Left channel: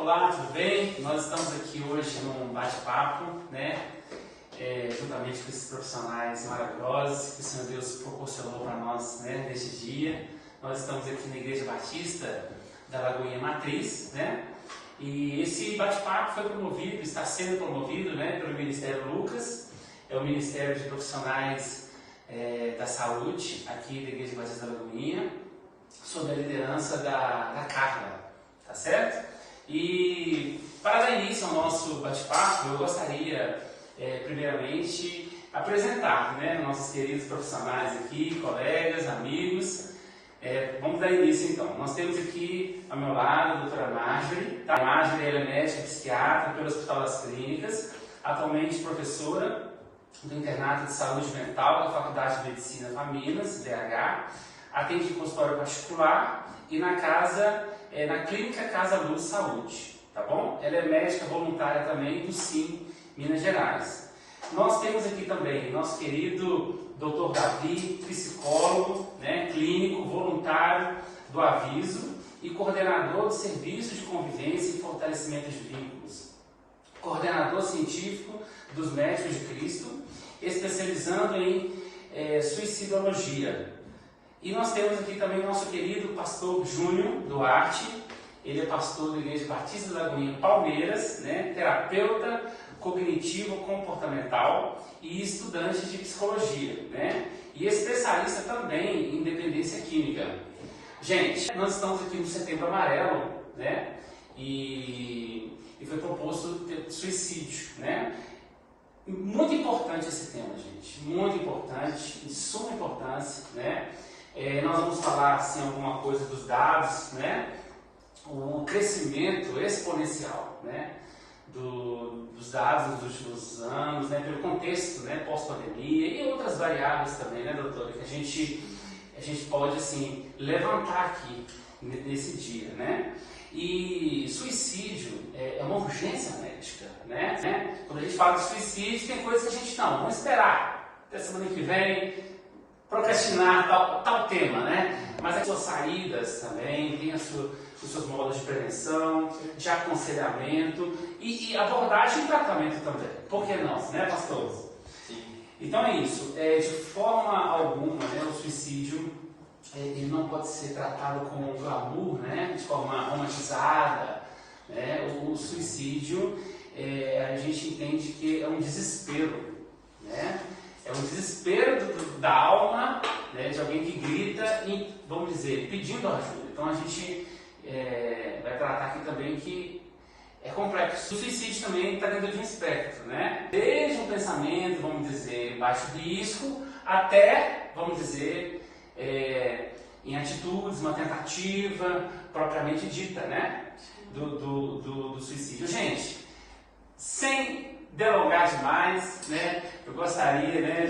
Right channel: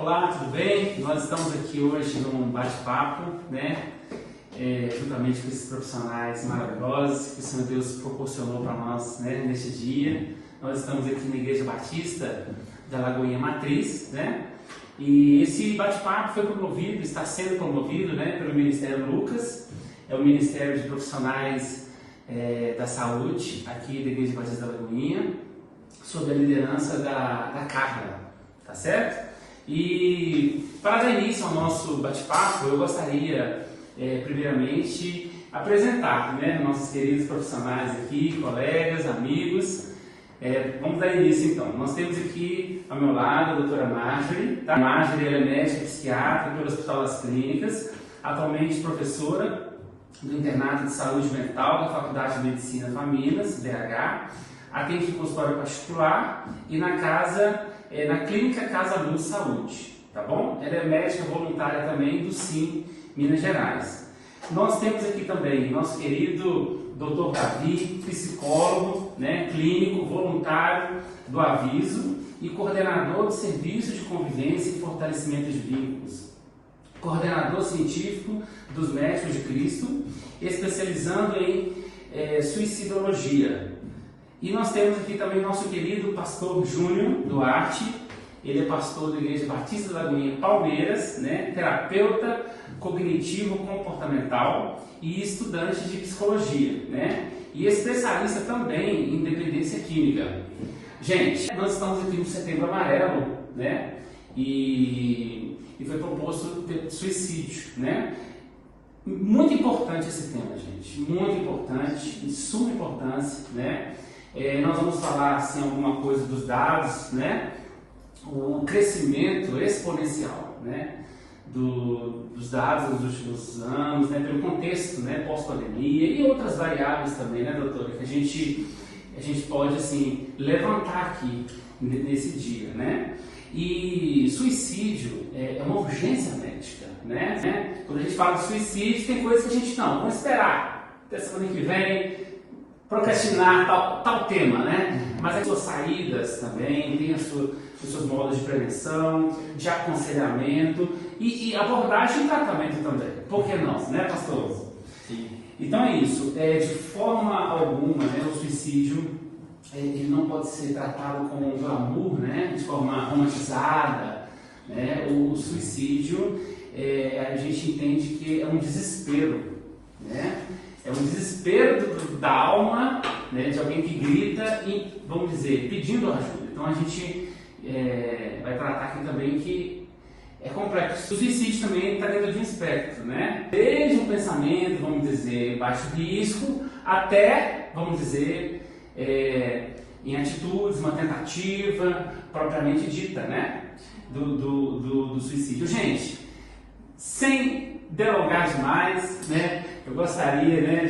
Olá, tudo bem? Nós estamos aqui hoje num bate-papo, né? Juntamente com esses profissionais maravilhosos que o Senhor Deus proporcionou para nós, né, neste dia. Nós estamos aqui na Igreja Batista da Lagoinha Matriz, né? E esse bate-papo foi promovido, está sendo promovido, né, pelo Ministério Lucas, é o Ministério de Profissionais da Saúde aqui da Igreja Batista da Lagoinha, sob a liderança da Carla, tá certo? E para dar início ao nosso bate-papo, eu gostaria, primeiramente, apresentar, né, nossos queridos profissionais aqui, colegas, amigos. Vamos dar início então. Nós temos aqui ao meu lado a doutora Marjorie. Tá? Marjorie ela é médica psiquiatra pelo Hospital das Clínicas, atualmente professora do Internato de Saúde Mental da Faculdade de Medicina Famílias, BH, atende em consultório particular e na Clínica Casa Luz Saúde, tá bom? Ela é médica voluntária também do SIM Minas Gerais. Nós temos aqui também nosso querido Dr. Davi, psicólogo, né, clínico, voluntário do Aviso e coordenador de serviços de convivência e fortalecimento de vínculos. Coordenador científico dos Médicos de Cristo, especializando em suicidologia. E nós temos aqui também nosso querido pastor Júnior Duarte. Ele é pastor da Igreja Batista da Lagoinha Palmeiras, né, terapeuta cognitivo-comportamental e estudante de psicologia, né, e especialista também em dependência química. Gente, nós estamos aqui no Setembro Amarelo, né, e foi proposto suicídio, né? Muito importante esse tema, gente, muito importante, de suma importância, né? Nós vamos falar assim alguma coisa dos dados, né? O crescimento exponencial, né, dos dados dos últimos anos, né, pelo contexto, né, pós-pandemia e outras variáveis também, né, doutora, que a gente pode assim levantar aqui nesse dia, né? E suicídio é uma urgência médica, né? Quando a gente fala de suicídio, tem coisas que a gente não, vamos esperar até semana que vem, procrastinar tal tema, né? Mas as suas saídas também, tem os seus modos de prevenção, de aconselhamento e abordagem e tratamento também. Por que não, né, pastor? Sim. Então é isso. De forma alguma, né, o suicídio ele não pode ser tratado como um glamour, né, de forma romantizada. Né? O suicídio, a gente entende que é um desespero, né? É um desespero da alma, né, de alguém que grita e, vamos dizer, pedindo ajuda. Então a gente vai tratar aqui também que é complexo. O suicídio também está dentro de um espectro, né? Desde um pensamento, vamos dizer, baixo risco, até, vamos dizer, em atitudes, uma tentativa propriamente dita, né, do suicídio. Gente, sem delongar demais, né, eu gostaria, né,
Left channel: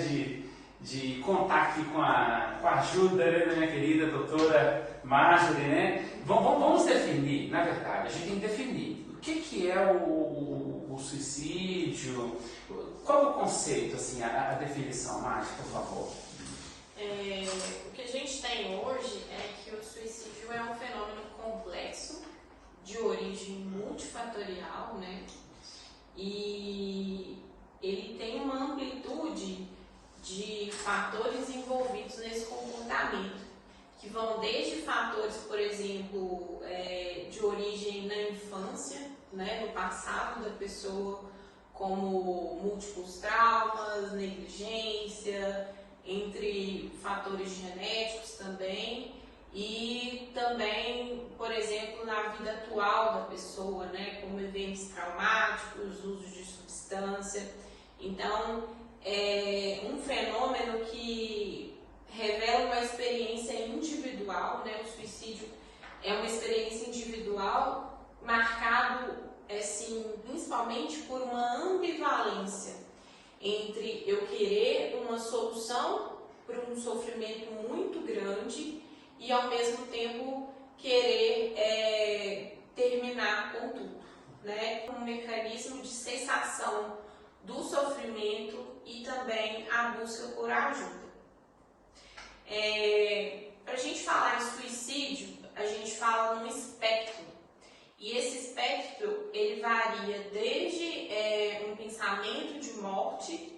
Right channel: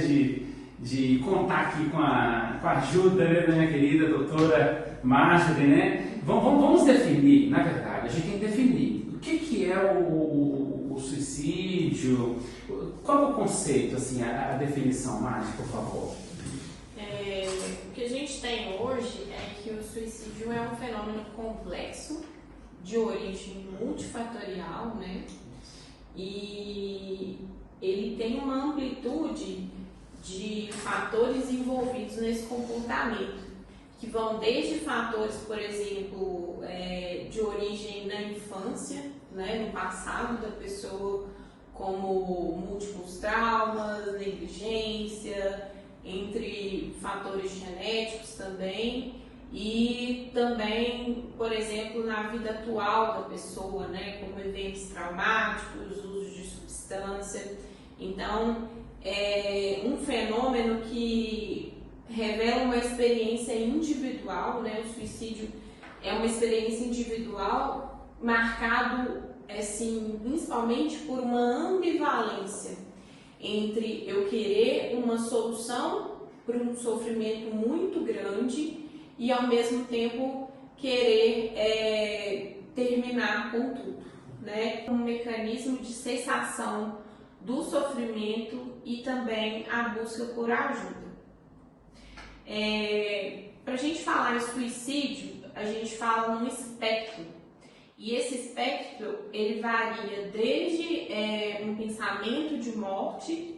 de contar aqui com a ajuda, né, da minha querida doutora Marjorie, né? Vamos definir, na verdade, a gente tem que definir o que é o suicídio, qual é o conceito, assim, a definição, Marjorie, por favor. O que a gente tem hoje é que o suicídio é um fenômeno complexo, de origem multifatorial, né? E ele tem uma amplitude de fatores envolvidos nesse comportamento, que vão desde fatores, por exemplo, de origem na infância, né, no passado da pessoa, como múltiplos traumas, negligência, entre fatores genéticos também, e também, por exemplo, na vida atual da pessoa, né, como eventos traumáticos, uso de substância. Então, é um fenômeno que revela uma experiência individual, né? O suicídio é uma experiência individual marcado, assim, principalmente por uma ambivalência entre eu querer uma solução para um sofrimento muito grande e, ao mesmo tempo, querer terminar com tudo, né? Um mecanismo de cessação do sofrimento e também a busca por ajuda. Para a gente falar em suicídio, a gente fala num espectro E esse espectro, ele varia desde um pensamento de morte,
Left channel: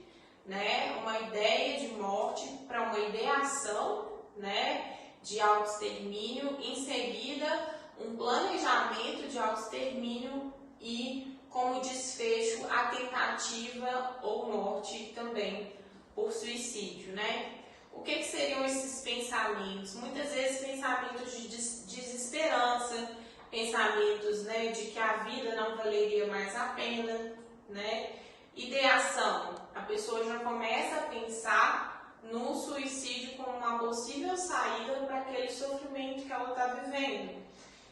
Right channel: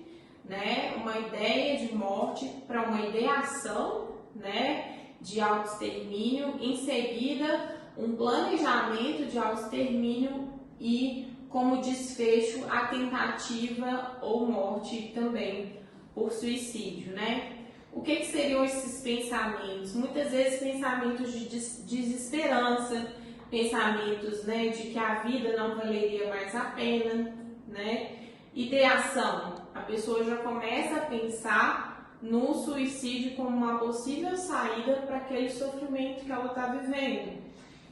né, uma ideia de morte, para uma ideação, né, de autoextermínio, em seguida um planejamento de autoextermínio e, como desfecho, a tentativa ou morte também por suicídio, né? O que seriam esses pensamentos? Muitas vezes pensamentos de desesperança, pensamentos, né, de que a vida não valeria mais a pena, né? Ideação, a pessoa já começa a pensar no suicídio como uma possível saída para aquele sofrimento que ela está vivendo.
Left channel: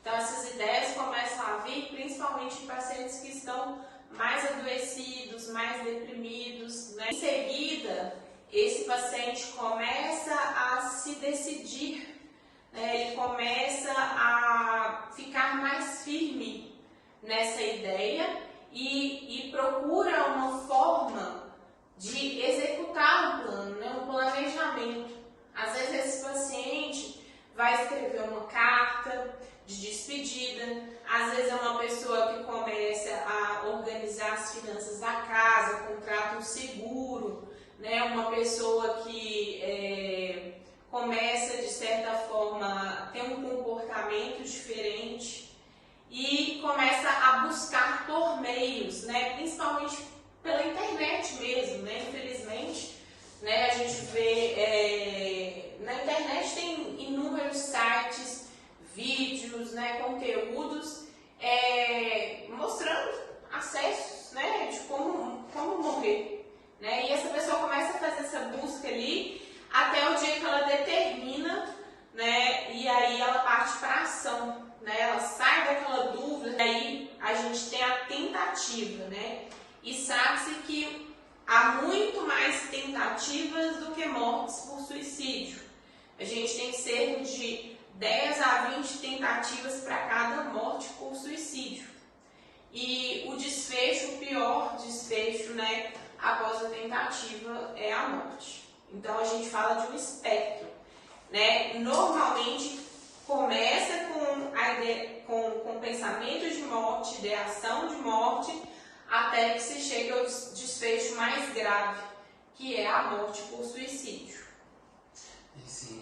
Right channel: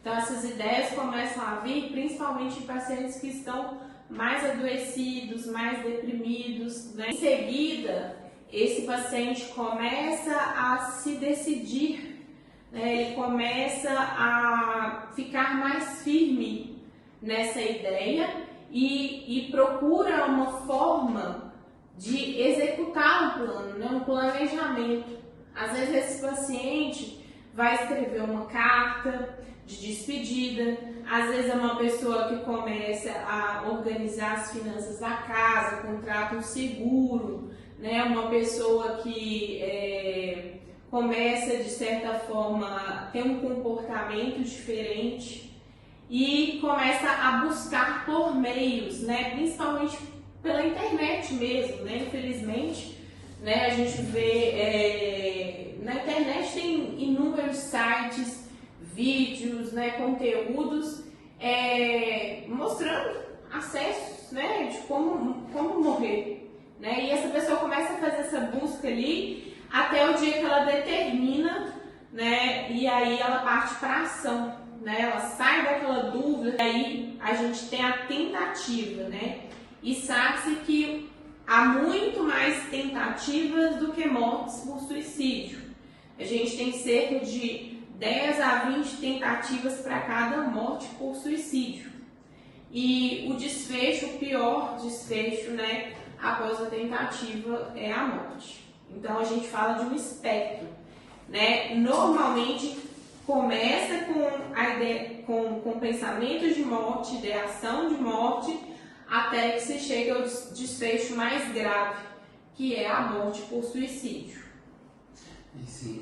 Então essas ideias começam a vir principalmente em pacientes que estão mais adoecidos, mais deprimidos, né? Em seguida, esse paciente começa a se decidir, ele começa a ficar mais firme nessa ideia e procura uma forma de executar o plano, né? Um planejamento. Às vezes esse paciente vai escrever uma carta de despedida, às vezes é uma pessoa que começa a organizar as finanças da casa, contrata um seguro, né? Uma pessoa que começa, de certa forma, ter um comportamento diferente e começa a buscar por meios, né? Principalmente pela internet mesmo, né? Infelizmente, né? A gente vê, na internet tem inúmeros sites, vídeos, né? Conteúdos mostrando acessos, né? De como morrer, né? E essa pessoa começa a fazer essa busca ali até o dia que ela determina, né? E aí ela parte para a ação, né? Ela sai daquela dúvida, aí a gente tem a tentativa, né? E sabe-se que há muito mais tentativas do que mortes por suicídio. A gente tem cerca de 10 a 20 tentativas para cada morte por suicídio. E o desfecho, o pior desfecho, né, após a tentativa é a morte. Então a gente fala de um espectro, né? Normalmente começa com pensamentos de morte, ideação de morte, até que se chega ao desfecho mais grave, que é a morte por suicídio. Sim.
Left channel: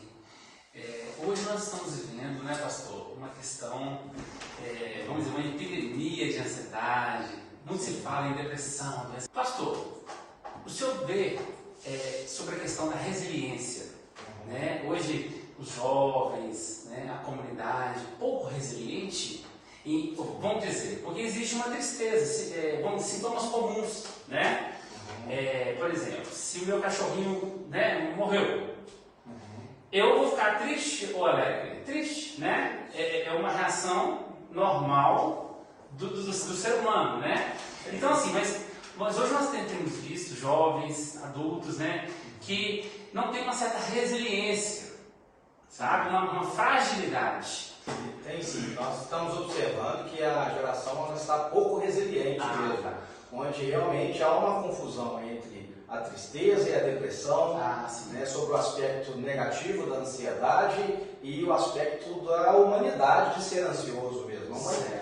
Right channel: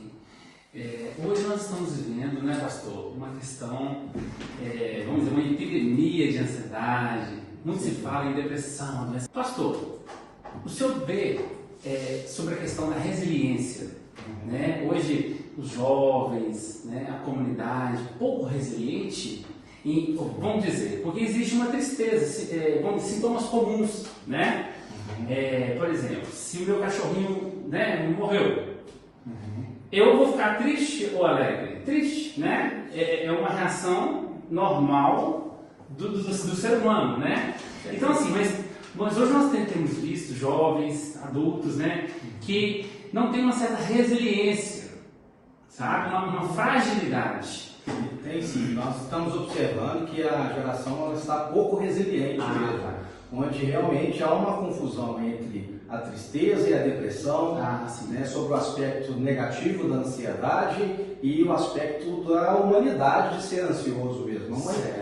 Hoje nós estamos vivendo, né, pastor, uma questão, vamos dizer, uma epidemia de ansiedade, muito se fala em depressão, né? Pastor, o senhor vê sobre a questão da resiliência, né? Hoje os jovens, né, a comunidade, pouco resiliente, vamos dizer, porque existe uma tristeza, sintomas comuns, né? Por exemplo, se o meu cachorrinho, né, morreu, eu vou ficar triste ou alegre? Triste, né? É uma reação normal do ser humano, né? Então assim, mas hoje nós temos visto jovens, adultos, né, que não tem uma certa resiliência, sabe? Uma fragilidade. Tem sim, nós estamos observando que a geração está pouco resiliente mesmo, onde realmente há uma confusão entre a tristeza e a depressão, né, sobre o aspecto negativo da ansiedade e o aspecto da humanidade de ser ansioso mesmo.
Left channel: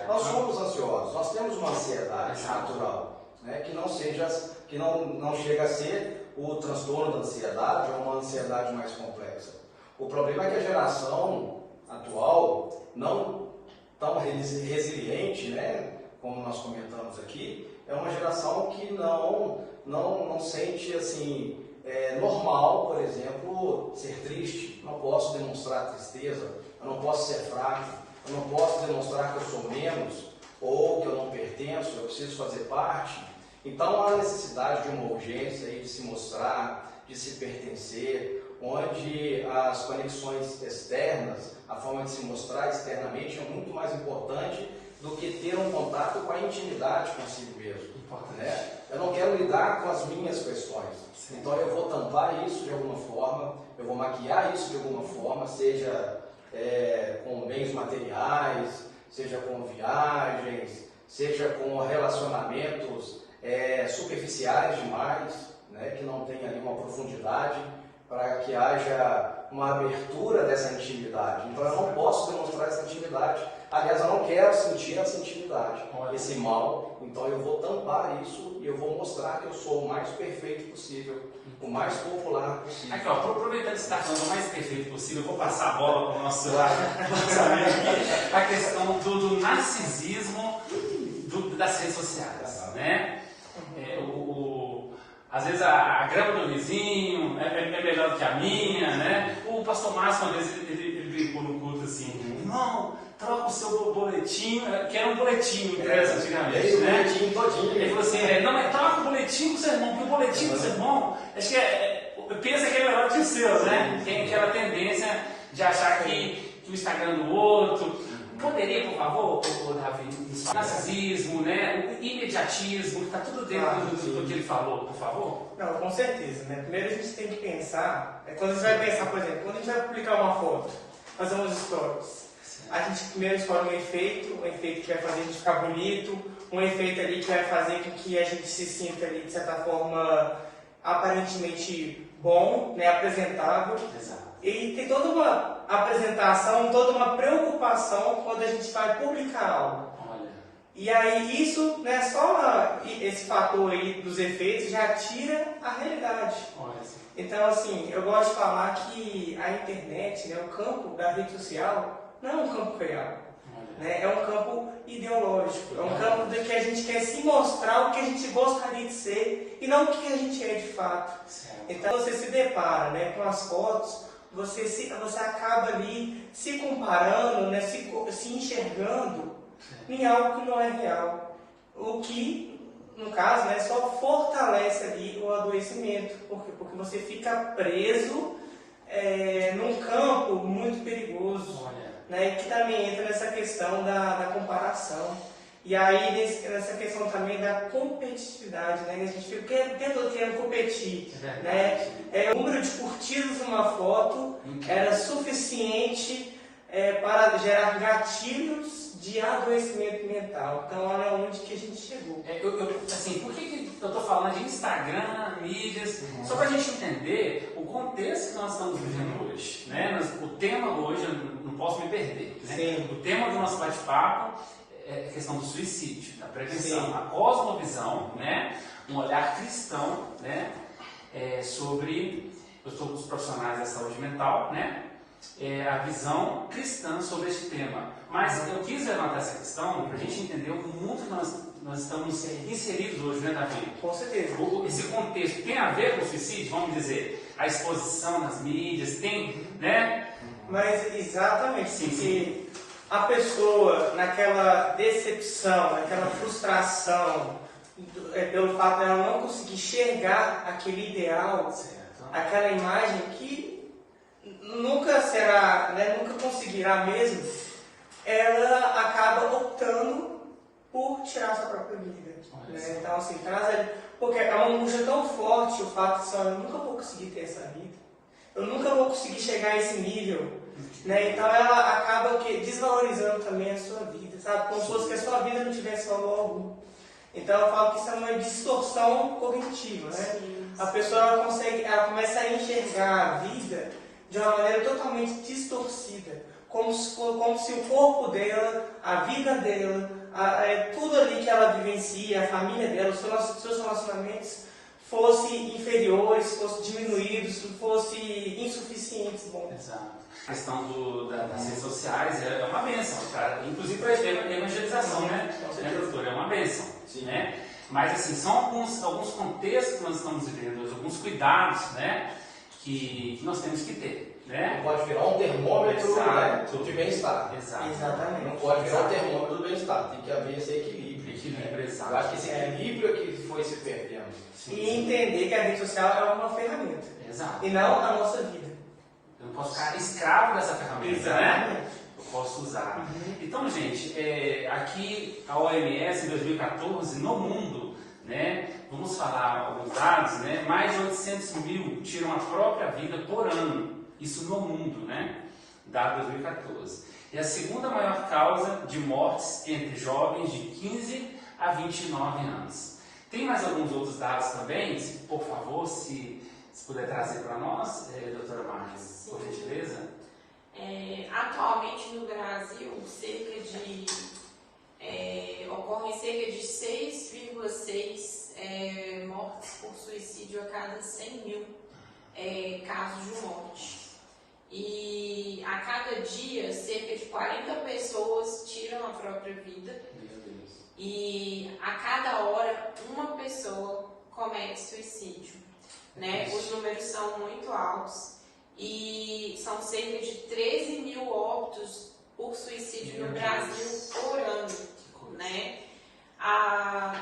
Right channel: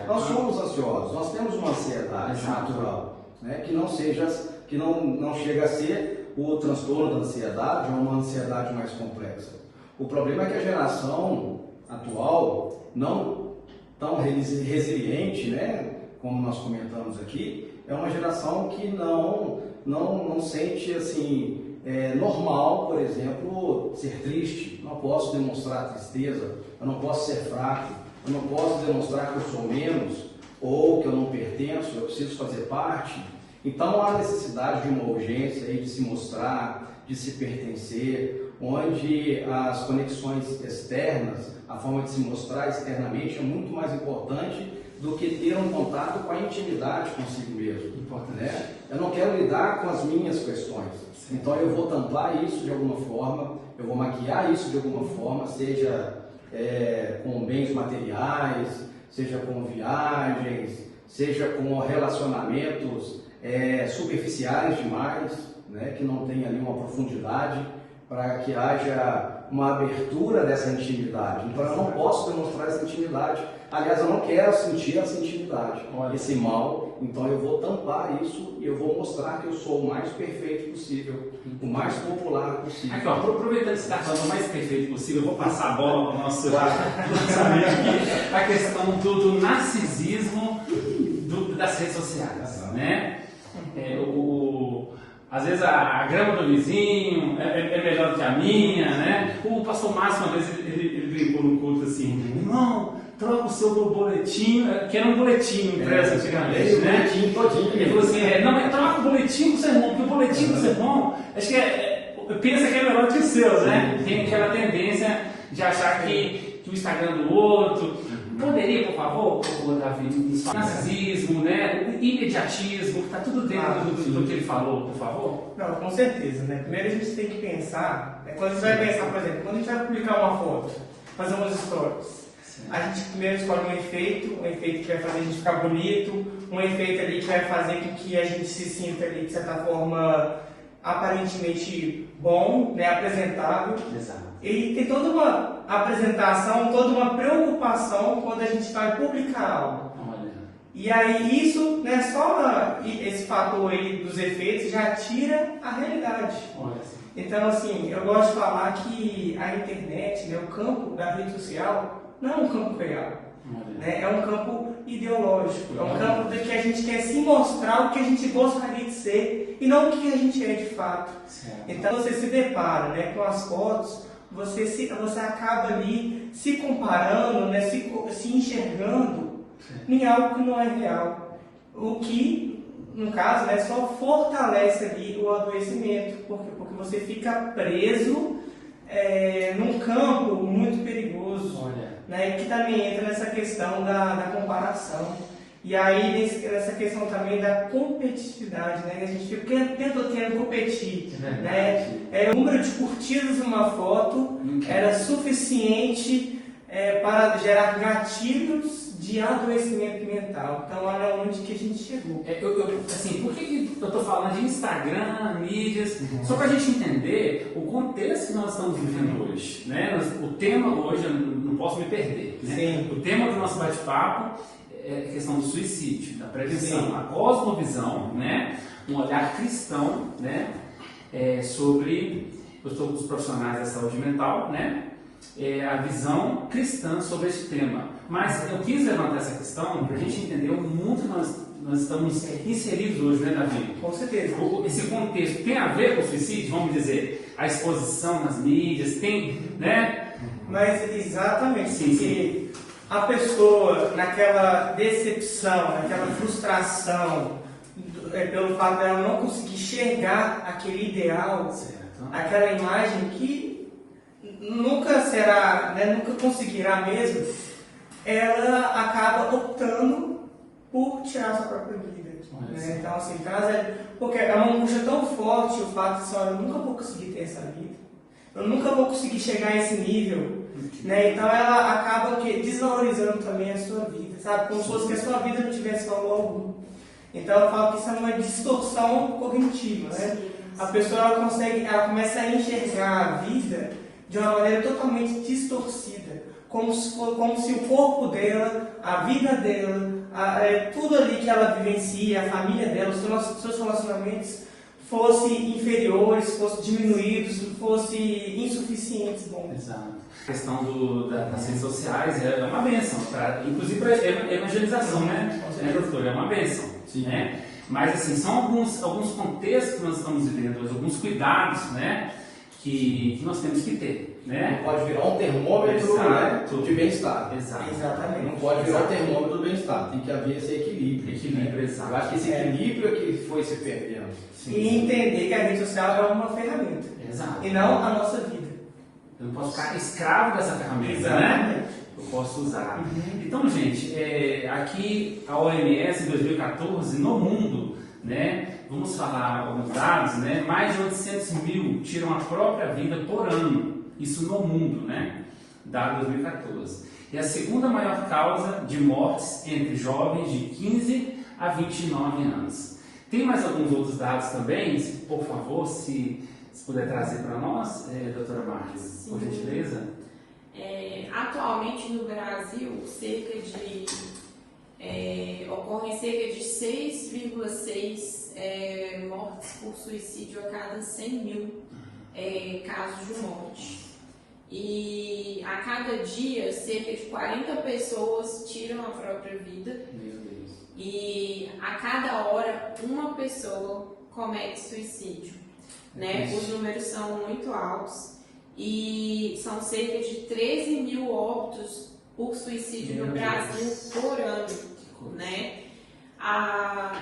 Nós somos ansiosos, nós temos uma ansiedade natural, né, que não chega a ser o transtorno da ansiedade ou uma ansiedade mais complexa. O problema é que a geração atual, não tão resiliente, né, como nós comentamos aqui, é uma geração que não sente assim, normal, por exemplo, ser triste. Não posso demonstrar tristeza, eu não posso ser fraco, eu não posso demonstrar que eu sou menos ou que eu não pertenço, eu preciso fazer parte. Então há necessidade de uma urgência aí de se mostrar, de se pertencer, onde as conexões externas, a forma de se mostrar externamente é muito mais importante do que ter um contato com a intimidade consigo mesmo. Né? Eu não quero lidar com as minhas questões, então eu vou tampar isso de alguma forma, eu vou maquiar isso de alguma forma, seja com bens materiais, seja com viagens, seja com relacionamentos superficiais demais, né? Que não tem ali uma profundidade, para que haja uma abertura dessa intimidade. Então eu não posso demonstrar essa intimidade Aliás, eu não quero sentir essa intimidade, esse mal, então eu vou tampar isso e eu vou mostrar que eu sou o mais perfeito possível, o mais popular possível. Aqui, ó, aproveitando que você está falando o mais perfeito possível, eu vou passar a bola para o nosso amigo aqui, a questão do narcisismo das redes sociais, né? Às vezes a grama do vizinho é melhor do que a minha, né? O pastor Márcio, uma vez, ele brincou no culto assim, irmão, troca o seu boletim, que era um boletim impresso antigamente, né? Boletim todinho. Ele falou assim, troca o boletim do sermão, porque o boletim do sermão, acho que pensa que é melhor que o seu, né? Tem aquela tendência de achar que o Instagram do outro. Poderia, por favor, Davi, narcisismo, né? Imediatismo, está tudo dentro do que ele falou, por favor? Não, com certeza, né? Primeiro a gente tem que pensar, quando a gente vai pensar, por exemplo, quando a gente vai publicar uma foto, fazer umas stories, a gente primeiro escolhe um efeito que vai fazer a gente ficar bonito, um efeito ali que vai fazer com que a gente se sinta ali, de certa forma, aparentemente bom, né? Apresentável. Exato. E tem toda uma apresentação, toda uma preocupação quando a gente vai publicar algo. Olha. E aí isso, né, só esse fator aí dos efeitos já tira a realidade. Olha. Então, assim, eu gosto de falar que a internet, né, o campo da rede social, não é um campo real. Né, é um campo ideológico. É um campo em que a gente quer se mostrar o que a gente gostaria de ser e não o que a gente é de fato. Então, você se depara, né, com as fotos, você acaba ali se comparando, né, se enxergando em algo que não é real. O que, no caso, né, só fortalece ali o adoecimento, porque você fica preso num campo muito perigoso, né, que também entra nessa questão da comparação. E aí, nessa questão também da competitividade, né? A gente fica o tempo todo querendo competir, né? O número de curtidas numa foto era suficiente para gerar gatilhos de adoecimento mental. Então, olha onde que a gente chegou. Assim, por que eu estou falando de Instagram, mídias? Só para a gente entender o contexto que nós estamos vivendo hoje, né? O tema hoje, eu não posso me perder, né? O tema do nosso bate-papo é a questão do suicídio, da prevenção, a cosmovisão, né? Um olhar cristão, né? Sobre os profissionais da saúde mental, né? A visão cristã sobre esse tema. Mas eu quis levantar essa questão para a gente entender o mundo que nós estamos inseridos hoje, né, Davi? Com certeza. Esse contexto tem a ver com o suicídio, vamos dizer, a exposição nas mídias, tem, né? Mas exatamente, sim. A pessoa naquela decepção, naquela frustração, pelo fato de ela não conseguir enxergar aquele ideal, aquela imagem que nunca será, né, nunca conseguirá mesmo, ela acaba optando por tirar a sua própria vida. Né? Então, assim, porque é uma angústia tão forte o fato de eu nunca vou conseguir ter essa vida, eu nunca vou conseguir chegar a esse nível. Né? Então ela acaba desvalorizando também a sua vida, sabe? Como se fosse que a sua vida não tivesse valor algum. Então eu falo que isso é uma distorção cognitiva, né? A pessoa ela começa a enxergar a vida de uma maneira totalmente distorcida, como se o corpo dela, a vida dela, tudo ali que ela vivencia, a família dela, os seus relacionamentos fossem inferiores, fossem diminuídos, fossem insuficientes. Bom. Exato. A questão das redes sociais é uma bênção, tá? Inclusive para a evangelização, né, doutor? É uma bênção. Né? Mas, assim, são alguns contextos que nós estamos vivendo, alguns cuidados, né, que nós temos que ter. Né? Não pode virar um termômetro, né, de bem-estar. Exatamente. Não pode virar um termômetro do bem-estar. Tem que haver esse equilíbrio. Exato. Eu acho que esse equilíbrio é que foi se perdendo. E entender que a rede social é uma ferramenta. Exato. E não a nossa vida. Eu não posso ficar escravo dessa ferramenta, né? Eu posso usar. Então, gente, aqui a OMS em 2014, no mundo, né? Vamos falar alguns dados, né? Mais de 800 mil tiram a própria vida por ano. Isso no mundo, né? Dado 2014. E a segunda maior causa de mortes entre jovens de 15 a 29 anos. Tem mais alguns outros dados também? Por favor, se puder trazer para nós, doutora Marques, por gentileza. Atualmente no Brasil, ocorrem cerca de 6,6 mortes por suicídio a cada 100 mil casos de morte. E a cada dia, cerca de 40 pessoas tiram a própria vida. E a cada hora, uma pessoa comete suicídio. Né? Os números são muito altos. E são cerca de 13 mil óbitos por suicídio no Brasil por ano. Né?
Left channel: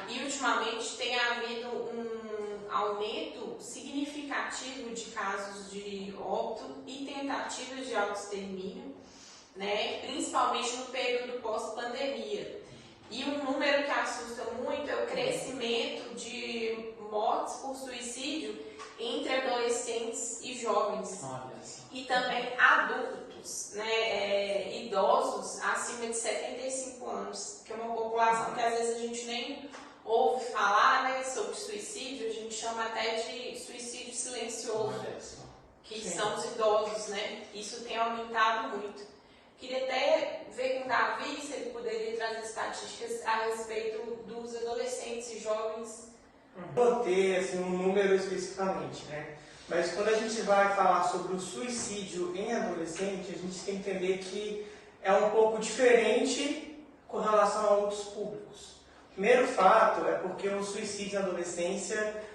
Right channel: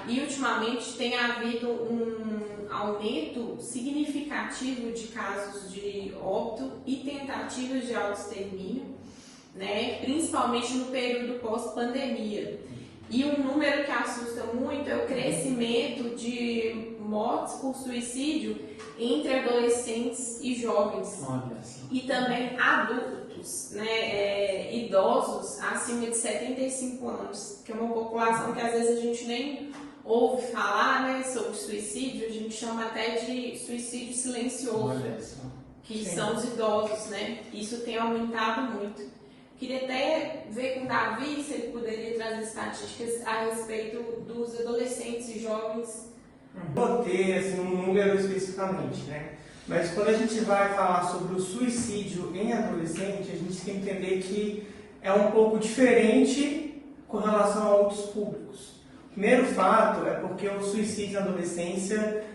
E ultimamente tem havido um aumento significativo de casos de óbito e tentativas de autoextermínio, né? Principalmente no período pós-pandemia. E um número que assusta muito é o crescimento de mortes por suicídio entre adolescentes e jovens. E também adultos, né? Idosos acima de 75 anos, que é uma população que às vezes a gente nem ouve falar, né, sobre suicídio, a gente chama até de suicídio silencioso, que são os idosos, né? Isso tem aumentado muito. Queria até ver com o Davi se ele poderia trazer estatísticas a respeito dos adolescentes e jovens. Não vou ter assim, um número especificamente, né? Mas quando a gente vai falar sobre o suicídio em adolescente, a gente tem que entender que é um pouco diferente com relação a outros públicos. O primeiro fato é porque o suicídio na adolescência,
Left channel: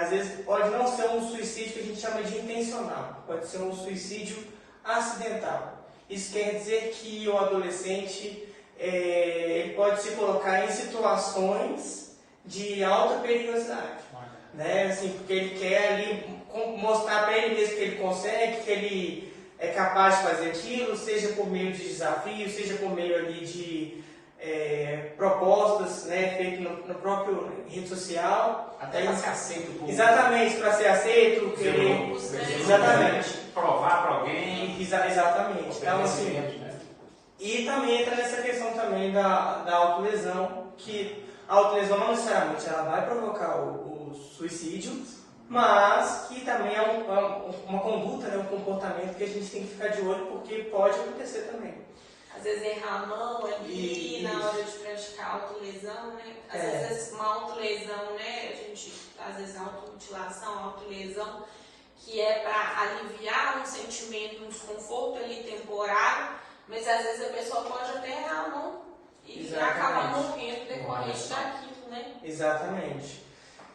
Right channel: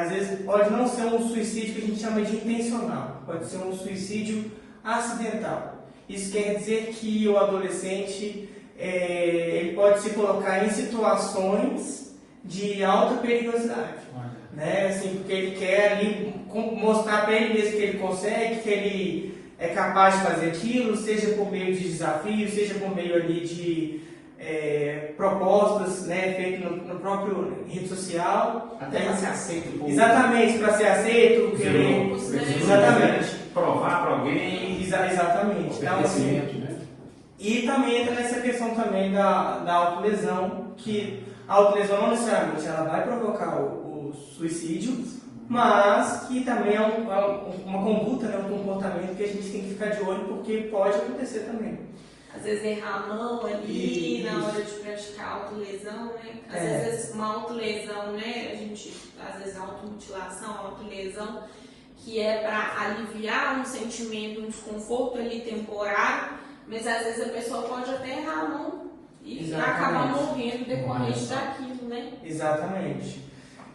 às vezes, pode não ser um suicídio que a gente chama de intencional, pode ser um suicídio acidental. Isso quer dizer que o adolescente ele pode se colocar em situações de alta perigosidade. Né? Assim, porque ele quer ali mostrar para ele mesmo que ele consegue, que ele é capaz de fazer aquilo, seja por meio de desafios, seja por meio ali de propostas, né, feitas no próprio rede social. Até para ser aceito. Exatamente, para ser aceito. Exatamente. Provar para alguém. Exatamente. Então, assim, e também entra nessa questão também da autolesão, que a autolesão não necessariamente ela vai provocar o suicídio, mas que também é uma conduta, né, um comportamento que a gente tem que ficar de olho, porque pode acontecer também. Às vezes errar a mão ali na hora de praticar autolesão, né? Às vezes uma autolesão, né? A gente, às vezes automutilação, autolesão, que é para aliviar um sentimento, um desconforto ali temporário, mas às vezes a pessoa pode até errar a mão e acaba morrendo decorrente daquilo, né? Exatamente.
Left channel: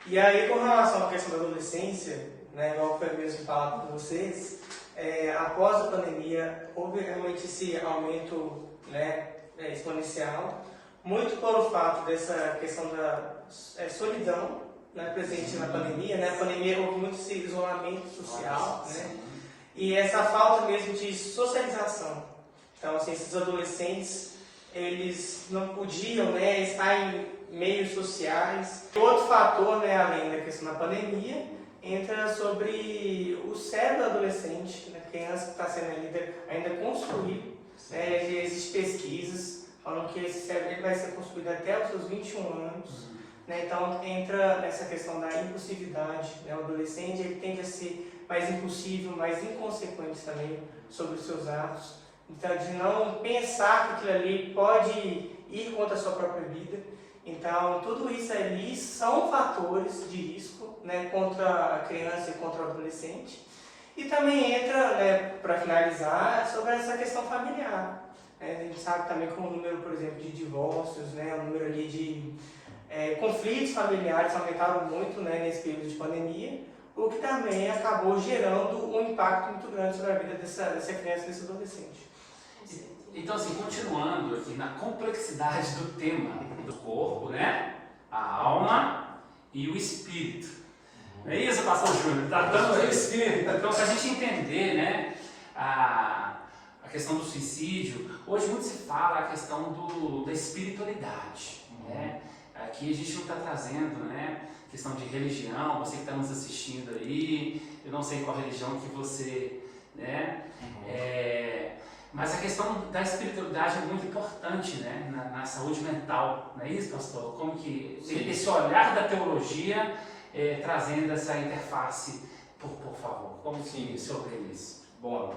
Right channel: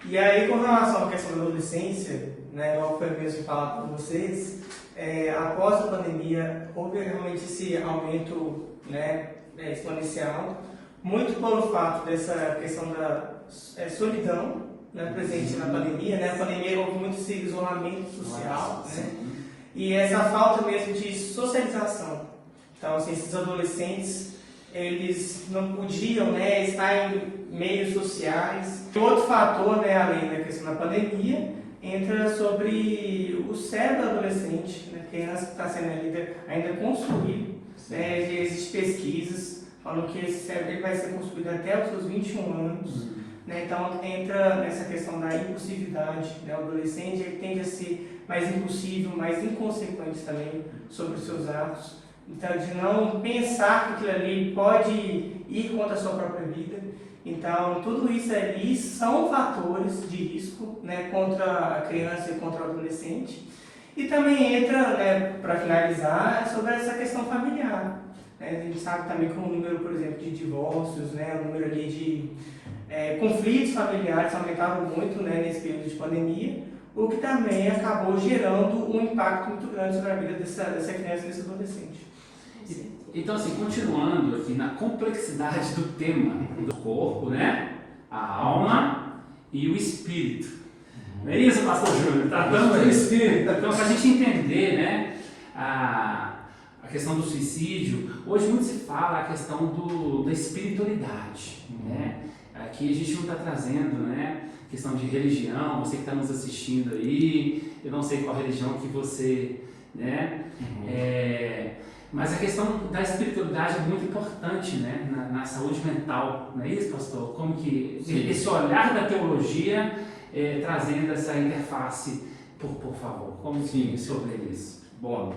E aí, com relação à questão da adolescência, né, como foi mesmo falado por vocês, após a pandemia, houve realmente esse aumento, né, exponencial, muito pelo fato dessa questão da solidão, né, presente na pandemia. Né? A pandemia houve muito esse isolamento social, né? E essa falta mesmo de socialização. Então, assim, esses adolescentes, eles não podiam, né, estar em meios sociais. Outro fator, né, além da questão da pandemia, entra sobre o cérebro do adolescente, né, criança que está sendo ainda construído. Né, existem pesquisas falando que esse cérebro ele vai ser construído até os seus 21 anos. Né, então entra nessa questão da impulsividade. Né, o adolescente ele tende a ser mais impulsivo, mais inconsequente também sobre os seus atos. Então, de não pensar que aquilo ali pode ir contra a sua própria vida. Então, tudo isso ali são fatores de risco, né, contra a criança e contra o adolescente. E também entra, né, para finalizar, sobre essa questão familiar. Né? A gente sabe também que o número, por exemplo, de divórcios, né, o número ali de conflitos familiares aumentaram muito, né, nesse período de pandemia, o que também acabou gerando um impacto muito grande sobre a vida dessa criança e desse adolescente. Então, assim, continuando aqui na complexidade do tema do corpo, né? A alma e o espírito. Não é isso, pastor Júnior? Tratamos do espírito. Então, para a gente entender, né, a questão do suicídio, hoje muito se fala a questão da espiritualidade, né? Aqui a gente não está trazendo, né, questão de religião, você que está nos assistindo aí, eu não sei qual religião que você, né, mas a questão da espiritualidade é muito importante, né, na saúde mental, não é isso, pastor? Como que esse olhar da teologia trazendo essa interface, por favor, como que o senhor vê isso? Bom,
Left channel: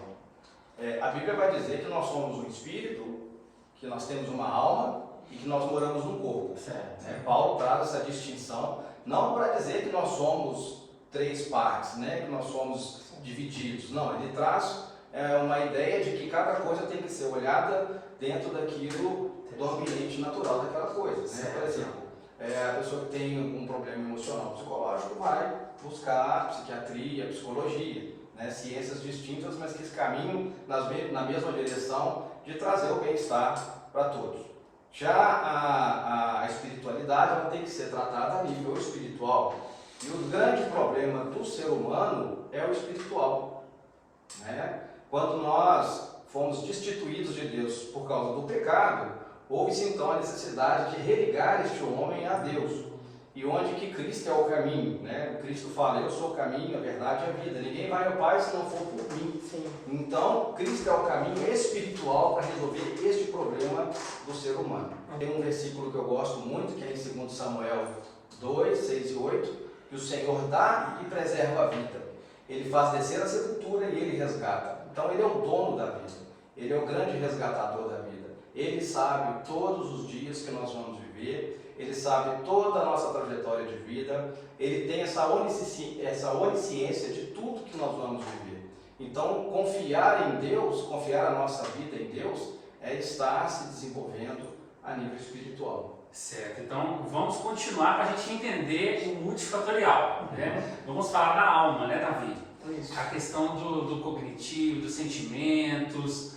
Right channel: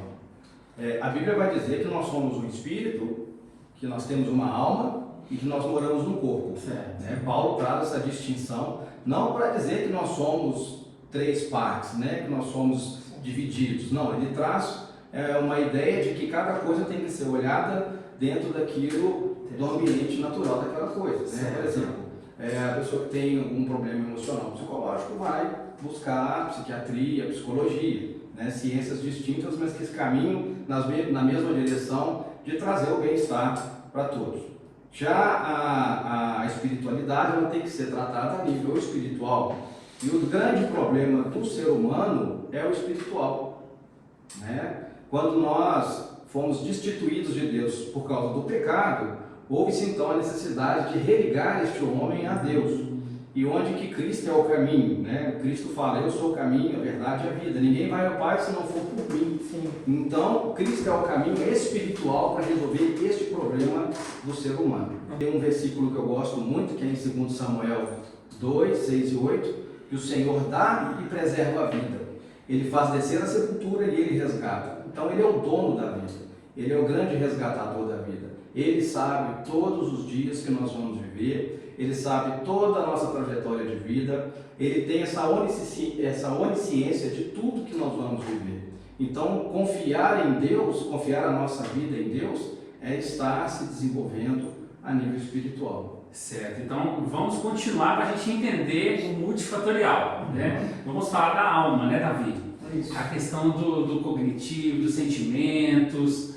A Bíblia vai dizer que nós somos um espírito, que nós temos uma alma e que nós moramos no corpo. Né? Paulo traz essa distinção, não para dizer que nós somos três partes, né? Que nós somos divididos. Não, ele traz uma ideia de que cada coisa tem que ser olhada dentro daquilo, do ambiente natural daquela coisa. Né? Por exemplo, a pessoa que tem um problema emocional, psicológico, vai buscar psiquiatria, psicologia, né? Ciências distintas, mas que caminham na mesma direção de trazer o bem-estar para todos. Já a espiritualidade, ela tem que ser tratada a nível espiritual. E o grande problema do ser humano é o espiritual. Né? Quando nós fomos destituídos de Deus por causa do pecado, houve-se então a necessidade de religar este homem a Deus. E onde que Cristo é o caminho, né? Cristo fala, eu sou o caminho, a verdade e a vida. Ninguém vai ao Pai se não for por mim. Sim. Então, Cristo é o caminho espiritual para resolver este problema do ser humano. Tem um versículo que eu gosto muito, que é em 2 Samuel 2, 6 e 8, que o Senhor dá e preserva a vida. Ele faz descer a sepultura e ele resgata. Então, ele é o dono da vida. Ele é o grande resgatador da vida. Ele sabe todos os dias que nós vamos viver. Ele sabe toda a nossa trajetória de vida, ele tem essa onisciência de tudo que nós vamos viver. Então, confiar em Deus, confiar a nossa vida em Deus, é estar se desenvolvendo a nível espiritual. Certo, então vamos continuar para a gente entender o multifatorial, né? Vamos falar da alma, né, Davi? Isso. A questão do cognitivo, dos sentimentos.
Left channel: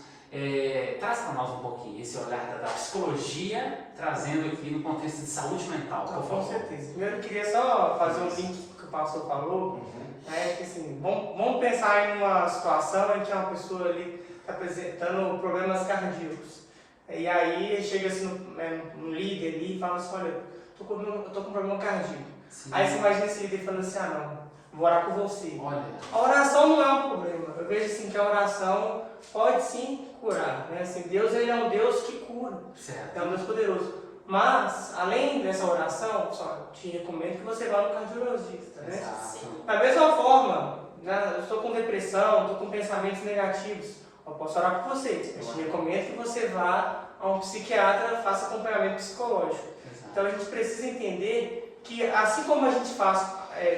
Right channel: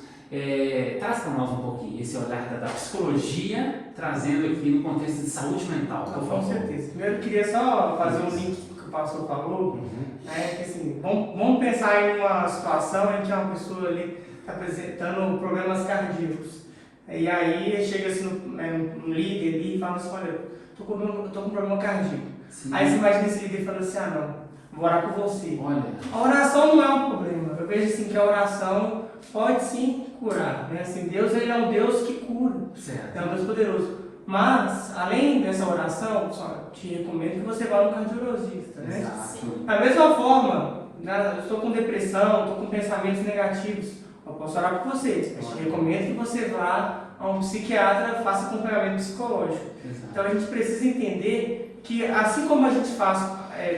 Traz para nós um pouquinho esse olhar da psicologia, trazendo aqui no contexto de saúde mental, por favor. Com certeza. Primeiro eu queria só fazer um link com o que o pastor falou, né? Que, assim, vamos pensar em uma situação em que uma pessoa ali está apresentando problemas cardíacos. E aí chega assim, um líder ali e fala assim, olha, estou com um problema cardíaco. Sim. Aí você imagina esse líder falando assim, não, vou orar por você. Olha. A oração não é um problema. Eu vejo assim que a oração pode sim curar, né? Assim, Deus, ele é um Deus que cura. Certo. É um Deus poderoso. Mas, além dessa oração, só te recomendo que você vá no cardiologista, né? Exato. Da mesma forma, né, eu estou com depressão, estou com pensamentos negativos, eu posso orar por você. Eu te recomendo que você vá a um psiquiatra, faça acompanhamento psicológico. Exato. Então a gente precisa entender que, assim como a gente faz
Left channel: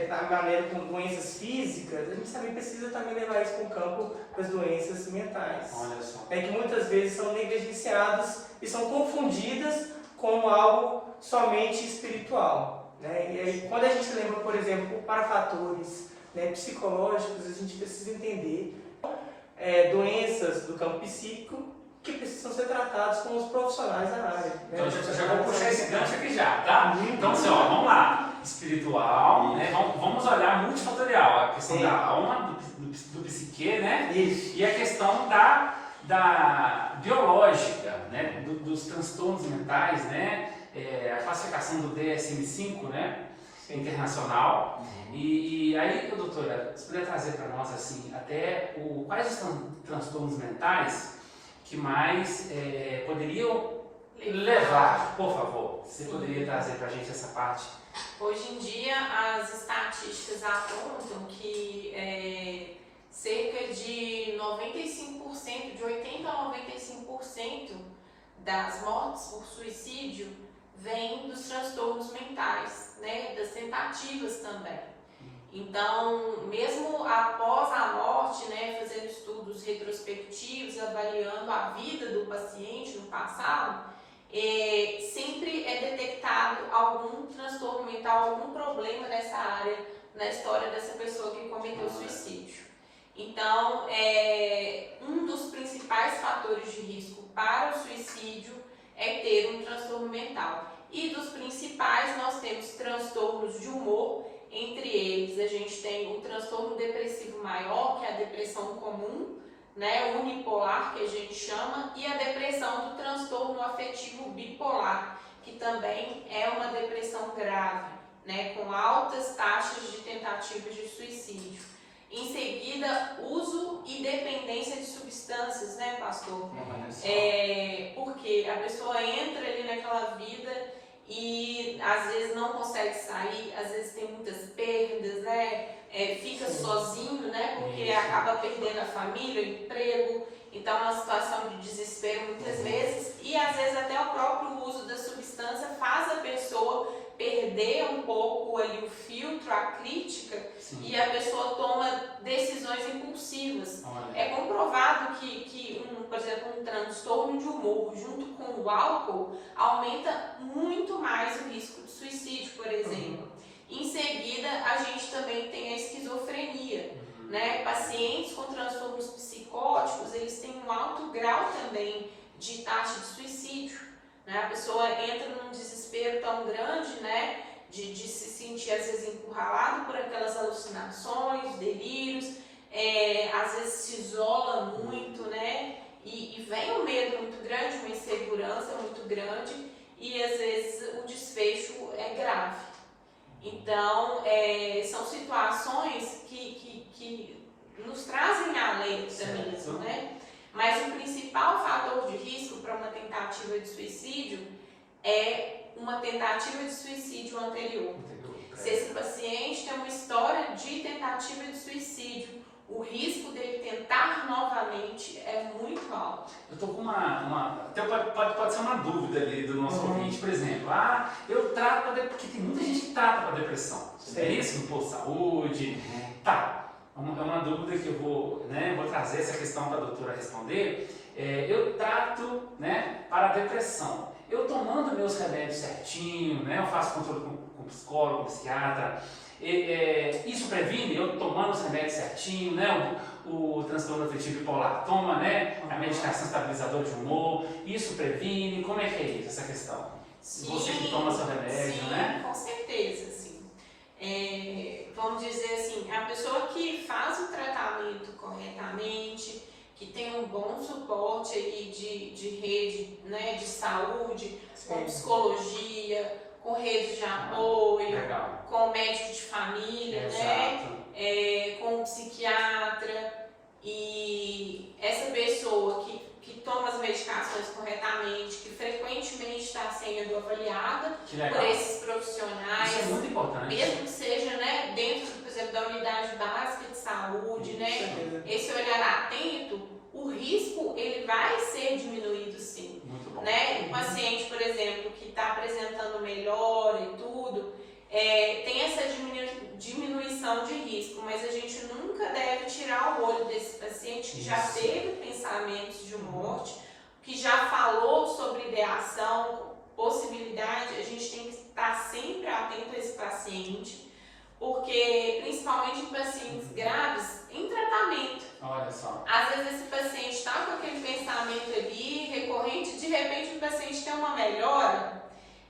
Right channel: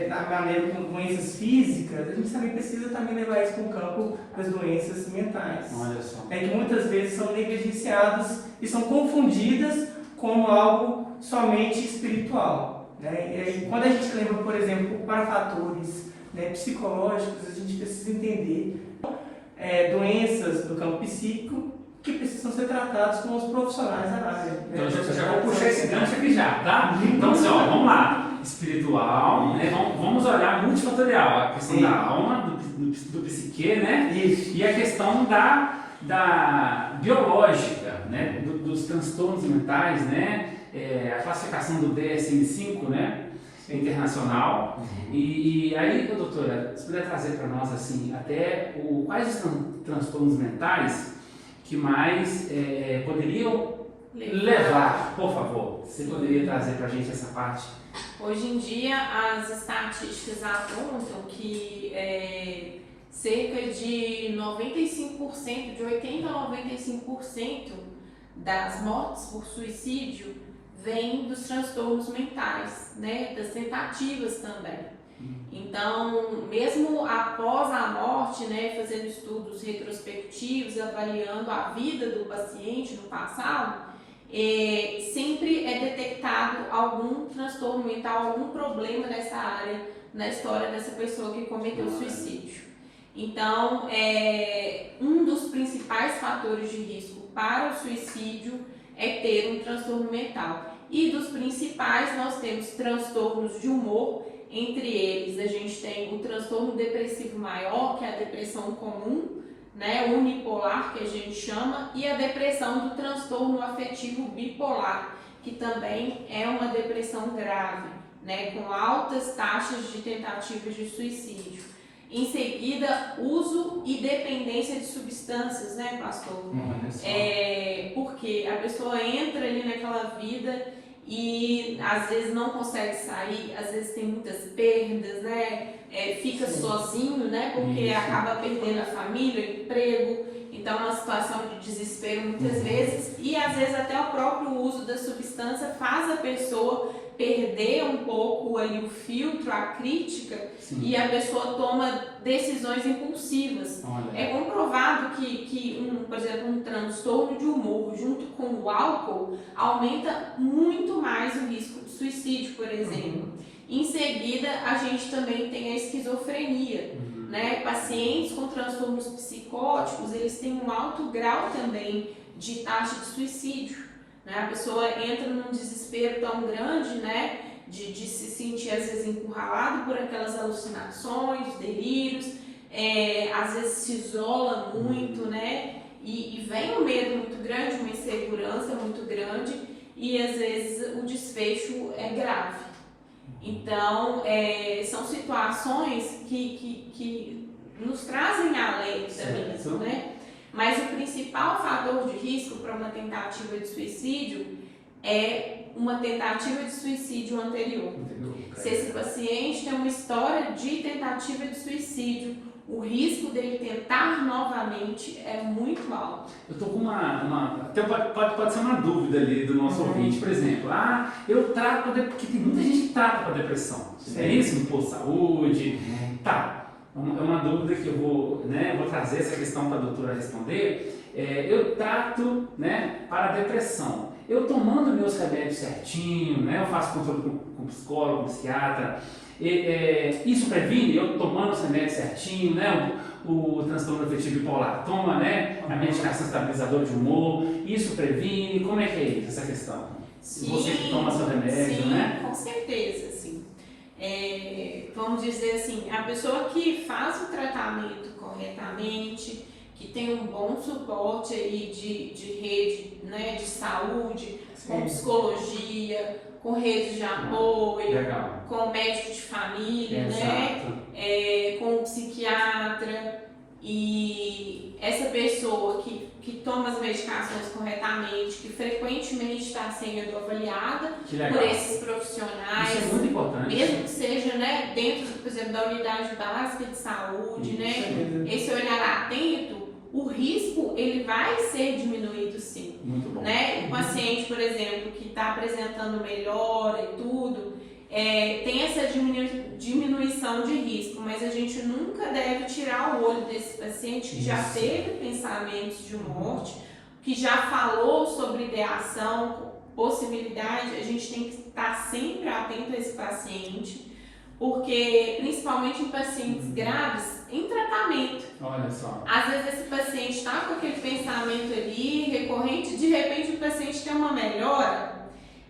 da maneira com doenças físicas, a gente também precisa levar isso para o campo das doenças mentais. Olha só. Que muitas vezes são negligenciadas e são confundidas como algo somente espiritual. Né? E quando a gente lembra, por exemplo, para fatores psicológicos, a gente precisa entender doenças do campo psíquico que precisam ser tratadas com os profissionais da área. Né? Então, eu já vou puxar esse gancho aqui já, tá? Então, assim, ó, vamos lá. Espiritual, né? Vamos olhar multifatorial, a questão da alma, do psique, né? Isso. E a questão da biológica, né? Dos transtornos mentais, né? A classificação do DSM-5, né? Internacional. E aí, doutora, você poderia trazer para nós, assim, até quais os transtornos mentais que mais poderiam levar, por favor? Você poderia trazer para a gente essa parte? Hoje em dia, as estatísticas apontam que cerca de 95%, de 80% a 95% das mortes por suicídio vêm dos transtornos mentais, né? Das tentativas também. Então, mesmo após a morte, né, fazendo estudos retrospectivos, avaliando a vida do paciente no passado, sempre é detectado algum transtorno mental, algum problema nessa área, na história dessa pessoa que cometeu suicídio. Então, um dos principais fatores de risco para o suicídio é ter um transtorno mental. E dos principais, nós temos transtornos de humor. Entre eles, a gente tem o transtorno depressivo maior, que é a depressão comum, né, unipolar, que a gente chama, e a depressão do transtorno afetivo bipolar, que também é uma depressão grave, né, com altas taxas de tentativas de suicídio. Em seguida, uso e dependência de substâncias, né, pastor? Porque a pessoa entra ali naquela vida e às vezes não consegue sair, às vezes tem muitas perdas, né? Fica sozinho, né? Porque acaba perdendo a família, o emprego, então uma situação de desespero muitas vezes, e às vezes até o próprio uso da substância faz a pessoa perder um pouco ali o filtro, a crítica, sim, e a pessoa toma decisões impulsivas. Olha. É comprovado que por exemplo, um transtorno de humor junto com o álcool aumenta muito mais o risco de suicídio, por exemplo. Em seguida, a gente também tem a esquizofrenia, né? Pacientes com transtornos psicóticos, eles têm um alto grau também de taxa de suicídio. Né? A pessoa entra num desespero tão grande, né? de se sentir às vezes encurralado por aquelas alucinações, delírios, às vezes se isola muito, né? E vem um medo muito grande, uma insegurança muito grande, e às vezes o desfecho é grave. Então, são situações que nos trazem alento mesmo, né? Mas o principal fator de risco para uma tentativa de suicídio é uma tentativa de suicídio anterior. Se esse paciente tem uma história de tentativa de suicídio, o risco dele tentar novamente é muito alto. Eu estou com até pode ser uma dúvida ali do nosso ouvinte, por exemplo, eu trato, porque tem muita gente que trata para depressão, é isso, no posto de saúde, tá. É uma dúvida que eu vou trazer essa questão para a doutora responder. Eu trato, né, para a depressão. Eu tomando meus remédios certinho, né, eu faço controle com psicólogo, com psiquiatra. Isso previne? Eu tomando os remédios certinho, né, o transtorno afetivo bipolar toma, né, a medicação estabilizadora de humor. Isso previne? Como é que é isso, essa questão? Sim, você que toma seu remédio, sim, né? Com certeza, sim. Vamos dizer assim, a pessoa que faz o tratamento corretamente, que tem um bom suporte aí de rede, né, de saúde, com psicologia, com rede de apoio, legal, com médico de família, né, com psiquiatra, e essa pessoa que toma as medicações corretamente, que frequentemente está sendo avaliada por esses profissionais, isso é muito importante, mesmo que seja, né, dentro, por exemplo, da unidade básica de saúde, né, esse olhar atento, o risco ele vai ser diminuído sim. Muito bom. Né? O paciente, por exemplo, que está apresentando melhora e tudo, tem essa diminuição de risco, mas a gente nunca deve tirar o olho desse paciente que já teve pensamentos de morte, que já falou sobre ideação, possibilidade. A gente tem que estar sempre atento a esse paciente, porque principalmente em pacientes graves, em tratamento. Olha só. Às vezes esse paciente está com aquele pensamento ali recorrente, de repente o paciente tem uma melhora,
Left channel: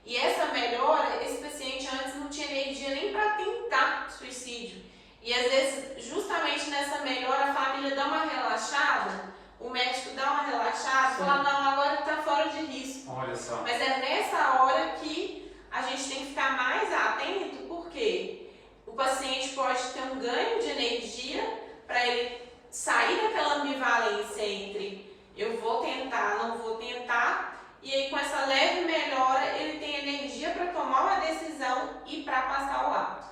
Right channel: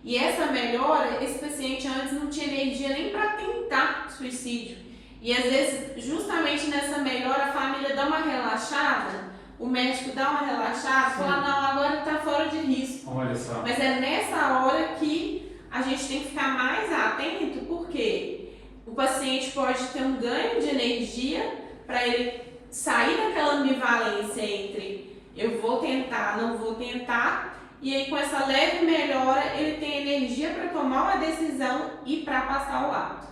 e essa melhora, esse paciente antes não tinha energia nem para tentar suicídio. E às vezes, justamente nessa melhora, a família dá uma relaxada, o médico dá uma relaxada, fala, não, agora ele está fora de risco. Olha só. Mas é nessa hora que a gente tem que ficar mais atento, porque o paciente pode ter um ganho de energia para ele sair daquela ambivalência entre eu vou tentar, não vou tentar, e aí com essa leve melhora ele tem energia para tomar uma decisão e para passar o ato.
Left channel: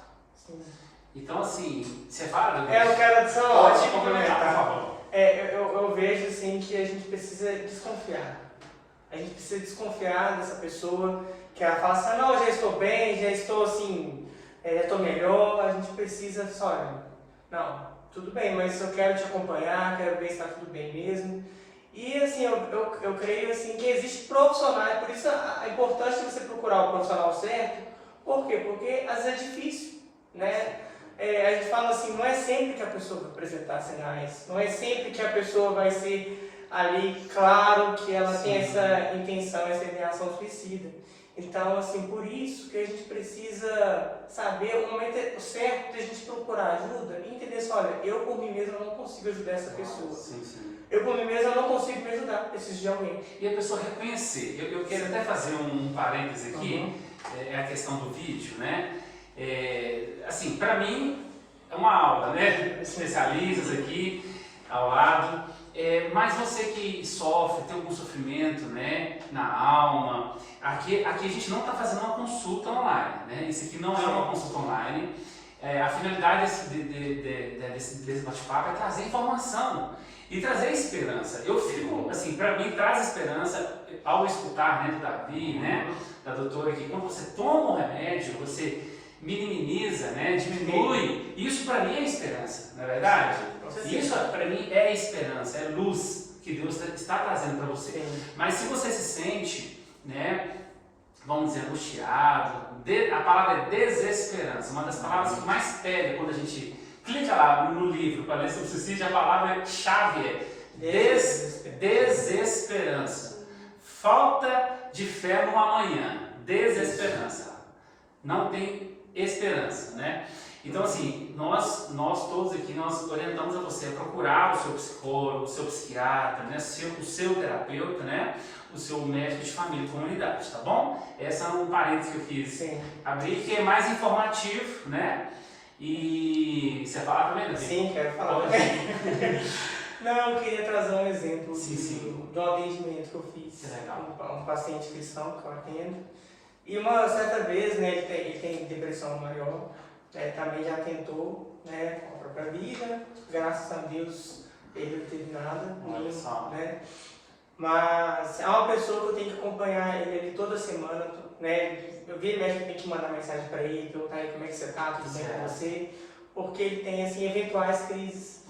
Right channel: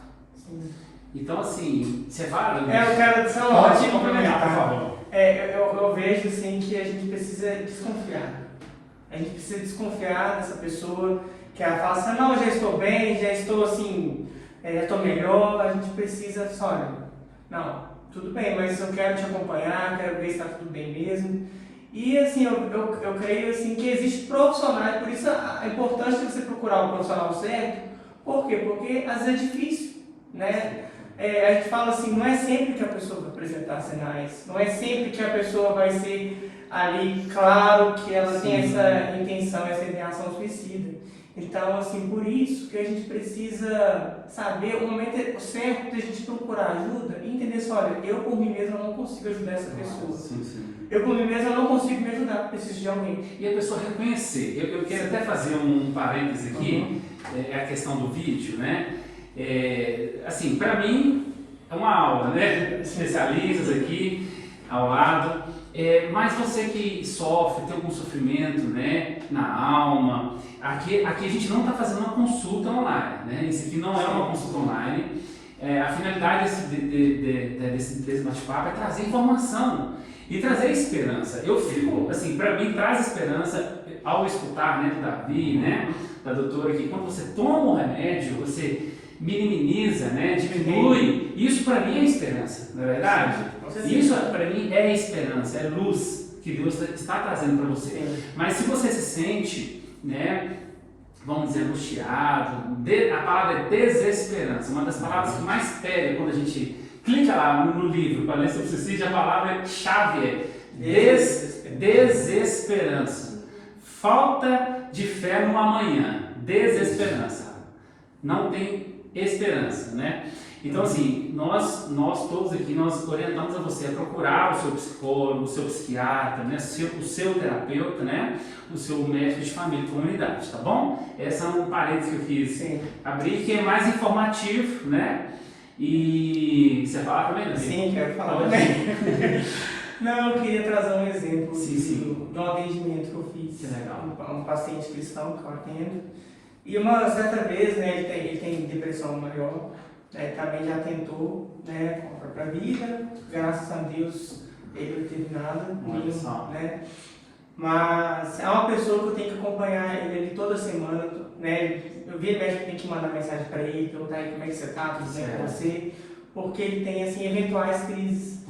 Então assim, você fala... Eu quero só pode complementar, por favor. Eu vejo assim que a gente precisa desconfiar. A gente precisa desconfiar dessa pessoa que ela fala assim, não, eu já estou bem, já estou assim, já estou melhor. A gente precisa, olha, não, tudo bem, mas eu quero te acompanhar, quero ver se está tudo bem mesmo. E assim, eu creio assim, que existe profissionais, por isso a importância de você procurar o profissional certo. Por quê? Porque às vezes é difícil, né? A gente fala assim, não é sempre que a pessoa vai apresentar sinais, não é sempre que a pessoa vai ser ali claro que ela tem essa intenção, essa ideação suicida. Então, assim, por isso que a gente precisa saber o momento certo de a gente procurar ajuda e entender assim, olha, eu por mim mesmo não consigo ajudar essa pessoa. Eu por mim mesmo não consigo me ajudar, preciso de alguém. E a pessoa reconhecer. Eu quero até fazer um parêntese aqui, a questão do vídeo, né? Assim, para mim é uma aula, né? Especialistas aqui ao lado, mas você que sofre, tem algum sofrimento, né, na alma, aqui a gente não está fazendo uma consulta online, né? Isso aqui não é uma consulta online, a finalidade desse bate-papo é trazer informação e trazer esperança. Eu fico, assim, para mim traz esperança ao escutar, né, do Davi, né, da doutora, que quando você toma um remédio, você minimiza, né, diminui. Isso para mim é esperança, não é verdade? Isso para mim é esperança, é luz que Deus está trazendo para você. Mas se você se sente, né, vamos dizer, angustiado, a palavra é desesperança, uma das palavras que mais pega quando a gente clica lá no livro para ler sobre suicídio, a palavra-chave é desesperança. Falta de fé no amanhã, desesperança. Não tem esperança, né? Então, assim, nós todos aqui, nós orientamos a você a procurar o seu psicólogo, o seu psiquiatra, né? o seu terapeuta, né? O seu médico de família e comunidade, tá bom? Essa é um parênteses que eu quis abrir, que é mais informativo, né? E você fala também, né? Sim, quero falar também. Não, eu queria trazer um exemplo sim. de um atendimento que eu fiz. Que legal. Um paciente cristão que eu atendo. E uma certa vez, né, ele tem depressão maior, né, também já tentou, né, com a própria vida, graças a Deus ele não teve nada comigo, né. Mas é uma pessoa que eu tenho que acompanhar ele toda semana, né. Eu vi médico tem que mandar mensagem para ele, perguntar aí como é que você está, tudo bem com você, porque ele tem assim, eventuais crises.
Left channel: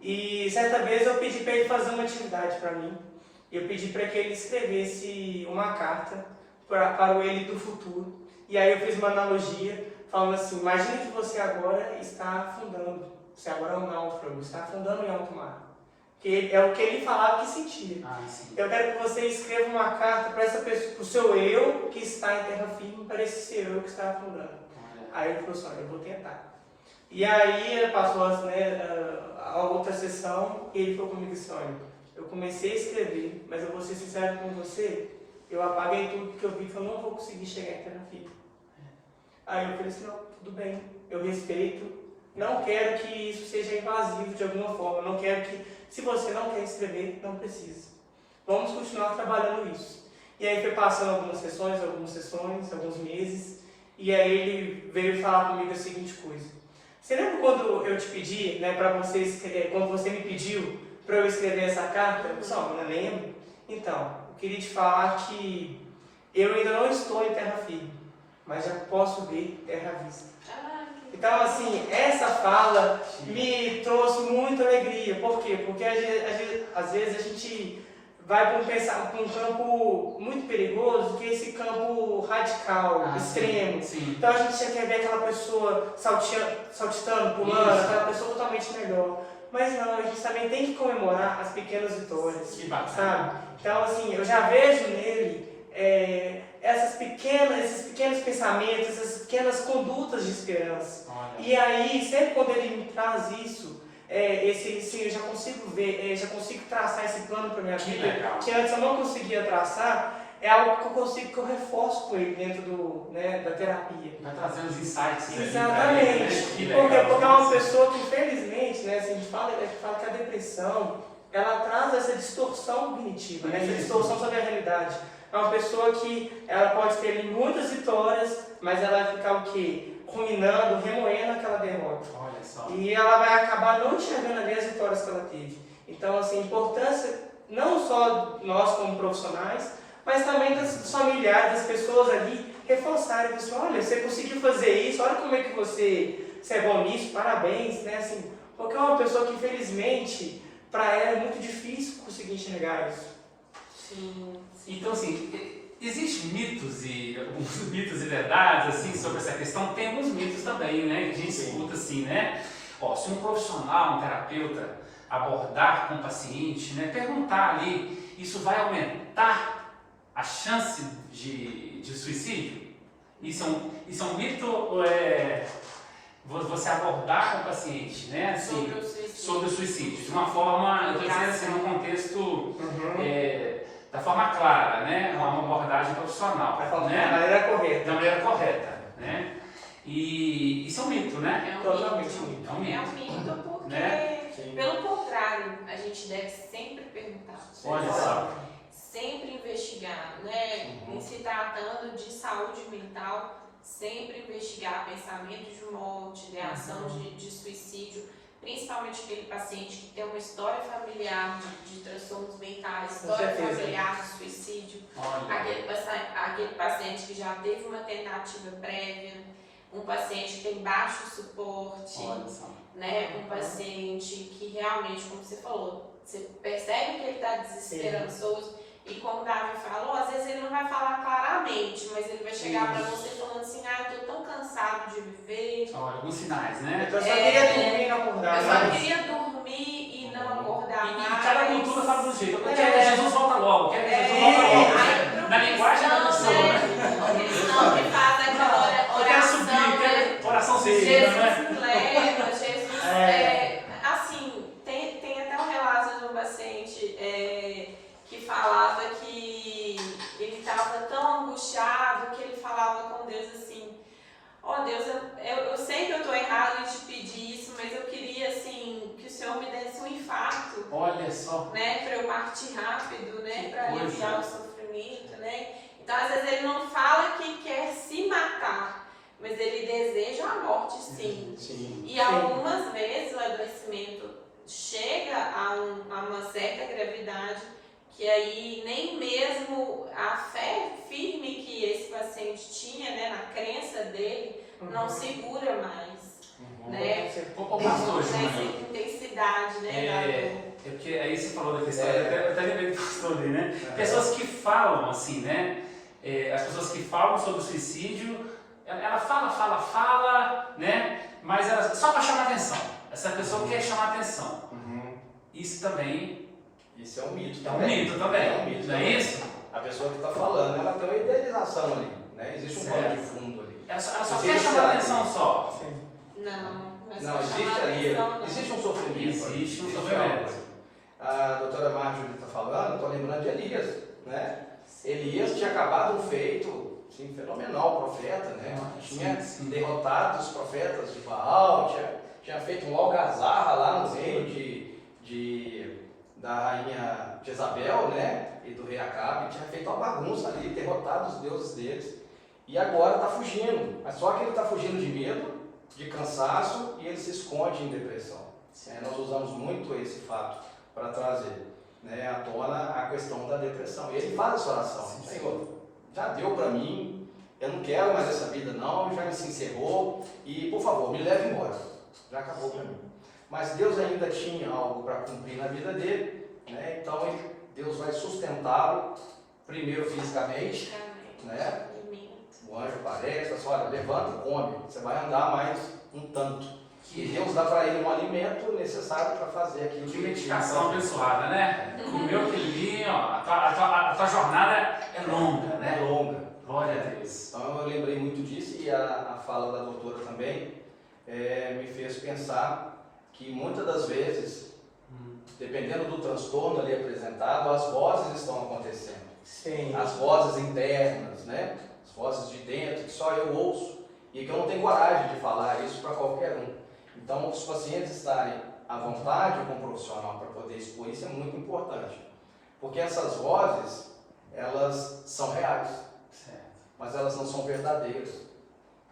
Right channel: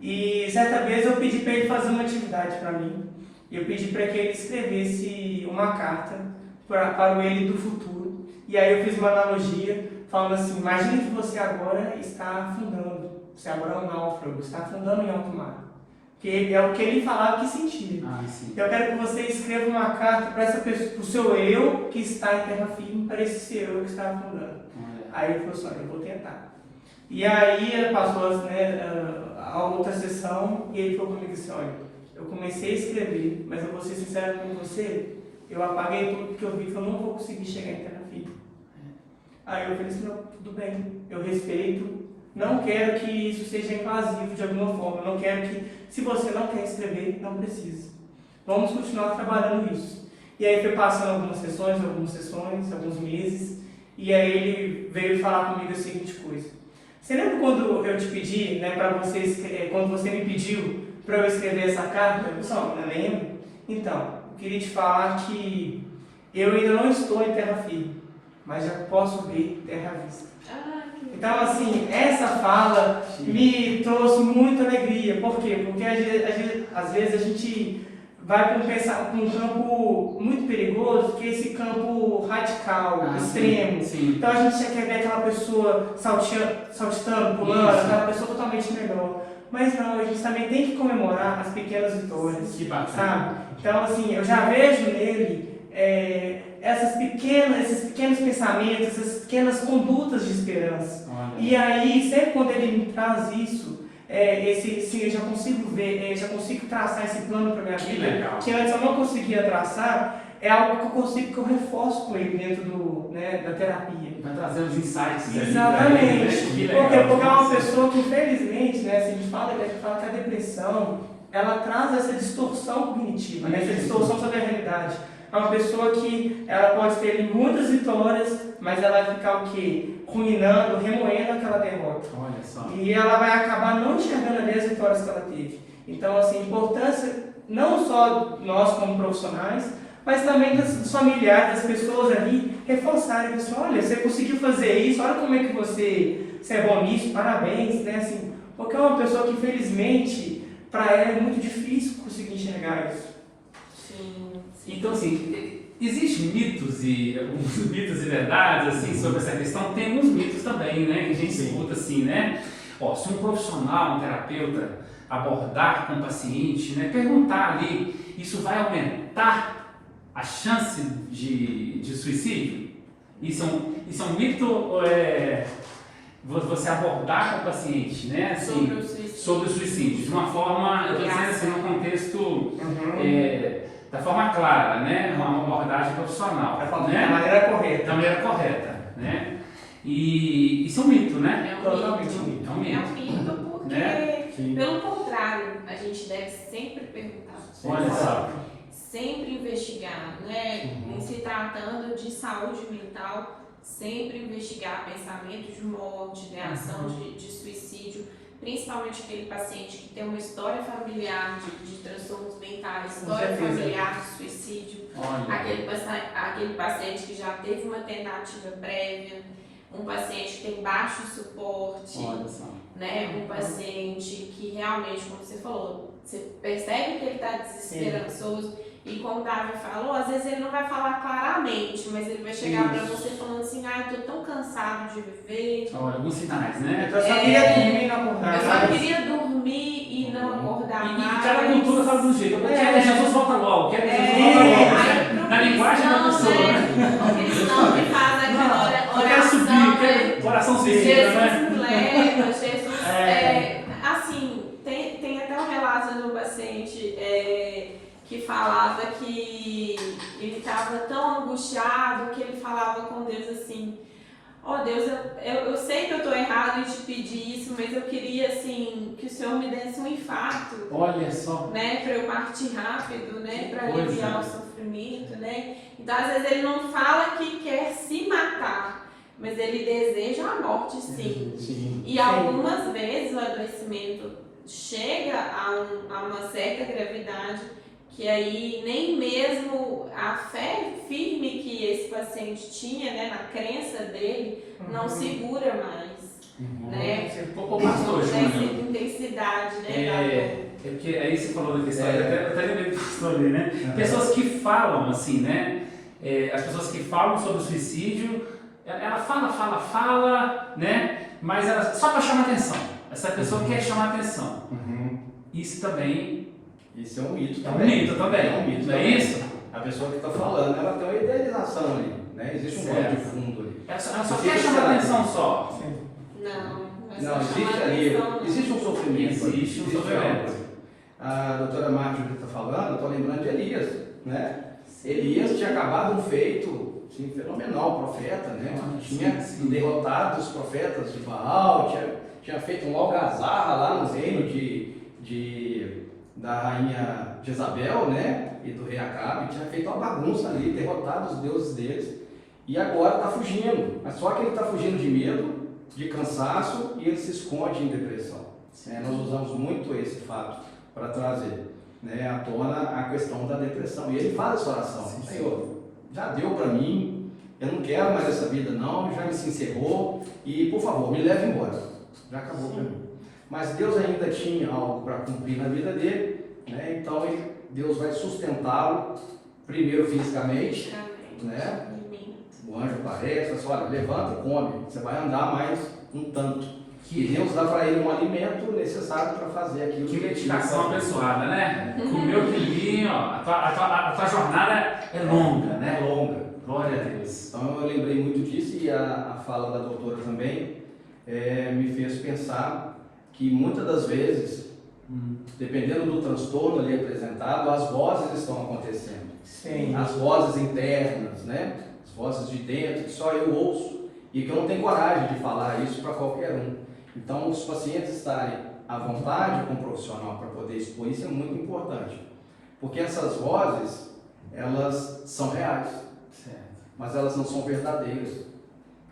E certa vez eu pedi para ele fazer uma atividade para mim. Eu pedi para que ele escrevesse uma carta para o ele do futuro. E aí eu fiz uma analogia, falando assim, imagine que você agora está afundando, você agora é um náufrago, está afundando em alto mar. Que é o que ele falava que sentia. Eu quero que você escreva uma carta para essa pessoa, para o seu eu que está em terra firme, para esse seu eu que está afundando. Aí ele falou assim, olha, eu vou tentar. E aí passou, né, a outra sessão e ele falou comigo assim, olha, eu comecei a escrever, mas eu vou ser sincero com você, eu apaguei tudo porque eu vi que eu não vou conseguir chegar em terra firme. Aí eu falei assim, não, tudo bem, eu respeito, não quero que isso seja invasivo de alguma forma, não quero que, se você não quer escrever, não precisa. Vamos continuar trabalhando isso. E aí foi passando algumas sessões, alguns meses, e aí ele veio falar comigo a seguinte coisa. Você lembra quando eu te pedi, né, para vocês, quando você me pediu para eu escrever essa carta? Pessoal, não lembro? Então, eu queria te falar que eu ainda não estou em terra firme, mas já posso ver terra à vista. Então, assim, essa fala me trouxe muita alegria. Por quê? Porque às vezes a gente vai para um campo muito perigoso, que é esse campo radical, extremo. Sim. Então a gente já quer ver aquela pessoa saltitando, pulando, aquela pessoa totalmente melhor. Mas não, a gente também tem que comemorar as pequenas vitórias, sabe? Então, assim, eu já vejo nele esses pequenos pensamentos, essas pequenas condutas de esperança. E aí, sempre quando ele me traz isso, eu já consigo ver, já consigo traçar esse plano para minha vida, que antes eu não conseguia traçar, é algo que eu reforço com ele dentro da terapia. Vai trazer os insights. Exatamente. Porque é uma pessoa que, infelizmente, né, assim, a gente fala que a depressão, ela traz essa distorção cognitiva, né, essa distorção sobre a realidade. É uma pessoa que ela pode ter muitas vitórias, mas ela vai ficar o quê? Ruminando, remoendo aquela derrota. Olha só. E ela vai acabar não enxergando ali as vitórias que ela teve. Então, assim, a importância, não só nós como profissionais, mas também dos familiares, das pessoas ali, reforçarem, pessoal, olha, você conseguiu fazer isso, olha como é que você é bom nisso, parabéns, né? Assim, porque é uma pessoa que, infelizmente, para ela é muito difícil conseguir enxergar isso. Sim. Então, assim, existem mitos e verdades assim, sobre essa questão? Tem alguns mitos também, né? Que a gente escuta assim, né? Se um profissional, um terapeuta, abordar com o paciente, né? Perguntar ali, isso vai aumentar a chance de suicídio? Isso é um mito ou você abordar com o paciente, né? Assim, sobre o suicídio, de uma forma, eu estou dizendo assim, num contexto... da forma clara, né? Uma abordagem profissional. Da maneira correta. Da maneira correta, né? E isso é um mito, né? É um mito porque, né? Pelo contrário, a gente deve sempre perguntar. Olha só. Sempre investigar, né? Em se tratando de saúde mental, sempre investigar pensamento de morte, ideação de suicídio, principalmente aquele paciente que tem uma história familiar de transtornos mentais, história familiar de suicídio, aquele paciente que já teve uma tentativa prévia, um paciente que tem baixo suporte, né? Um paciente que realmente, como você falou, você percebe que ele está desesperançoso. E como o Davi falou, às vezes ele não vai falar claramente, mas ele vai chegar para você falando assim, eu tô tão cansado de viver. Olha, alguns sinais, né? Eu só queria dormir e não acordar. Eu só queria dormir e não acordar mais. E cada cultura fala do jeito. Eu quero que Jesus volta logo, quero que Jesus volta logo. Na linguagem da pessoa, né? O cristão que faz aquela oração. Eu quero subir, quero coração Jesus né? me leva, Jesus... assim, tem até um relato de um paciente... que falava que ele estava tão angustiado que ele falava com Deus assim, Deus, eu sei que eu estou errado em te pedir isso, mas eu queria assim, que o Senhor me desse um infarto. Olha só. Né, para eu partir rápido, né, para aliviar o sofrimento, né. Então às vezes ele não fala que quer se matar, mas ele deseja a morte sim. E algumas vezes o adoecimento chega a uma certa gravidade, que aí nem mesmo a fé firme que esse paciente tinha, né, na crença dele, não segura mais, né? Essa intensidade, né? Porque aí você falou da história, eu até lembrei dessa história, né? Pessoas que falam assim, né? As pessoas que falam sobre o suicídio, ela fala, né? Mas ela, só para chamar atenção. Essa pessoa quer chamar atenção. Isso também... Isso é um mito também. É um mito também. É um mito. Não é isso? A pessoa que está falando, ela tem uma idealização ali, né? Existe um pano de fundo ali. Ela só quer chamar atenção só. Não, existe ali, existe um sofrimento. Existe um sofrimento. A doutora Márcia que está falando, eu estou lembrando de Elias, né? Elias tinha acabado um feito fenomenal, profeta, né? Tinha derrotado os profetas de Baal, tinha feito um algazarra lá no reino da rainha Jezabel, né, e do rei Acabe, tinha feito uma bagunça ali, derrotado os deuses deles, e agora está fugindo. Mas só que ele está fugindo de medo, de cansaço, e ele se esconde em depressão. Nós usamos muito esse fato para trazer, né, à tona a questão da depressão. E ele faz essa oração: Senhor, já deu para mim, eu não quero mais essa vida não, já me se encerrou, e por favor, me leve embora. Já acabou para mim. Mas Deus ainda tinha algo para cumprir na vida dele, né? Então Deus vai sustentá-lo, primeiro fisicamente, né? O anjo aparece, assim, olha, levanta, come, você vai andar mais um tanto. E Deus dá para ele um alimento necessário para fazer aquilo. Que medicação abençoada, né? Comeu aquilo, a tua jornada é longa, né? É longa. Glória a Deus. Então eu lembrei muito disso, e a fala da doutora também me fez pensar que muitas das vezes, dependendo do transtorno ali apresentado, as vozes estão acontecendo. Sim. As vozes internas, né? As vozes de dentro, que só eu ouço e que eu não tenho coragem de falar isso para qualquer um. Então, os pacientes estarem à vontade com o profissional para poder expor isso é muito importante. Porque essas vozes, elas são reais, mas elas não são verdadeiras.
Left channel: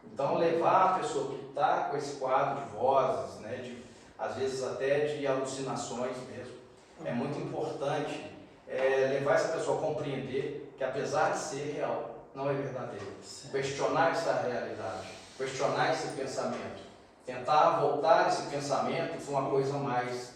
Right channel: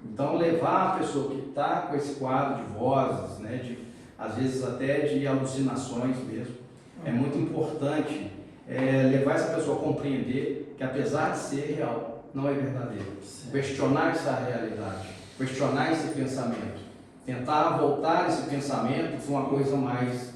Então, levar a pessoa que está com esse quadro de vozes, né, às vezes até de alucinações mesmo, é muito importante levar essa pessoa a compreender que, apesar de ser real, não é verdadeiro. Questionar essa realidade, questionar esse pensamento, tentar voltar esse pensamento para uma coisa mais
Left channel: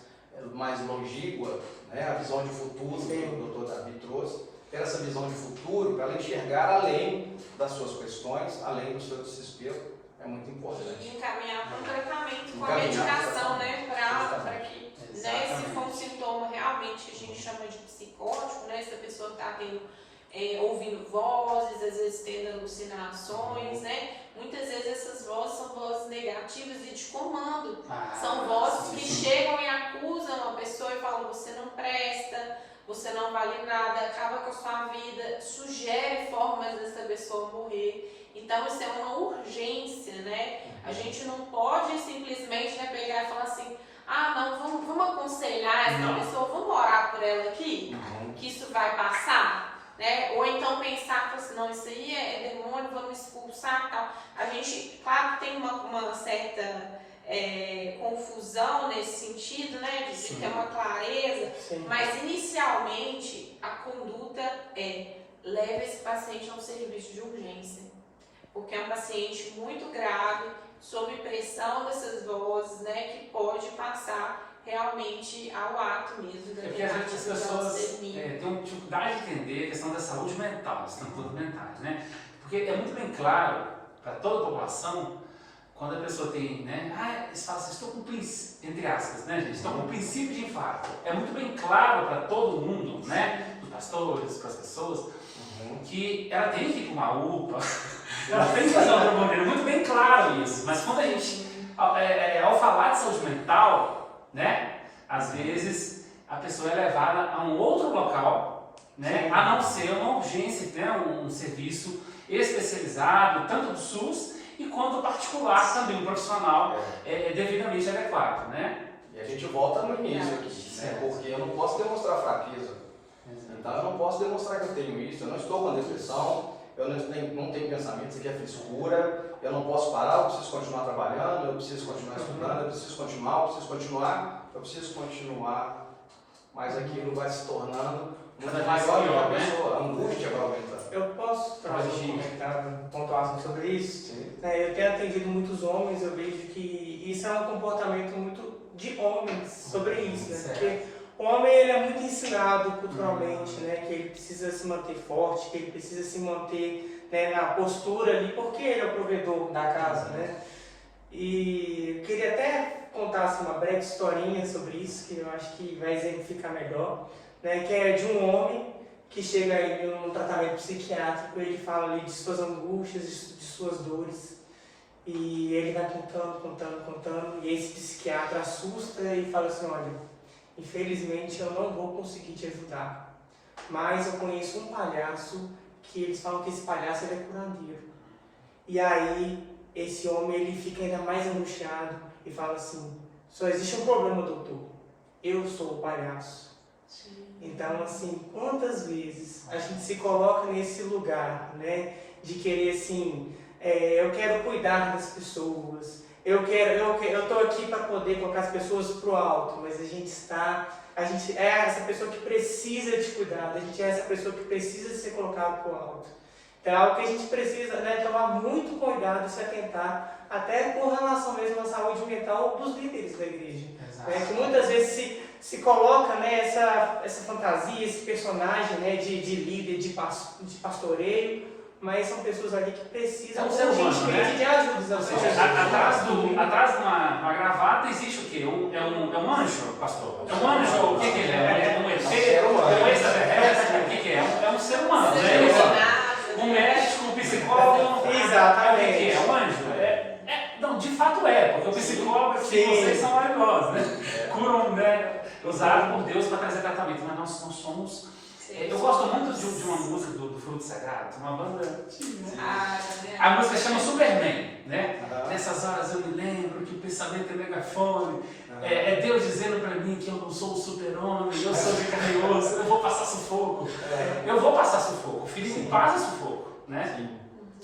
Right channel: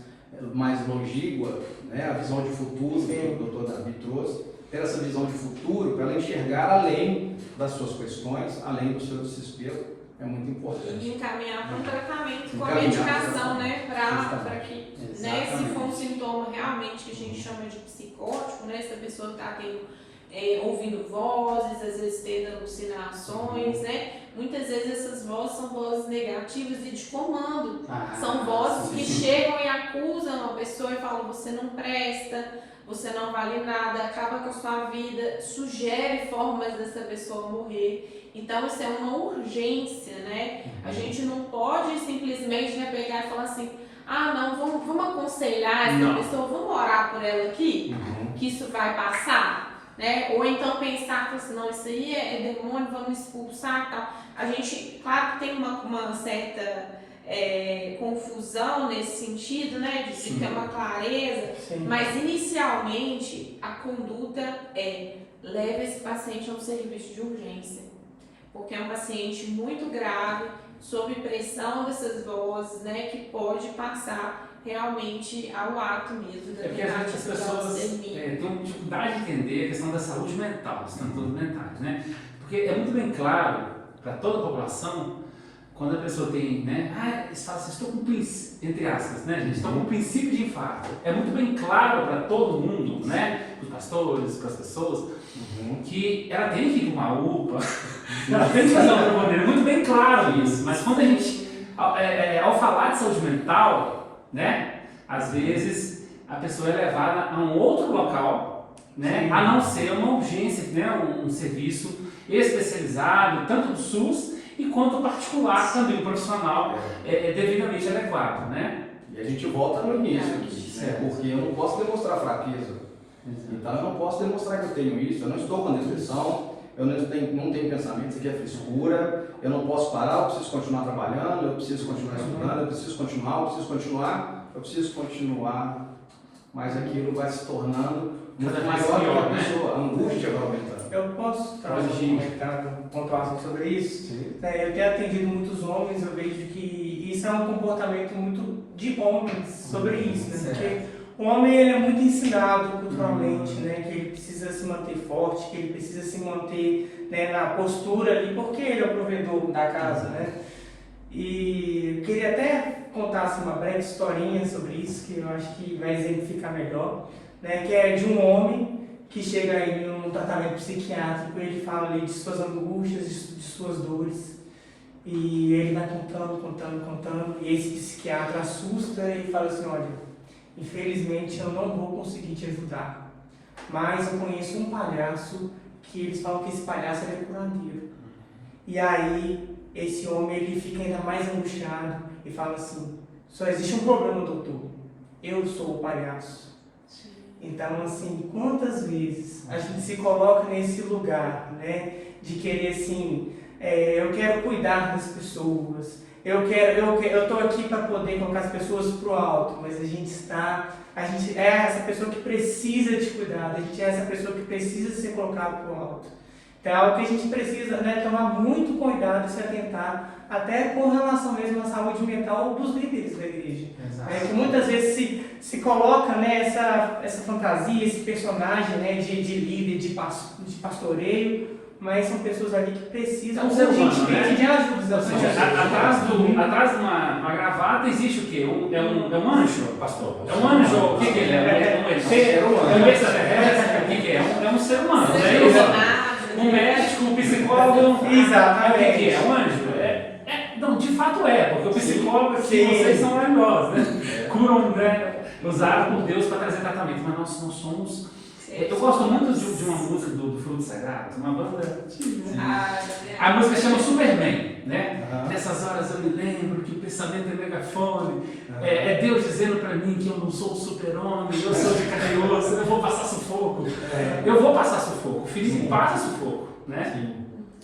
longínqua, né? A visão de futuro que o doutor Davi trouxe, ter essa visão de futuro para ela enxergar além das suas questões, além do seu desespero, é muito importante. E encaminhar para um tratamento com a medicação, né? Para que, né, se for um sintoma realmente que a gente chama de psicótico, né? Se a pessoa está ouvindo vozes, às vezes tendo alucinações, né? Muitas vezes essas vozes são vozes negativas e de comando. São vozes que chegam e acusam a pessoa e falam: você não presta, você não vale nada, acaba com a sua vida, sugere formas dessa pessoa morrer. Então isso é uma urgência, né? A gente não pode simplesmente pegar e falar assim: ah, não, vamos aconselhar essa pessoa, vamos orar por ela aqui, que isso vai passar. né? Ou então pensar que assim, não, isso aí é demônio, vamos expulsar e tal. A gente, claro que tem uma certa confusão nesse sentido, né? De ter uma clareza, mas inicialmente a conduta leva esse paciente a um serviço de urgência, porque é um paciente muito grave, sob pressão dessas vozes, né? Que pode passar realmente ao ato mesmo. É porque às vezes as pessoas têm dificuldade de entender a questão da saúde mental, dos transtornos mentais, né? Porque é muito bem claro para toda a população, quando a pessoa tem, né? Eles falam assim, estou com princípio, entre aspas, né, gente? Estou com princípio de infarto. É muito bem claro para todo mundo, né? Os pastores, para as pessoas, que ela tem que ir para uma UPA, ela tem que fazer uma problema. É muito bem claro isso. Mas quando a gente, ao falar de saúde mental, né? Às vezes a pessoa é levada a um outro local, né? A não ser uma urgência, né? Um serviço especializado, tanto do SUS e quanto particular também, o profissional devidamente adequado, né? E a gente volta no início aqui, né? Porque eu não posso demonstrar fraqueza. Então eu não posso demonstrar que eu tenho isso, eu não estou com depressão, eu não tenho pensamento, isso aqui é frescura, eu não posso parar, eu preciso continuar trabalhando, eu preciso continuar estudando, eu preciso continuar, mas aquilo vai se tornando muito maior do que a pessoa, a angústia vai aumentando. Eu posso trazer um comentário pontual sobre isso? Eu tenho atendido muitos homens, eu vejo que isso é um comportamento muito de homens sobre isso, né? Porque o homem ele é muito ensinado culturalmente, né? Que ele precisa se manter forte, que ele precisa se manter, né, na postura ali, porque ele é o provedor da casa, né? E eu queria até contar assim, uma breve historinha sobre isso, que eu acho que vai exemplificar melhor, né? Que é de um homem que chega aí num tratamento psiquiátrico, ele fala ali de suas angústias, de suas dores, e ele vai contando, e esse psiquiatra assusta e fala assim, olha, infelizmente eu não vou conseguir te ajudar, mas eu conheço um palhaço que eles falam que esse palhaço é curandeiro. E aí esse homem ele fica ainda mais angustiado e fala assim, só existe um problema, doutor, eu sou o palhaço. Então, assim, quantas vezes a gente se coloca nesse lugar, né, de querer, assim, eu quero cuidar das pessoas, eu estou aqui para poder colocar as pessoas para o alto, mas a gente é essa pessoa que precisa de cuidado, a gente é essa pessoa que precisa ser colocada para o alto. Então, é algo que a gente precisa, né, tomar muito cuidado e se atentar, até com relação mesmo à saúde mental dos líderes da igreja. Que muitas vezes se coloca, né, essa fantasia, esse personagem, né, de líder, de pastoreio, mas são pessoas ali que precisam urgentemente de ajuda. Ou seja, atrás de uma gravata existe o quê? É um anjo, pastor? É um anjo? O que é? É um ET? O que é? É um ser humano, né? Um médico, um psicólogo. Exatamente. O que é? É um anjo? Não, de fato porque o psicólogo aqui, vocês são maravilhosos, né? Curam, né? Usaram por Deus para trazer tratamento, mas nós não somos. Eu gosto muito de uma música do Fruto Sagrado, uma banda antiga. A música chama Superman, né? Nessas horas eu me lembro que o pensamento é megafone, é Deus dizendo para mim que eu não sou o super-homem, eu sou de carne e osso, eu vou passar sufoco. Eu vou passar sufoco, o Felipe passa sufoco, né?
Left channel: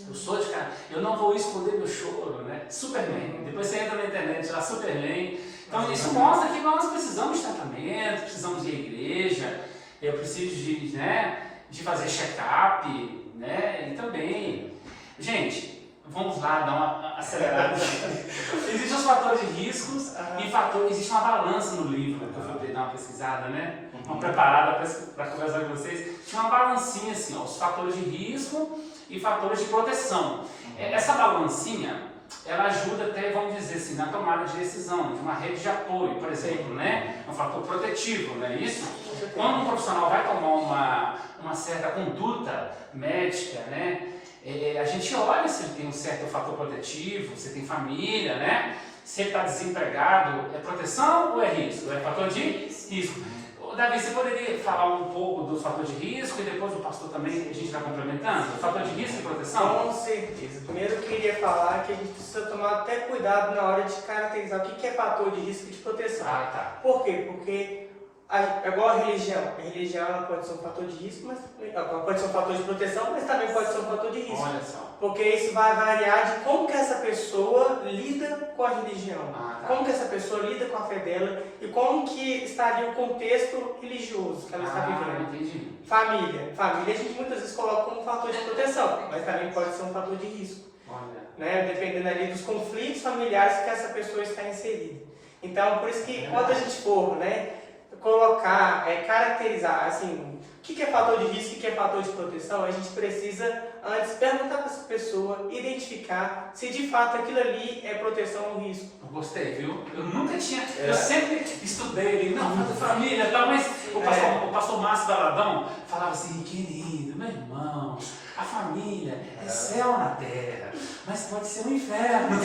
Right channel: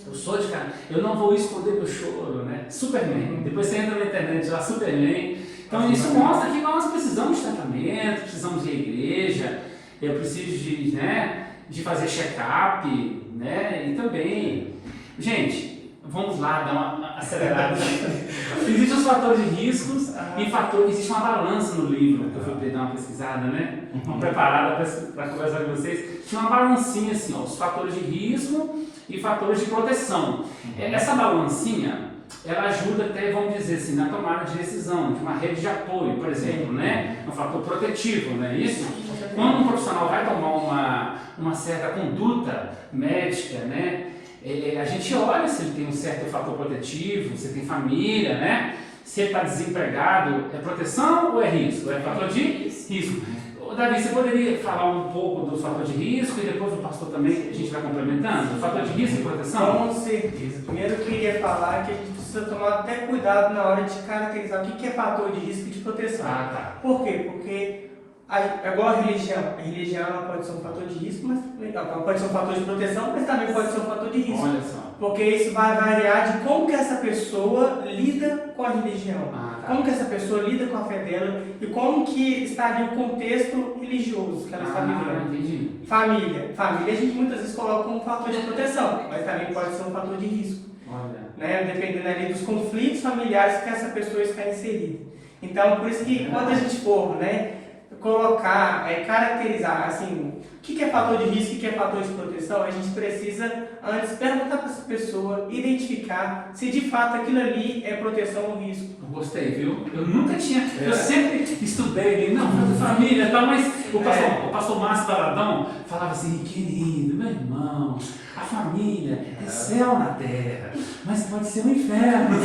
Eu sou de carne, eu não vou esconder meu choro, né? Superman, depois você entra na internet lá, Superman. Então isso mostra que nós precisamos de tratamento, precisamos de igreja. Eu preciso de fazer check-up, né? E também, gente, vamos lá dar uma acelerada. Existem os fatores de riscos e existe uma balança no livro, que eu fui dar uma pesquisada, né? Uma preparada para conversar com vocês. Tinha uma balancinha assim, ó, os fatores de risco e fatores de proteção. Essa balancinha, ela ajuda até, vamos dizer assim, na tomada de decisão, de uma rede de apoio, por exemplo, né? Um fator protetivo, né? Isso. Quando um profissional vai tomar uma certa conduta médica, né? A gente olha se ele tem um certo fator protetivo, se tem família, né? Se ele está desempregado, é proteção ou é risco? É fator de risco. Davi, você poderia falar um pouco do fator de risco e depois o pastor também, a gente vai complementando? O fator de risco e proteção? Com certeza. Primeiro eu queria falar que a gente precisa tomar até cuidado na hora de caracterizar o que é fator de risco e de proteção. Tá. Por quê? Porque Agora a religião ela pode ser um fator de risco, mas ela pode ser um fator de proteção, mas também pode ser um fator de risco. Olha só. Porque isso vai variar de como que essa pessoa lida com a religião, como que essa pessoa lida com a fé dela e como que está ali o contexto religioso que ela está vivendo. Entendi. Família a gente muitas vezes coloca como um fator de proteção, mas também pode ser um fator de risco. Olha. Né? Dependendo ali dos conflitos familiares que essa pessoa está inserida. Então, por isso que quando a gente for, né, colocar, caracterizar, assim, o que é fator de risco e o que é fator de proteção, a gente precisa antes perguntar para essa pessoa, identificar se de fato aquilo ali é proteção ou risco. Gostei, viu? Eu nunca tinha. Eu sempre estudei, não, família, tá, mas o pastor Márcio Taradão falava assim: querido, meu irmão, a família é céu na terra, mas pode ser um inferno.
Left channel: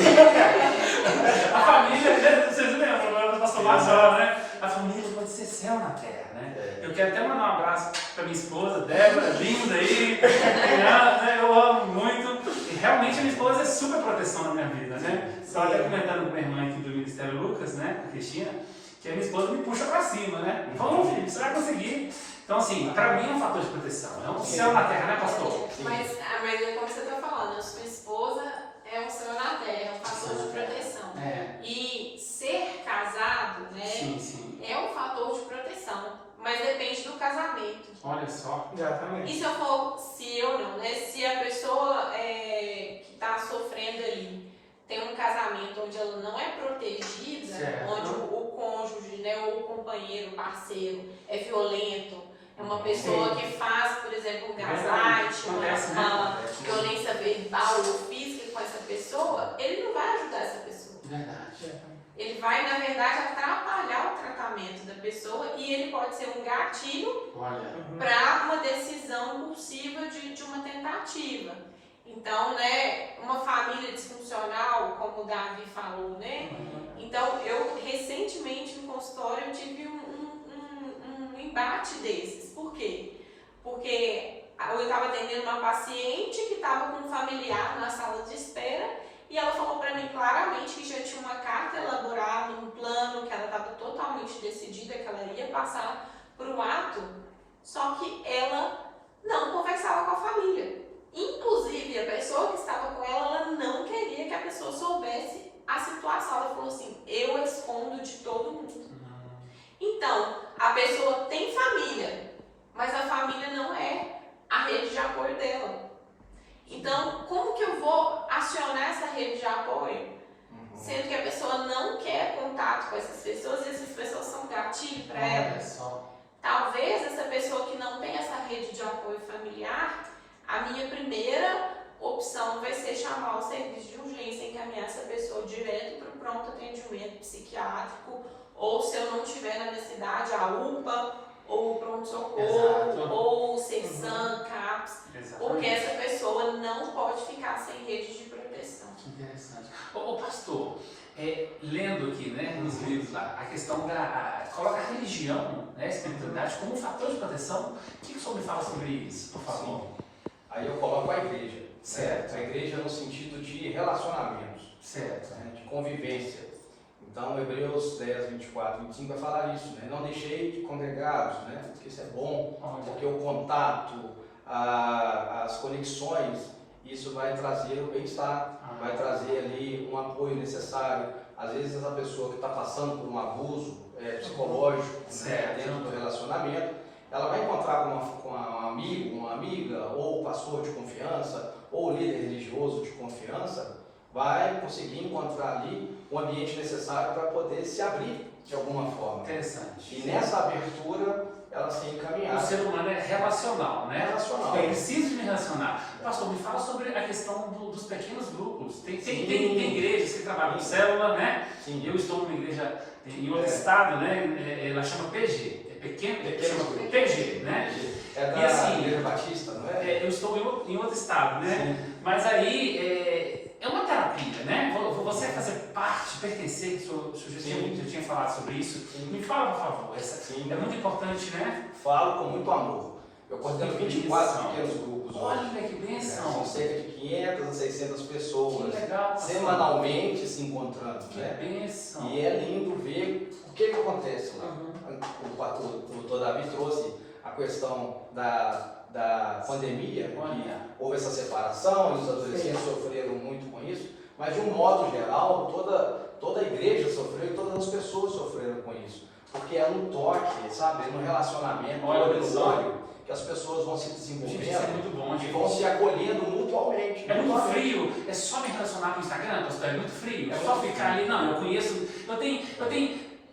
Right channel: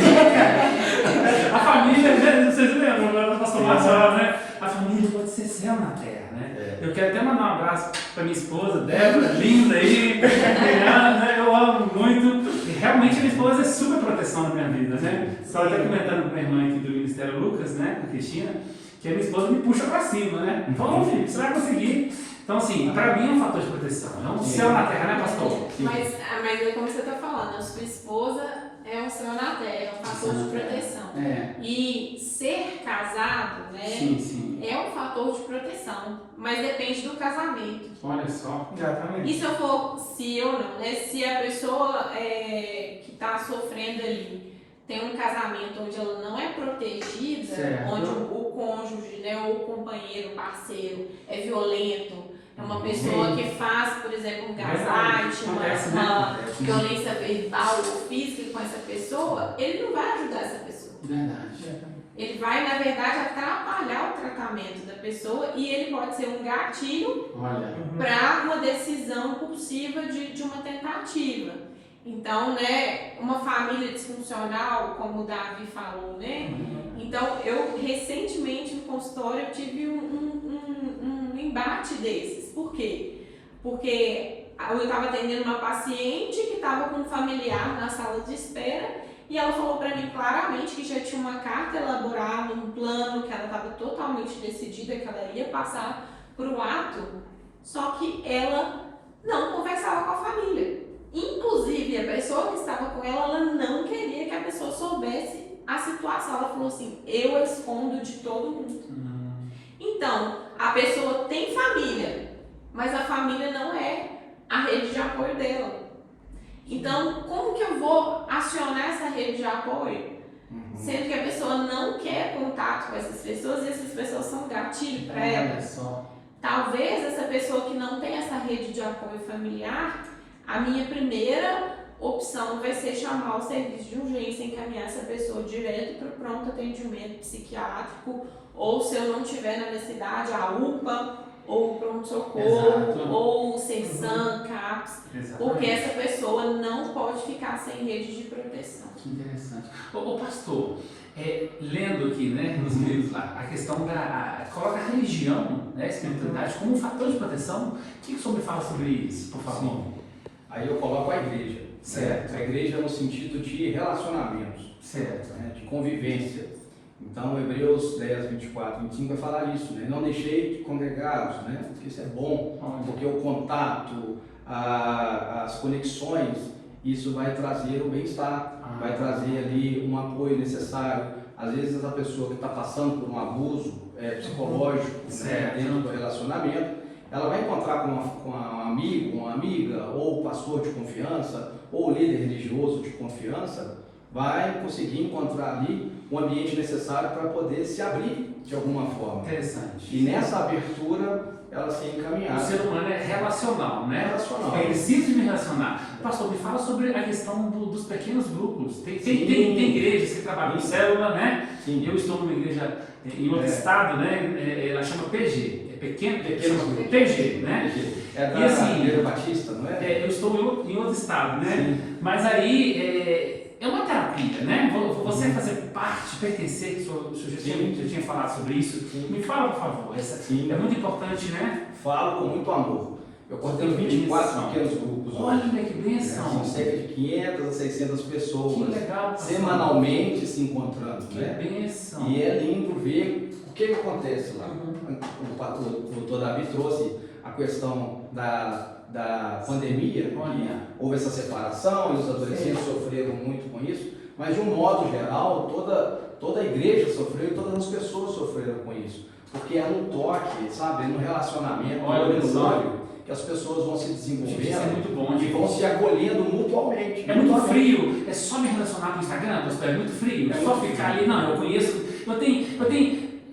A família, vocês lembram? O pastor Márcio falava, né? A família pode ser céu na terra, né? Eu quero até mandar um abraço para minha esposa, Débora, linda aí, né? Eu amo muito. E realmente a minha esposa é super proteção na minha vida, né? Só até comentando com minha irmã aqui do Ministério Lucas, né? Com a Cristina, que a minha esposa me puxa para cima, né? Falou, Felipe, você vai conseguir. Então, assim, para mim é um fator de proteção, é um céu na terra, né, pastor? Mas como você está falando, a sua esposa é um céu na terra, é um fator de proteção. E ser casado, né, é um fator de proteção, mas depende do casamento. Olha só. Exatamente. E se eu for, se a pessoa que está sofrendo ali tem um casamento onde ela não é protegida, onde o cônjuge, né, ou o companheiro, o parceiro é violento, é uma pessoa que faz, por exemplo, um gaslight, uma violência verbal ou física com essa pessoa, ele não vai ajudar essa pessoa. Verdade. Ele vai, na verdade, atrapalhar o tratamento da pessoa e ele pode ser um gatilho para uma decisão impulsiva de uma tentativa. Então, né, uma família disfuncional, como o Davi falou, né? Então, eu recentemente no consultório eu tive um embate desses. Por quê? Porque eu estava atendendo uma paciente que estava com um familiar na sala de espera e ela falou para mim claramente que já tinha uma carta elaborada, um plano, que ela estava totalmente decidida que ela ia passar por um ato, só que ela não conversava com a família. Inclusive, a pessoa que estava com ela não queria que a pessoa soubesse a situação. Ela falou assim, eu escondo de todo mundo. Então, a pessoa tem família, mas a família não é a rede de apoio dela. Então, como que eu vou acionar essa rede de apoio? Sendo que a pessoa não quer contato com essas pessoas e essas pessoas são gatilho para ela. Talvez essa pessoa que não tem essa rede de apoio familiar, a minha primeira opção vai ser chamar o serviço de urgência, encaminhar essa pessoa direto para o pronto atendimento psiquiátrico, ou se eu não tiver na minha cidade, a UPA, ou o pronto-socorro, ou o CESAM, CAPS, porque essa pessoa não pode ficar sem rede de proteção. Que interessante. Ô pastor, lendo aqui, né, nos livros lá, a questão coloca a religião, né, a espiritualidade como um fator de proteção. O que o senhor me fala sobre isso, por favor? Aí eu coloco a igreja. Certo. A igreja no sentido de relacionamentos, certo, né, de convivência. Então, Hebreus 10, 24, 25 vai falar isso, né? Não deixei de congregados, né? Porque isso é bom, porque o contato, as conexões, isso vai trazer o bem-estar, vai trazer ali um apoio necessário. Às vezes, essa pessoa que está passando por um abuso psicológico, né, dentro do relacionamento, ela vai encontrar com um amigo, uma amiga, ou pastor de confiança, ou líder religioso de confiança, vai conseguir encontrar ali um ambiente necessário para poder se abrir de alguma forma. Interessante. E nessa abertura, ela ser encaminhada. O ser humano é relacional, né? Relacional. É preciso me relacionar. Pastor, me fala sobre a questão dos pequenos grupos. Tem igrejas que trabalham em célula, né? Sim. Eu estou numa igreja em outro estado, né? Ela chama PG. Pequeno grupo. PG, né? É da Igreja Batista, não é? Eu estou em outro estado, né? Sim. Mas aí é uma terapia, né? Você fazer parte, pertencer, que o senhor já tinha falado sobre isso. Sim. Me fala, por favor. É muito importante, né? Falo com muito amor. Eu coordeno 24 pequenos grupos. Olha que bênção! São cerca de 500 a 600 pessoas. Que legal! Semanalmente se encontrando, né? Que bênção! E é lindo ver o que acontece lá. O doutor Davi trouxe a questão da pandemia, que houve essa separação, e os adolescentes sofreram muito com isso, mas de um modo geral, toda a igreja sofreu e todas as pessoas sofreram com isso, porque é no toque, sabe, no relacionamento, no olho, que as pessoas vão se desenvolvendo. Isso é muito bom, e vão se acolhendo mutualmente. É muito frio, é só me relacionar com o Instagram, pastor, é muito frio, é só ficar ali, não, eu conheço, eu tenho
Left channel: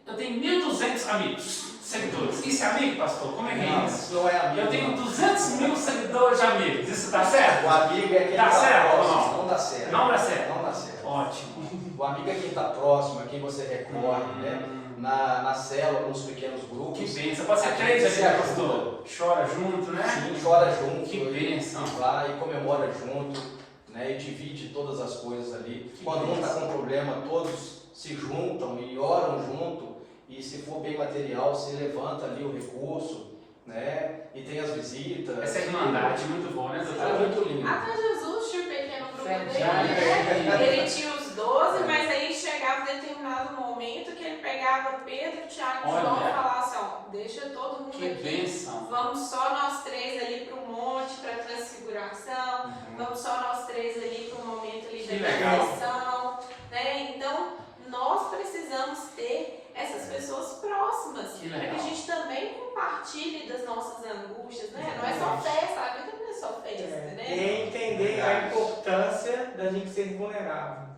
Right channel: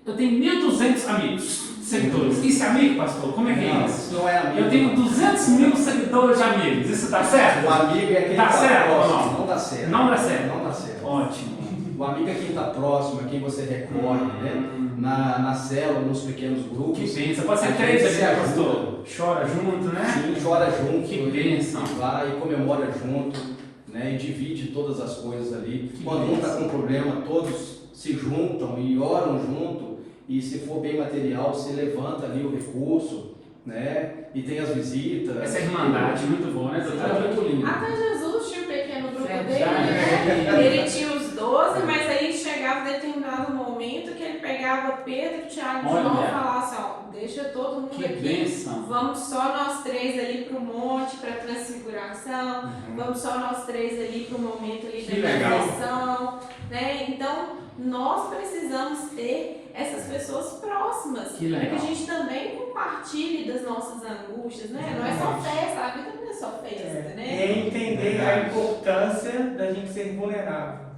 1.200 amigos, seguidores. Isso é amigo, pastor? Como é que é isso? Não é amigo. Eu tenho 200 mil seguidores de amigos, isso dá certo? O amigo é quem dá está certo próximo. ou não? Não dá certo. Não dá certo? Não dá certo. Ótimo. O amigo é quem está próximo, é quem você recorre, né? Na célula, nos pequenos grupos. Que pensa, pode ser três ali, pastor? Chora junto, né? Sim, chora junto. Que bênção. Vai e comemora junto, né? E divide todas as coisas ali. Quando um está com problema, todos se juntam e oram junto. E se for bem material, se levanta ali o recurso, né? E tem as visitas. Essa irmandade é muito boa, né? É muito lindo. Até Jesus tinha um pequeno grupo dele, né? Ele tinha os 12, mas aí chegava determinado momento que ele pegava Pedro, Tiago e João e falava assim, ó, deixa todo mundo que aqui, bênção. Vamos só nós três ali para o monte, para a transfiguração, vamos só nós três ali para o momento ali da reflexão, né? Então, nós precisamos ter essas pessoas próximas, para que a gente também compartilhe das nossas angústias, né? Não é só festa, a vida não é só festa, né? E entender a importância da gente ser vulnerável.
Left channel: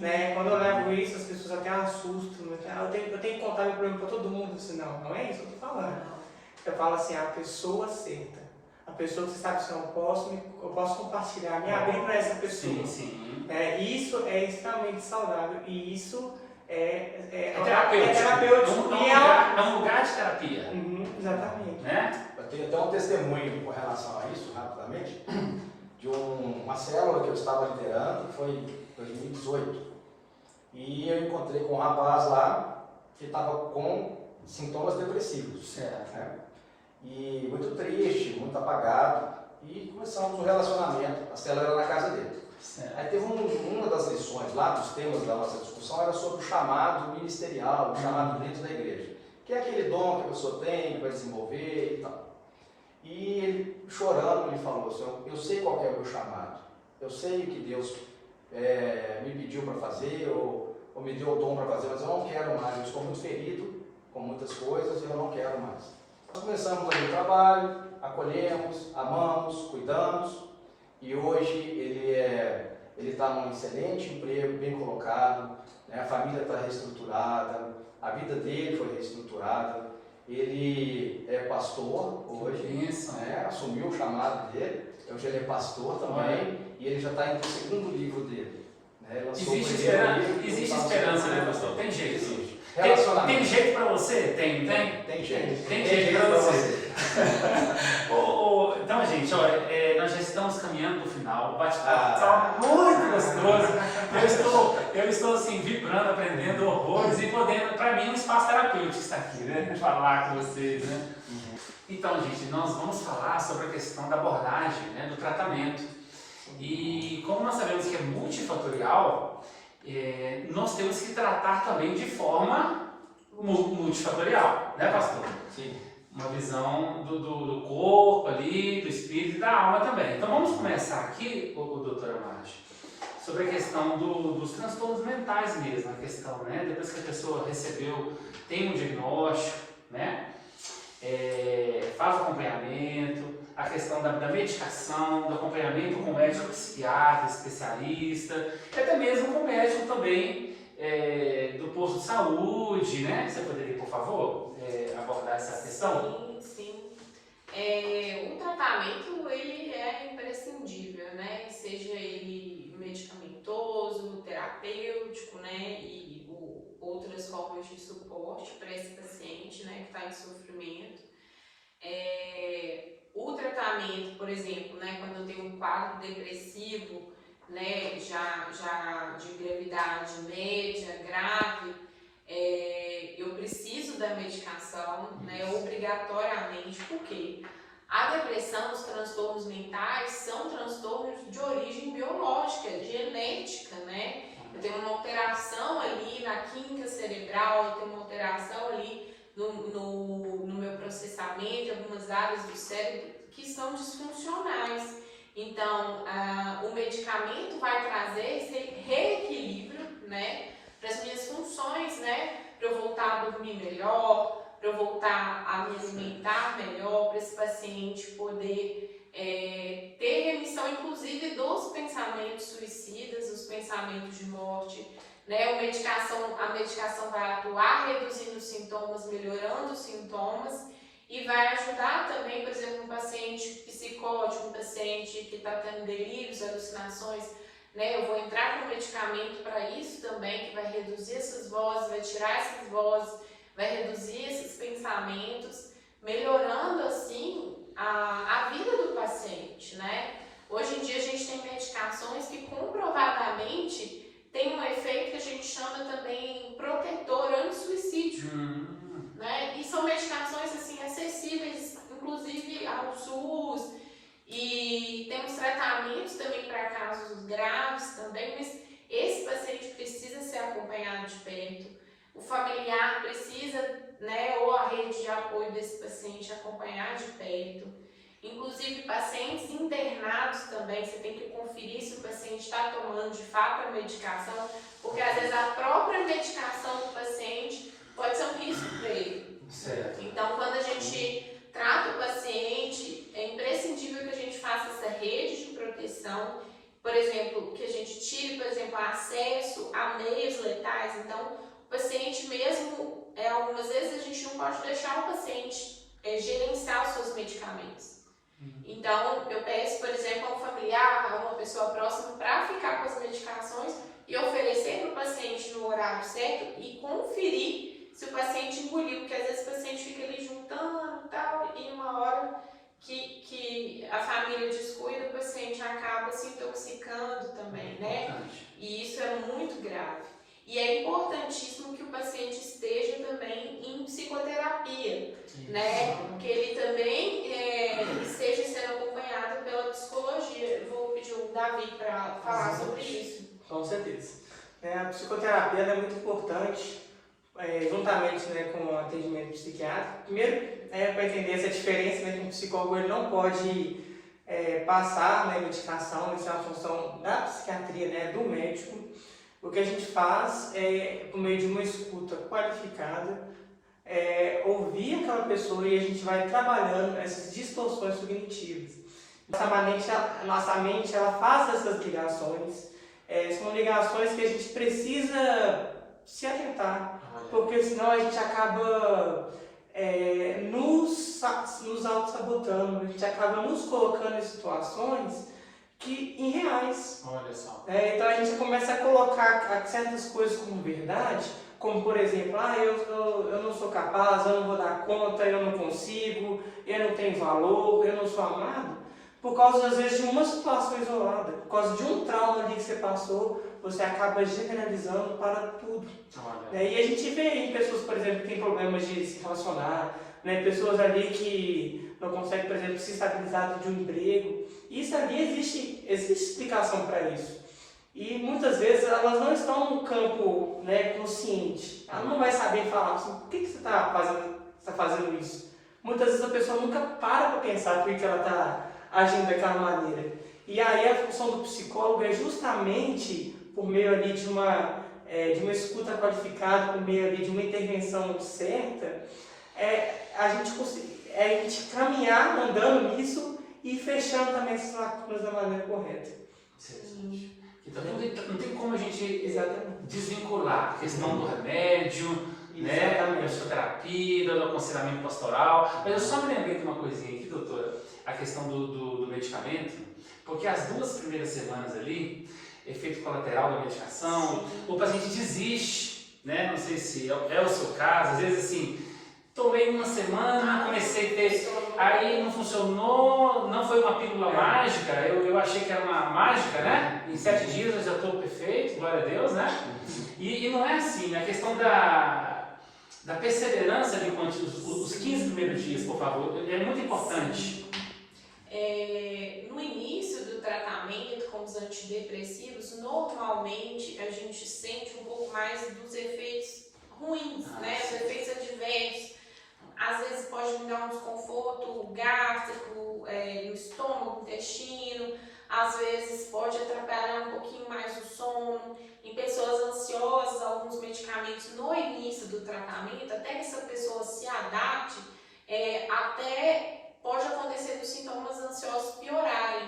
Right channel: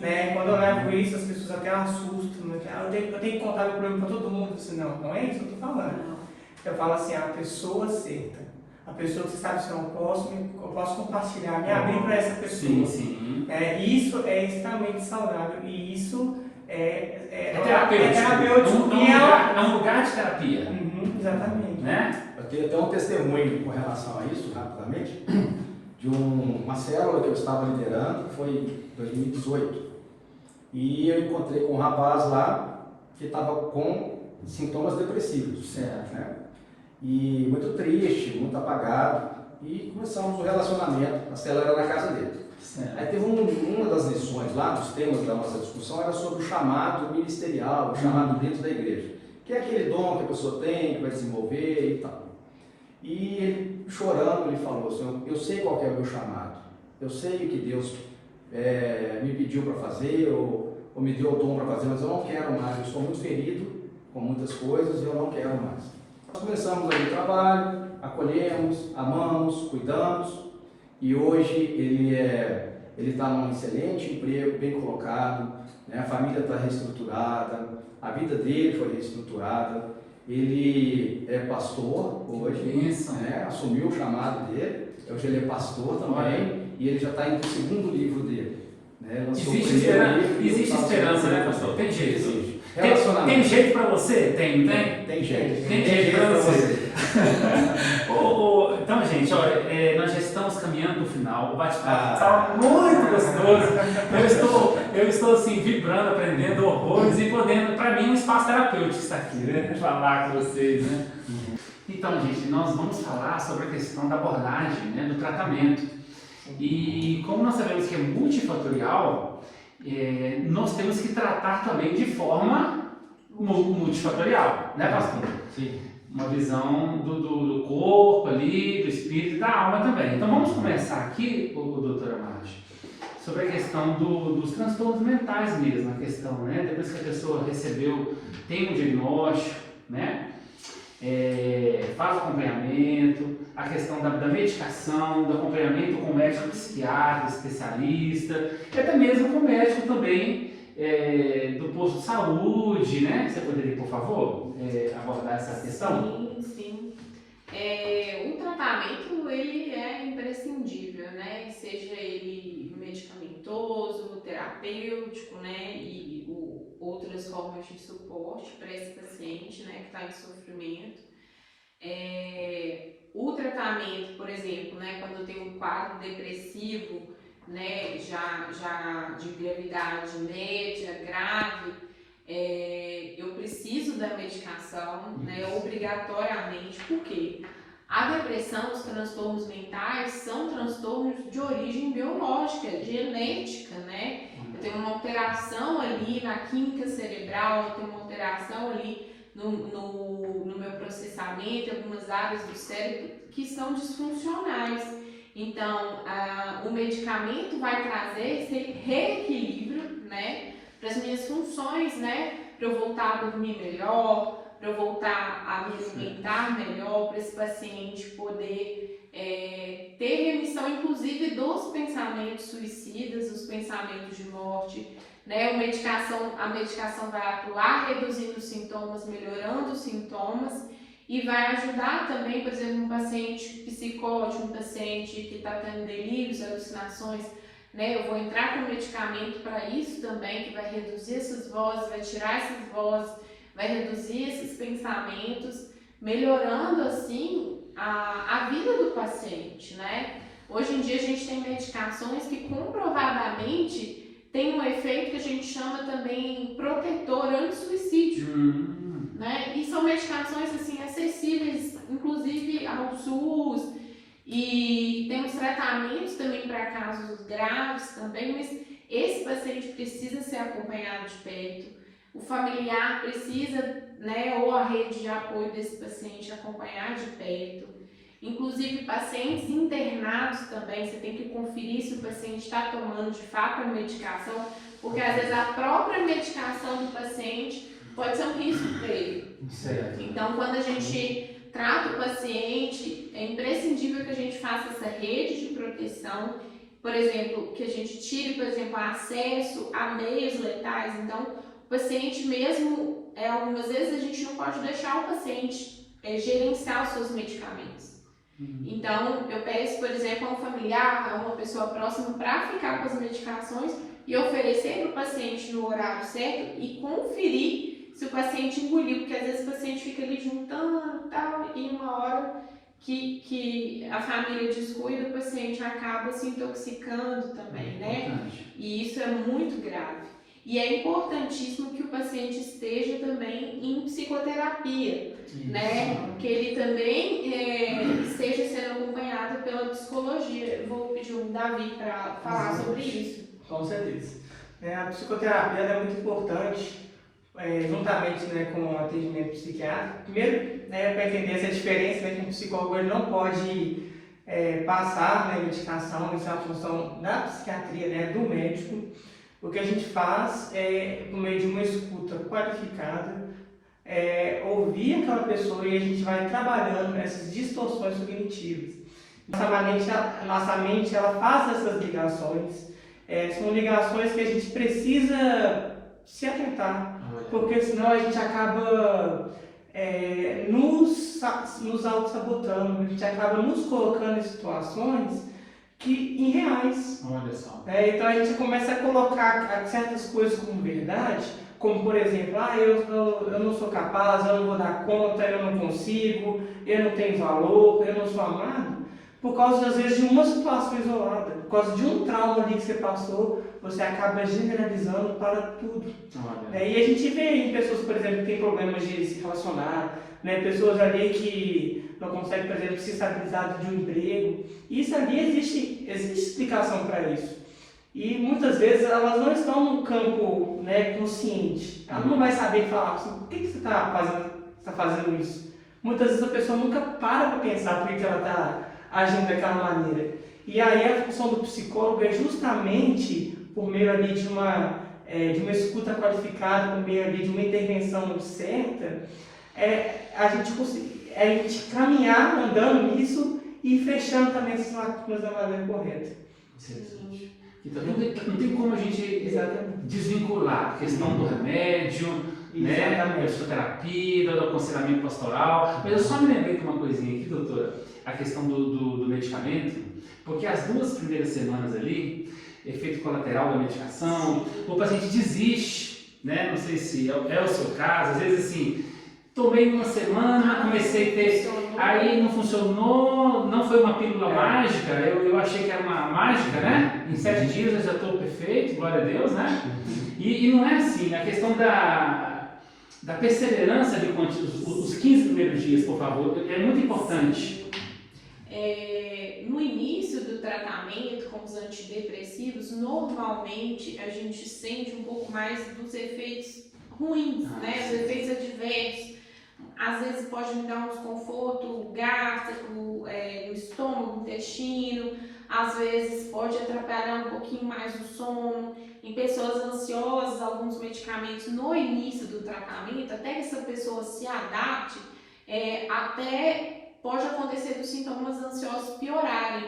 Né? Quando eu levo isso, as pessoas até assustam, né? Eu tenho que contar o problema para todo mundo, assim, não é isso que eu estou falando. Eu falo assim, a pessoa certa, a pessoa que sabe se eu posso compartilhar, me abrir para essa pessoa. Sim, sim. Isso é extremamente saudável e isso é terapêutico. É um lugar de terapia. Exatamente. Né? Eu tenho até um testemunho com relação a isso, rapidamente, de uma célula que eu estava liderando, que foi em 2018. E eu encontrei com um rapaz lá que estava com sintomas depressivos. Certo. Né? E muito triste, muito apagado. E começamos o relacionamento, a célula era na casa dele. Certo. Aí teve uma das lições lá, dos temas da nossa discussão, era sobre o chamado ministerial, o chamado dentro da igreja. Que é aquele dom que a pessoa tem, que vai desenvolver e tal. E ele, chorando, ele falou assim, eu sei qual é o meu chamado, eu sei o que Deus me pediu para fazer, ou me deu o dom para fazer, mas eu não quero mais, eu estou muito ferido com muitas coisas e eu não quero mais. Nós começamos ali o trabalho, acolhemos, amamos, cuidamos, e hoje ele está num excelente emprego, bem colocado, né? A família está reestruturada, a vida dele foi reestruturada, ele é pastor hoje, né? Assumiu o chamado dele, hoje ele é pastor também, e ele já está indo para o segundo livro dele. Né? Existe esperança, né, pastor? Tem jeito. Tem jeito para você? Tem jeito. Tem jeito para você. Então, gente, olha, nós já estamos caminhando para o final. O bate-papo está muito gostoso. Eu estou assim, vibrando, aprendendo horrores e podendo, para mim, um espaço terapêutico isso aqui, né? Falar com vocês, né? Então, gente, nós vamos falar sobre a questão da abordagem, né? Do tratamento. E como nós sabemos que é multifatorial, nós temos que tratar também de forma multifatorial, né, pastor? Sim. Uma visão do corpo ali, do espírito e da alma também. Então vamos começar aqui, doutora Márcia, sobre a questão dos transtornos mentais mesmo, a questão, né? Depois que a pessoa tem um diagnóstico, né? Faz o acompanhamento, a questão da medicação, do acompanhamento com o médico psiquiatra, especialista, e até mesmo com o médico também do posto de saúde, né? Você poderia, por favor, abordar essa questão? Sim. O tratamento, ele é imprescindível, né? Seja ele medicamentoso, terapêutico, né? E outras formas de suporte para esse paciente, né? Que está em sofrimento. O tratamento, por exemplo, né? Quando tem um quadro depressivo, né? Já de gravidade média, grave, eu preciso da medicação, né, obrigatoriamente, porque a depressão, os transtornos mentais são transtornos de origem biológica, genética, né? Eu tenho uma alteração ali na química cerebral, eu tenho uma alteração ali no meu processamento pensamento, algumas áreas do cérebro que estão disfuncionais. Então, o medicamento vai trazer esse reequilíbrio, né, para as minhas funções, né, para eu voltar a dormir melhor, para eu voltar a me alimentar melhor, para esse paciente poder ter remissão, inclusive, dos pensamentos suicidas, os pensamentos de morte, né? A medicação vai atuar reduzindo os sintomas, melhorando os sintomas e vai ajudar também, por exemplo, um paciente psicótico, um paciente que está tendo delírios, alucinações, né? Eu vou entrar com medicamento para isso também, que vai reduzir essas vozes, vai tirar essas vozes, vai reduzir esses pensamentos, melhorando assim a vida do paciente, né? Hoje em dia a gente tem medicações que comprovadamente tem um efeito que a gente chama também protetor anti-suicídio, né? E são medicações assim acessíveis, inclusive ao SUS, e temos tratamentos também para casos graves também, mas esse paciente precisa ser acompanhado de perto. O familiar precisa, né, ou a rede de apoio desse paciente acompanhar de perto. Inclusive, pacientes internados também, você tem que conferir se o paciente está tomando de fato a medicação, porque às vezes a própria medicação do paciente pode ser um risco para ele. Certo. Então, quando a gente trata o paciente, é imprescindível que a gente faça essa rede de proteção, por exemplo, que a gente tire, por exemplo, acesso a meios letais. Então, o paciente mesmo, algumas vezes a gente não pode deixar o paciente gerenciar os seus medicamentos. Então, eu peço, por exemplo, a um familiar, a uma pessoa próxima, para ficar com as medicações e oferecer para o paciente no horário certo e conferir se o paciente engoliu, porque às vezes o paciente fica ali juntando tal, e uma hora que a família descuida, o paciente acaba se intoxicando também, né? E isso é muito grave. E é importantíssimo que o paciente esteja também em psicoterapia, né? Que ele também esteja sendo acompanhado pela psicologia. Eu vou pedir o Davi para falar sobre isso. Com certeza. A psicoterapia é muito importante, juntamente, né, com o atendimento psiquiátrico. Primeiro, né, para entender essa diferença, né, que um psicólogo ele não pode passar, né, medicação, isso é uma função da psiquiatria, né, do médico. O que a gente faz por meio de uma escuta qualificada, ouvir aquela pessoa e a gente vai trabalhando essas distorções cognitivas. Nossa mente ela faz essas ligações, são ligações que a gente precisa se atentar, porque senão a gente acaba nos auto-sabotando, a gente acaba nos colocando em situações irreais. Olha só. Então a gente começa a colocar certas coisas como verdade, como por exemplo, eu não sou capaz, eu não vou dar conta, eu não consigo, eu não tenho valor, eu não sou amado, por causa às vezes de uma situação isolada, por causa de um trauma ali que você passou, você acaba generalizando para tudo. E a gente vê em pessoas, por exemplo, que têm problemas de se relacionar, né? Pessoas ali que não conseguem, por exemplo, se estabilizar de um emprego. Isso ali existe explicação para isso. E muitas vezes elas não estão no campo, né, consciente. Ela não vai saber falar assim, por que você está fazendo isso? Muitas vezes a pessoa nunca para pensar por que ela está agindo daquela maneira. E aí a função do psicólogo é justamente por meio ali de uma escuta qualificada, por meio ali de uma intervenção certa, a gente caminhar andando nisso e fechando também esses lacunas da maneira correta. Então não tem como a gente desvincular a questão do remédio, né, da psicoterapia, do aconselhamento pastoral. Mas eu só me lembrei de uma coisinha aqui, doutora, a questão do medicamento, porque as 2 primeiras semanas ali, efeito colateral da medicação, o paciente desiste, né? Não sei se é o seu caso, às vezes assim, tomei uma semana, comecei a ter, aí não funcionou, não foi uma pílula mágica, eu achei que era uma mágica, né? Em 7 dias eu já estou perfeito, glória a Deus, né? E não é assim, a questão da perseverança de os 15 primeiros dias, por favor, é muito importante. No início do tratamento com os antidepressivos, normalmente a gente sente um pouco mais dos efeitos ruins, né? Os efeitos adversos. às vezes pode me dar um desconforto gástrico, no estômago, no intestino, às vezes pode atrapalhar um pouquinho mais o sono. Em pessoas ansiosas, alguns medicamentos no início do tratamento, até que essa pessoa se adapte, até pode acontecer dos sintomas ansiosos piorarem.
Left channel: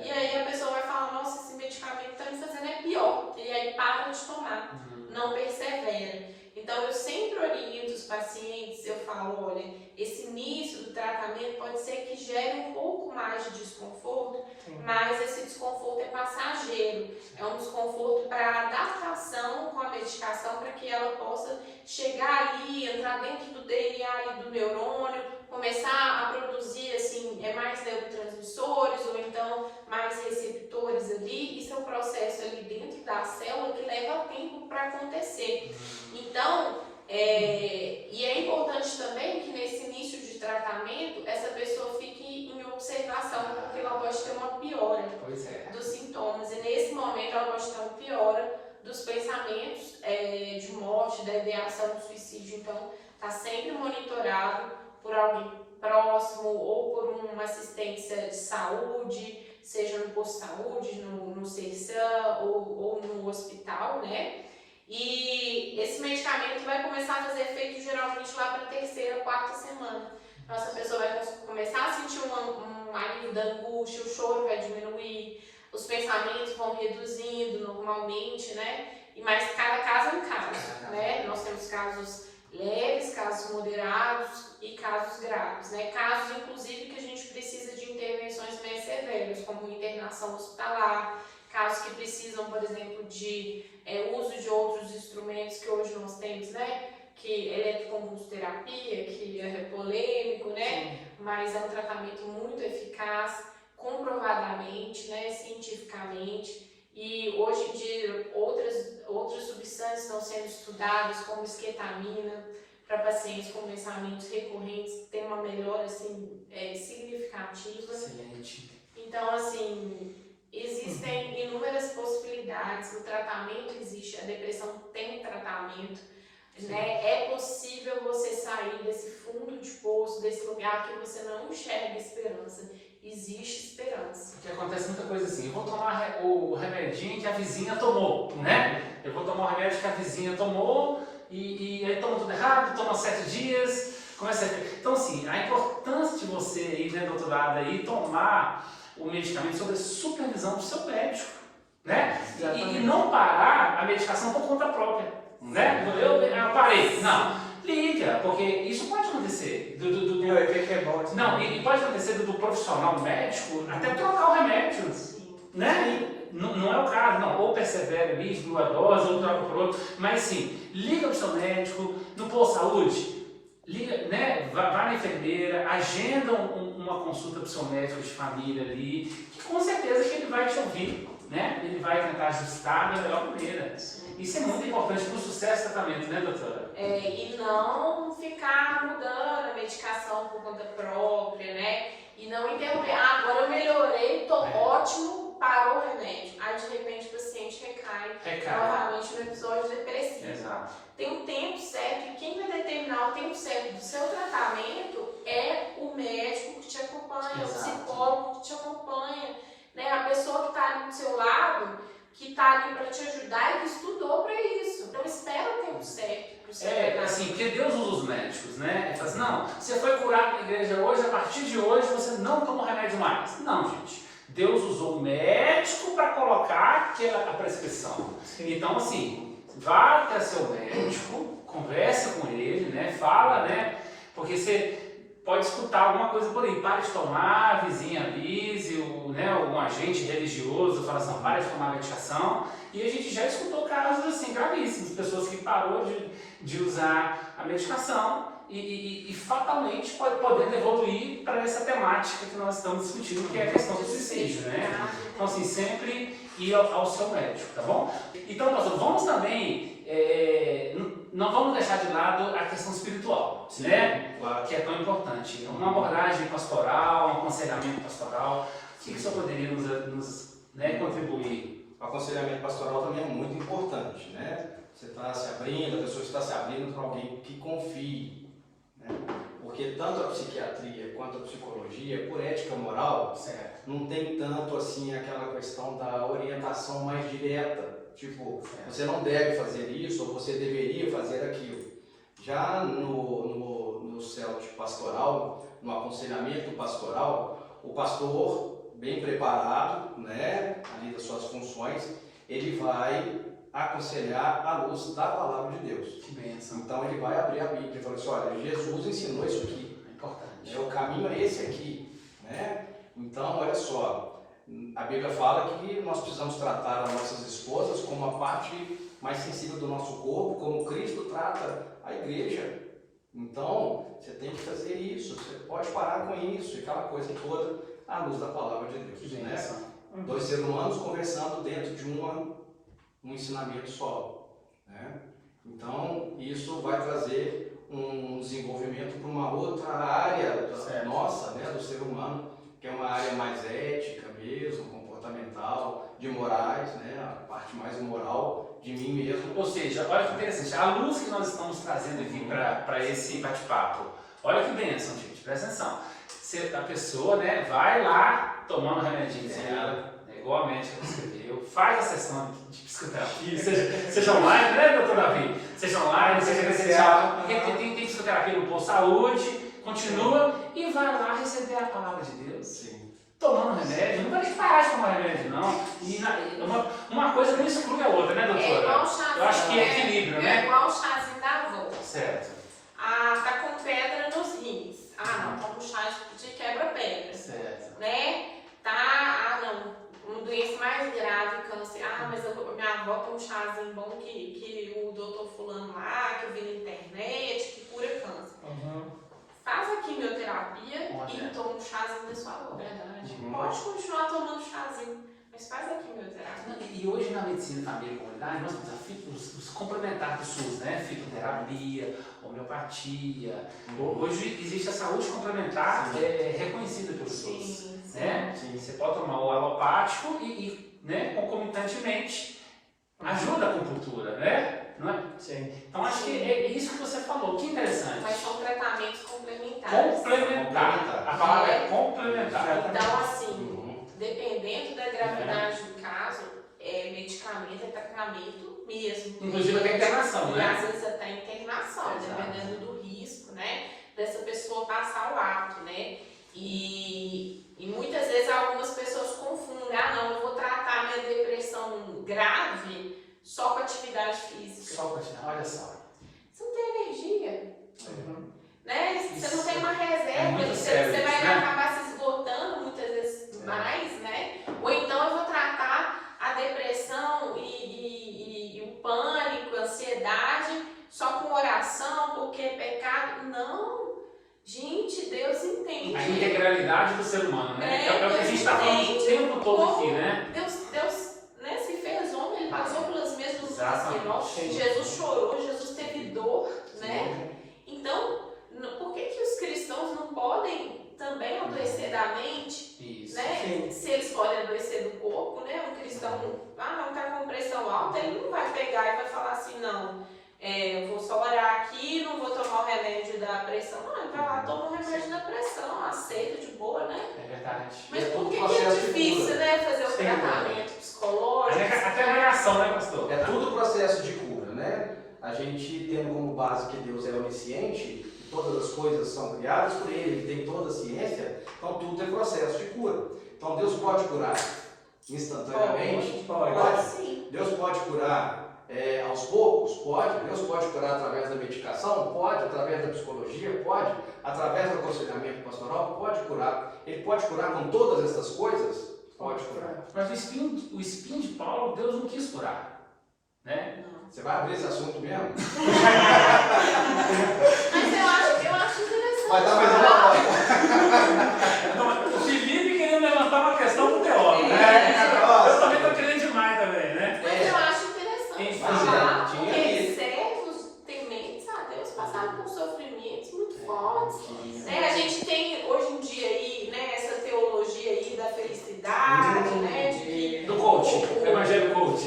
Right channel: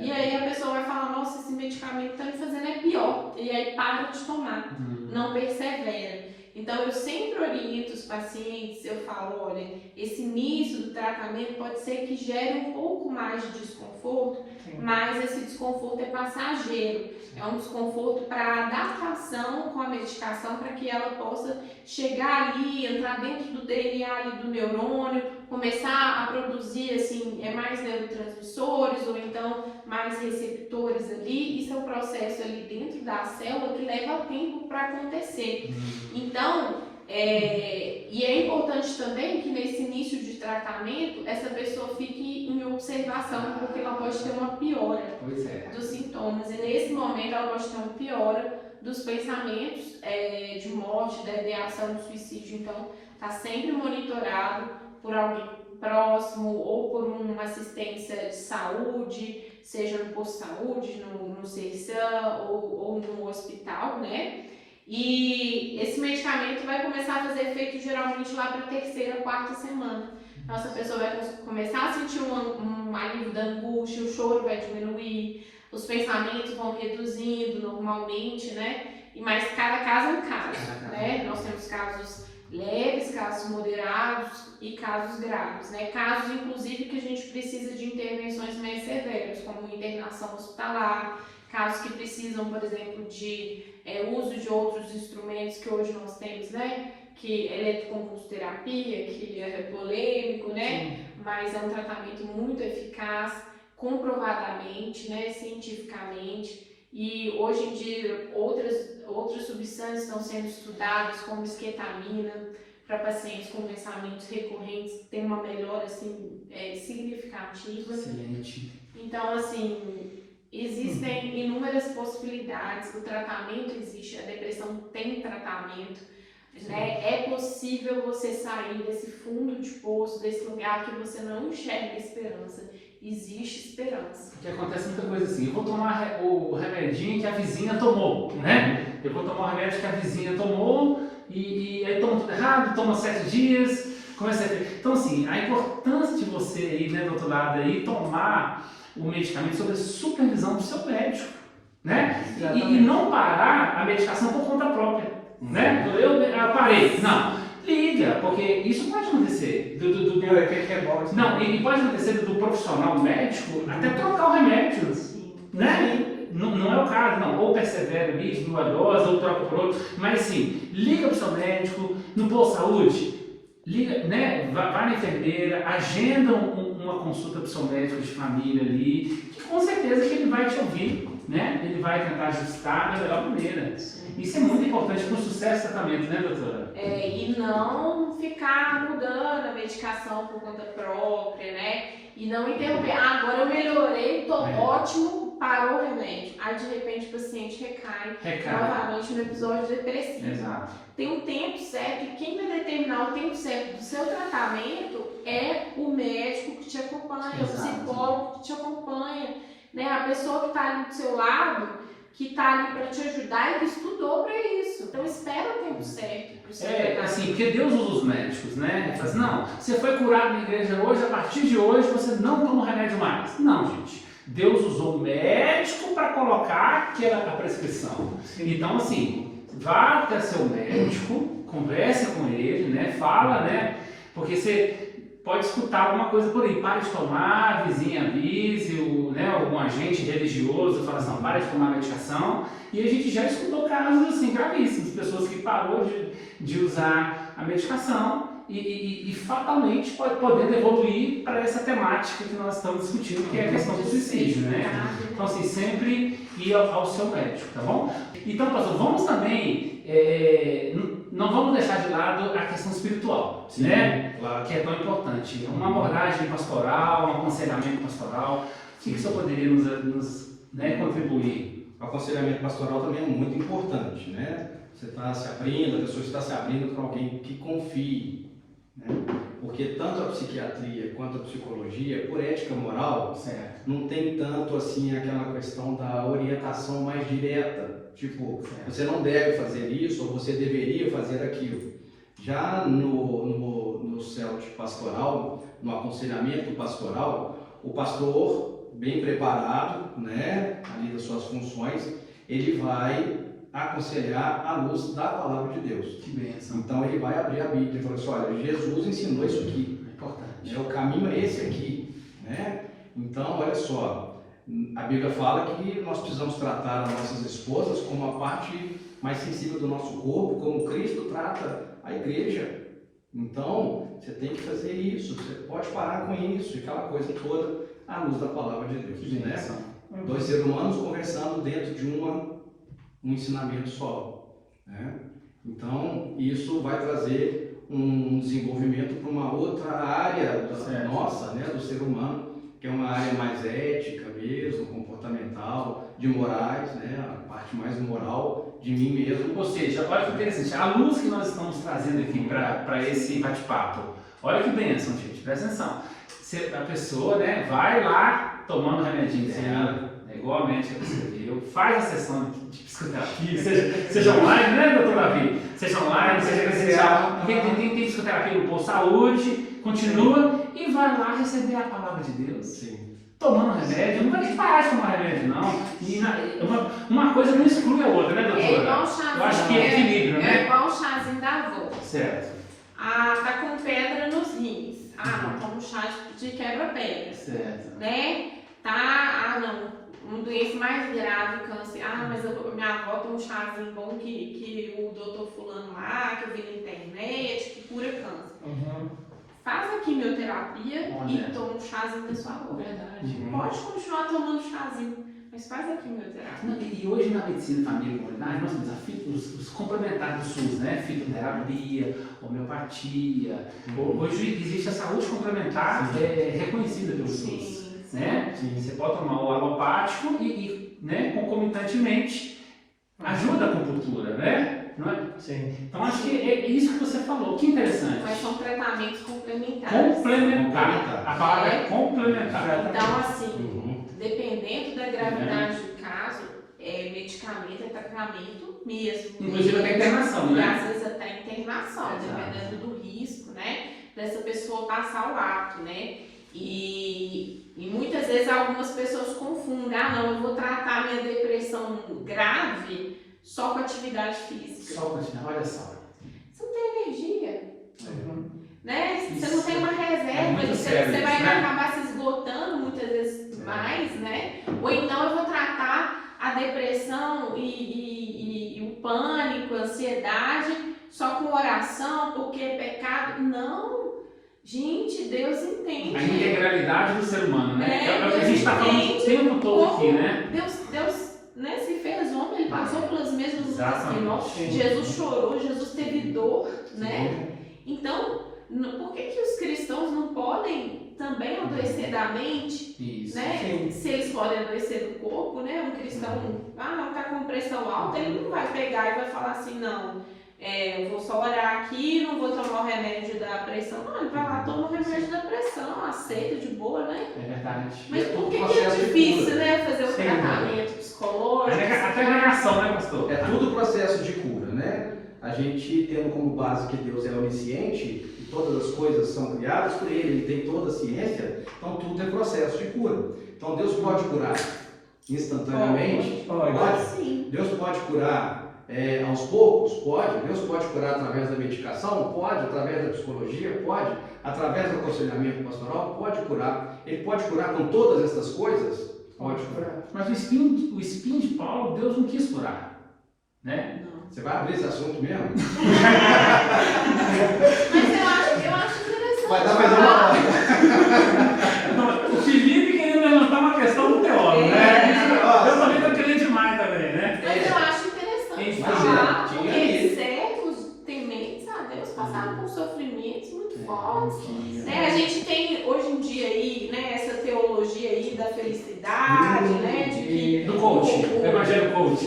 E aí a pessoa vai falar, nossa, esse medicamento está me fazendo pior. E aí para de tomar, não persevera. Então eu sempre oriento os pacientes, eu falo, olha, esse início do tratamento pode ser que gere um pouco mais de desconforto, mas esse desconforto é passageiro. É um desconforto para adaptação com a medicação, para que ela possa chegar ali, entrar dentro do DNA ali do neurônio, começar a produzir assim, mais neurotransmissores ou então mais receptores ali. Isso é um processo ali dentro da célula que leva tempo para acontecer. Então, e é importante também que nesse início de tratamento essa pessoa fique em observação, porque ela pode ter uma piora dos sintomas e nesse momento ela pode ter uma piora dos pensamentos de morte, da ideação do suicídio. Então, está sempre monitorado por alguém próximo ou por uma assistência de saúde, seja no posto de saúde, no CERSAM ou no hospital, né? E esse medicamento vai começar a fazer efeito geralmente lá para a terceira, quarta semana. Então essa pessoa vai começar a sentir um alívio da angústia, o choro vai diminuir, os pensamentos vão reduzindo normalmente, né? Mas cada caso é um caso, né? Nós temos casos leves, casos moderados e casos graves, né? Casos, inclusive, que a gente precisa de intervenções mais severas, como internação hospitalar, casos que precisam, por exemplo, de uso de outros instrumentos que hoje nós temos, né? Que eletroconvulsoterapia, que é polêmico, né? Sim. Mas é um tratamento muito eficaz, comprovadamente, né? Cientificamente. E hoje em dia outras substâncias estão sendo estudadas, como esquetamina, para pacientes com pensamentos recorrentes, tem uma melhora assim, significativa. Excelente. Então, assim, existem inúmeras possibilidades, o tratamento existe, a depressão tem tratamento, né? É possível você sair desse fundo de poço, desse lugar que você não enxerga esperança. Existe esperança. Porque acontece muita coisa assim, eu vou tomar o remedinho que a vizinha tomou, né? Eu vou tomar o remédio que a vizinha tomou e aí toma tudo errado, toma 7 dias, começa a ter... Então assim, a importância de você aí, né, do outro lado aí, tomar o medicamento sob a supervisão do seu médico, né? E não parar a medicação por conta própria, né? Eu parei, não. Liga, porque isso pode acontecer. Não, e pode acontecer do profissional médico até trocar o remédio, né? Não é o caso, não. Ou persevera ali, diminui a dose, ou troca por outro. Mas sim, liga para o seu médico, no posto de saúde, liga, né? Vai na enfermeira, agenda uma consulta para o seu médico de família ali, que com certeza que ele vai te ouvir, né? Ele vai tentar ajustar da melhor maneira. Isso é muito importante para o sucesso do tratamento, né, doutora? E não ficar mudando a medicação por conta própria, né? E não interromper. Agora eu melhorei, estou ótimo, parou o remédio. Aí de repente o paciente recai. Novamente no episódio depressivo. Exato. Tem um tempo certo, e quem vai determinar o tempo certo do seu tratamento é o médico que te acompanha, o psicólogo que te acompanha, né? A pessoa que está ali do seu lado, que está ali para te ajudar e que estudou para isso. Então espera o tempo certo para o seu tratamento. Assim, porque Deus usa os médicos, né? Mas não, você foi curado na igreja hoje, a partir de hoje você não toma remédio mais. Não, gente. Deus usou o médico para colocar aquela prescrição. Então, assim, vá até seu médico, converse com ele, né? Fala, né? Porque você pode escutar alguma coisa por aí, pare de tomar, a vizinha avise, né, algum agente religioso fala assim, pare de tomar medicação, e a gente já escutou casos assim, gravíssimos, pessoas que parou de usar a medicação e fatalmente pode poder evoluir para essa temática que nós estamos discutindo, que é a questão do suicídio, né? Então assim, sempre ir ao seu médico, tá bom? Então, pastor, vamos também, não vamos deixar de lado a questão espiritual, sim, né? Claro. Que é tão importante. Uma abordagem pastoral, um aconselhamento pastoral, o que o senhor poderia nos contribuir? O aconselhamento pastoral também é muito importante, né? Você está se abrindo, a pessoa está se abrindo para alguém que confie, né? Porque tanto a psiquiatria quanto a psicologia, por ética moral, não tem tanto assim aquela questão da orientação mais direta. Tipo, você não deve fazer isso ou você deveria fazer aquilo. Já no CELT pastoral, no aconselhamento pastoral, o pastor, bem preparado, né, ali das suas funções, ele vai aconselhar à luz da palavra de Deus. Que bênção. Então ele vai abrir a Bíblia e falar assim, olha, Jesus ensinou isso aqui. É importante. O caminho é esse aqui, né? Então, olha só, a Bíblia fala que nós precisamos tratar as nossas esposas como a parte mais sensível do nosso corpo, como Cristo trata a igreja. Então, você tem que fazer isso, você pode parar com isso, aquela coisa toda, à luz da palavra de Deus. Que bênção. Né? Dois seres humanos conversando dentro de um ensinamento só. Né? Então, isso vai trazer um desenvolvimento para uma outra área nossa, né, do ser humano, que é uma área mais ética mesmo, comportamental, de morais, né, a parte mais moral de mim mesmo. Ou seja, olha que interessante, a luz que nós estamos trazendo aqui para esse bate-papo, olha que bênção, gente, presta atenção. A pessoa, né, vai lá tomar um remedinho dela, igual a médica prescreveu, faz a sessão de psicoterapia, seja online, né, doutor Davi? Seja online, seja presencial, porque tem psicoterapia no posto de saúde, continua e vai lá receber a palavra de Deus. Sim. Tomando remédio, não vai nem parar de tomar remédio, não. E uma coisa não exclui a outra, né, doutora? É igual o chazinho. Eu acho que é equilíbrio, né? É igual o chazinho da avó. Certo. Ah, tá com pedra nos rins. Ah, não, toma um chá de quebra-pedra. Certo. Né? Tá, uma doença mais grave, câncer. Ah, mas minha avó tem um chazinho bom que o doutor fulano lá, que eu vi na internet, que cura câncer. Faz a quimioterapia e toma um chazinho da sua avó. Verdade. Pode continuar tomando chazinho, mas faz a quimioterapia. E hoje na medicina família e comunidade nós temos os complementares do SUS, né? Fitoterapia, homeopatia. Hoje existe a saúde complementar reconhecida pelo SUS. Né? Você pode tomar o alopático e né, concomitantemente ajuda a acupuntura, né? Não é? Sim. Então acho que é isso que você falou, que interessante. Mas são tratamentos complementares. Complementar. A palavra é complementar. Então, assim, dependendo da gravidade do caso, medicamento é tratamento mesmo. Inclusive até internação, e né? às vezes até internação, dependendo do risco, né? Dessa pessoa passar o ato, né? E muitas vezes algumas pessoas confundem, não, eu vou tratar minha depressão grave só com atividade física. Só com olha só. Você não tem energia. Né? Você não tem uma reserva, sério, você vai né? acabar se esgotando muitas vezes mais, né? Ou então eu vou tratar a depressão e o pânico, a ansiedade só com oração, porque é pecado. Não! Gente, Deus entende. A integralidade do ser humano, né? É o que a Deus gente está falando o tempo todo aqui, né? Deus né, se fez homem, ele passou pelas mesmas lutas que nós. Sim. Jesus chorou, Jesus teve dor, né? Então, por que os cristãos não podem também adoecer da mente? Isso. Né? Se eles podem adoecer do corpo, né? Um cristão, não está com pressão alta, ele não vai pegar e vai falar assim, não, eu vou só olhar aqui, não vou tomar o remédio da pressão. Não, ele vai lá, toma o remédio da pressão, aceita de boa, né? É verdade. Mas por que é difícil, né? Fazer o tratamento psicológico? Até a negação, né, pastor? É tudo processo de cura, né? A gente tem como base que Deus é onisciente e todas as coisas são criadas por Ele tem toda a ciência, então tudo é processo de cura. Então Deus pode curar instantaneamente? Pode. Sim. Deus pode curar aos poucos? Pode. Deus pode curar através da medicação? Pode. Através da psicologia? Pode. Através do aconselhamento pastoral? Pode curar. Ele pode curar com todas essas coisas? Pode curar. Mas o espinho de Paulo, Deus não quis curar, né? Você vai abrir esse assunto mesmo? Mas eu acho interessante. Vai dar mais uma Então, o Felipe queria levantar uma questão do teólogo, né? Eu também estou querendo demais também, né? Mas eu acho interessante falar, porque servos tementes a Deus passaram por sofrimentos muito fortes. Né? A gente tem hoje em dia aí, né, essa teologia aí da felicidade, né? De que Do coach, o evangelho coach.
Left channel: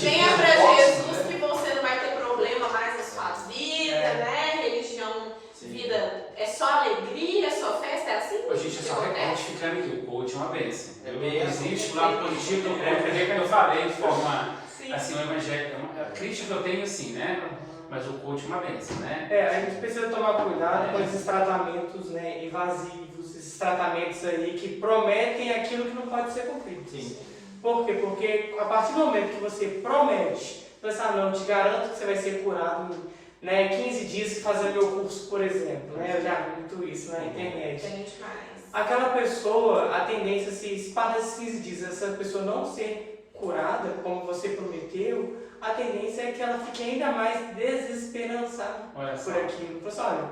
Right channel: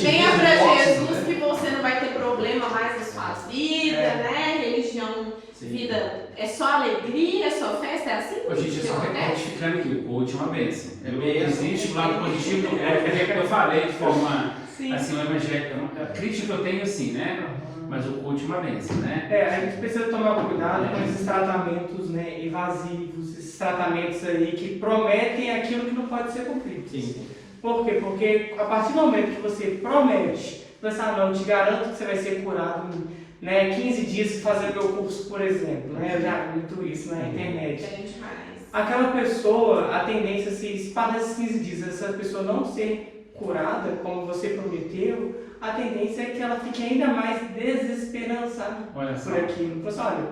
Venha pra Jesus que você não vai ter problema mais na sua vida, né? Religião, vida alegria, sua festa, é assim? A gente só retificando aqui, o coach é uma bênção. Existe o bênção. lado positivo, eu falei de forma, Sim. assim, uma evangélica, a crítica que eu tenho, assim, né? Mas o coach é uma bênção, né? A gente precisa tomar cuidado com esses tratamentos, né, invasivos, esses tratamentos aí que prometem aquilo que não pode ser cumprido. Sim. Por quê? Porque a partir do momento que você promete, pensar, não, eu te garanto que você vai ser curado em 15 dias se fazer meu curso, por exemplo. Né? Eu já vi muito isso na internet. Tem demais. Aquela pessoa, a tendência, se para esses 15 dias, essa pessoa não ser curada, como você prometeu, a tendência é que ela fique ainda mais desesperançada por aquilo. Então, assim, olha,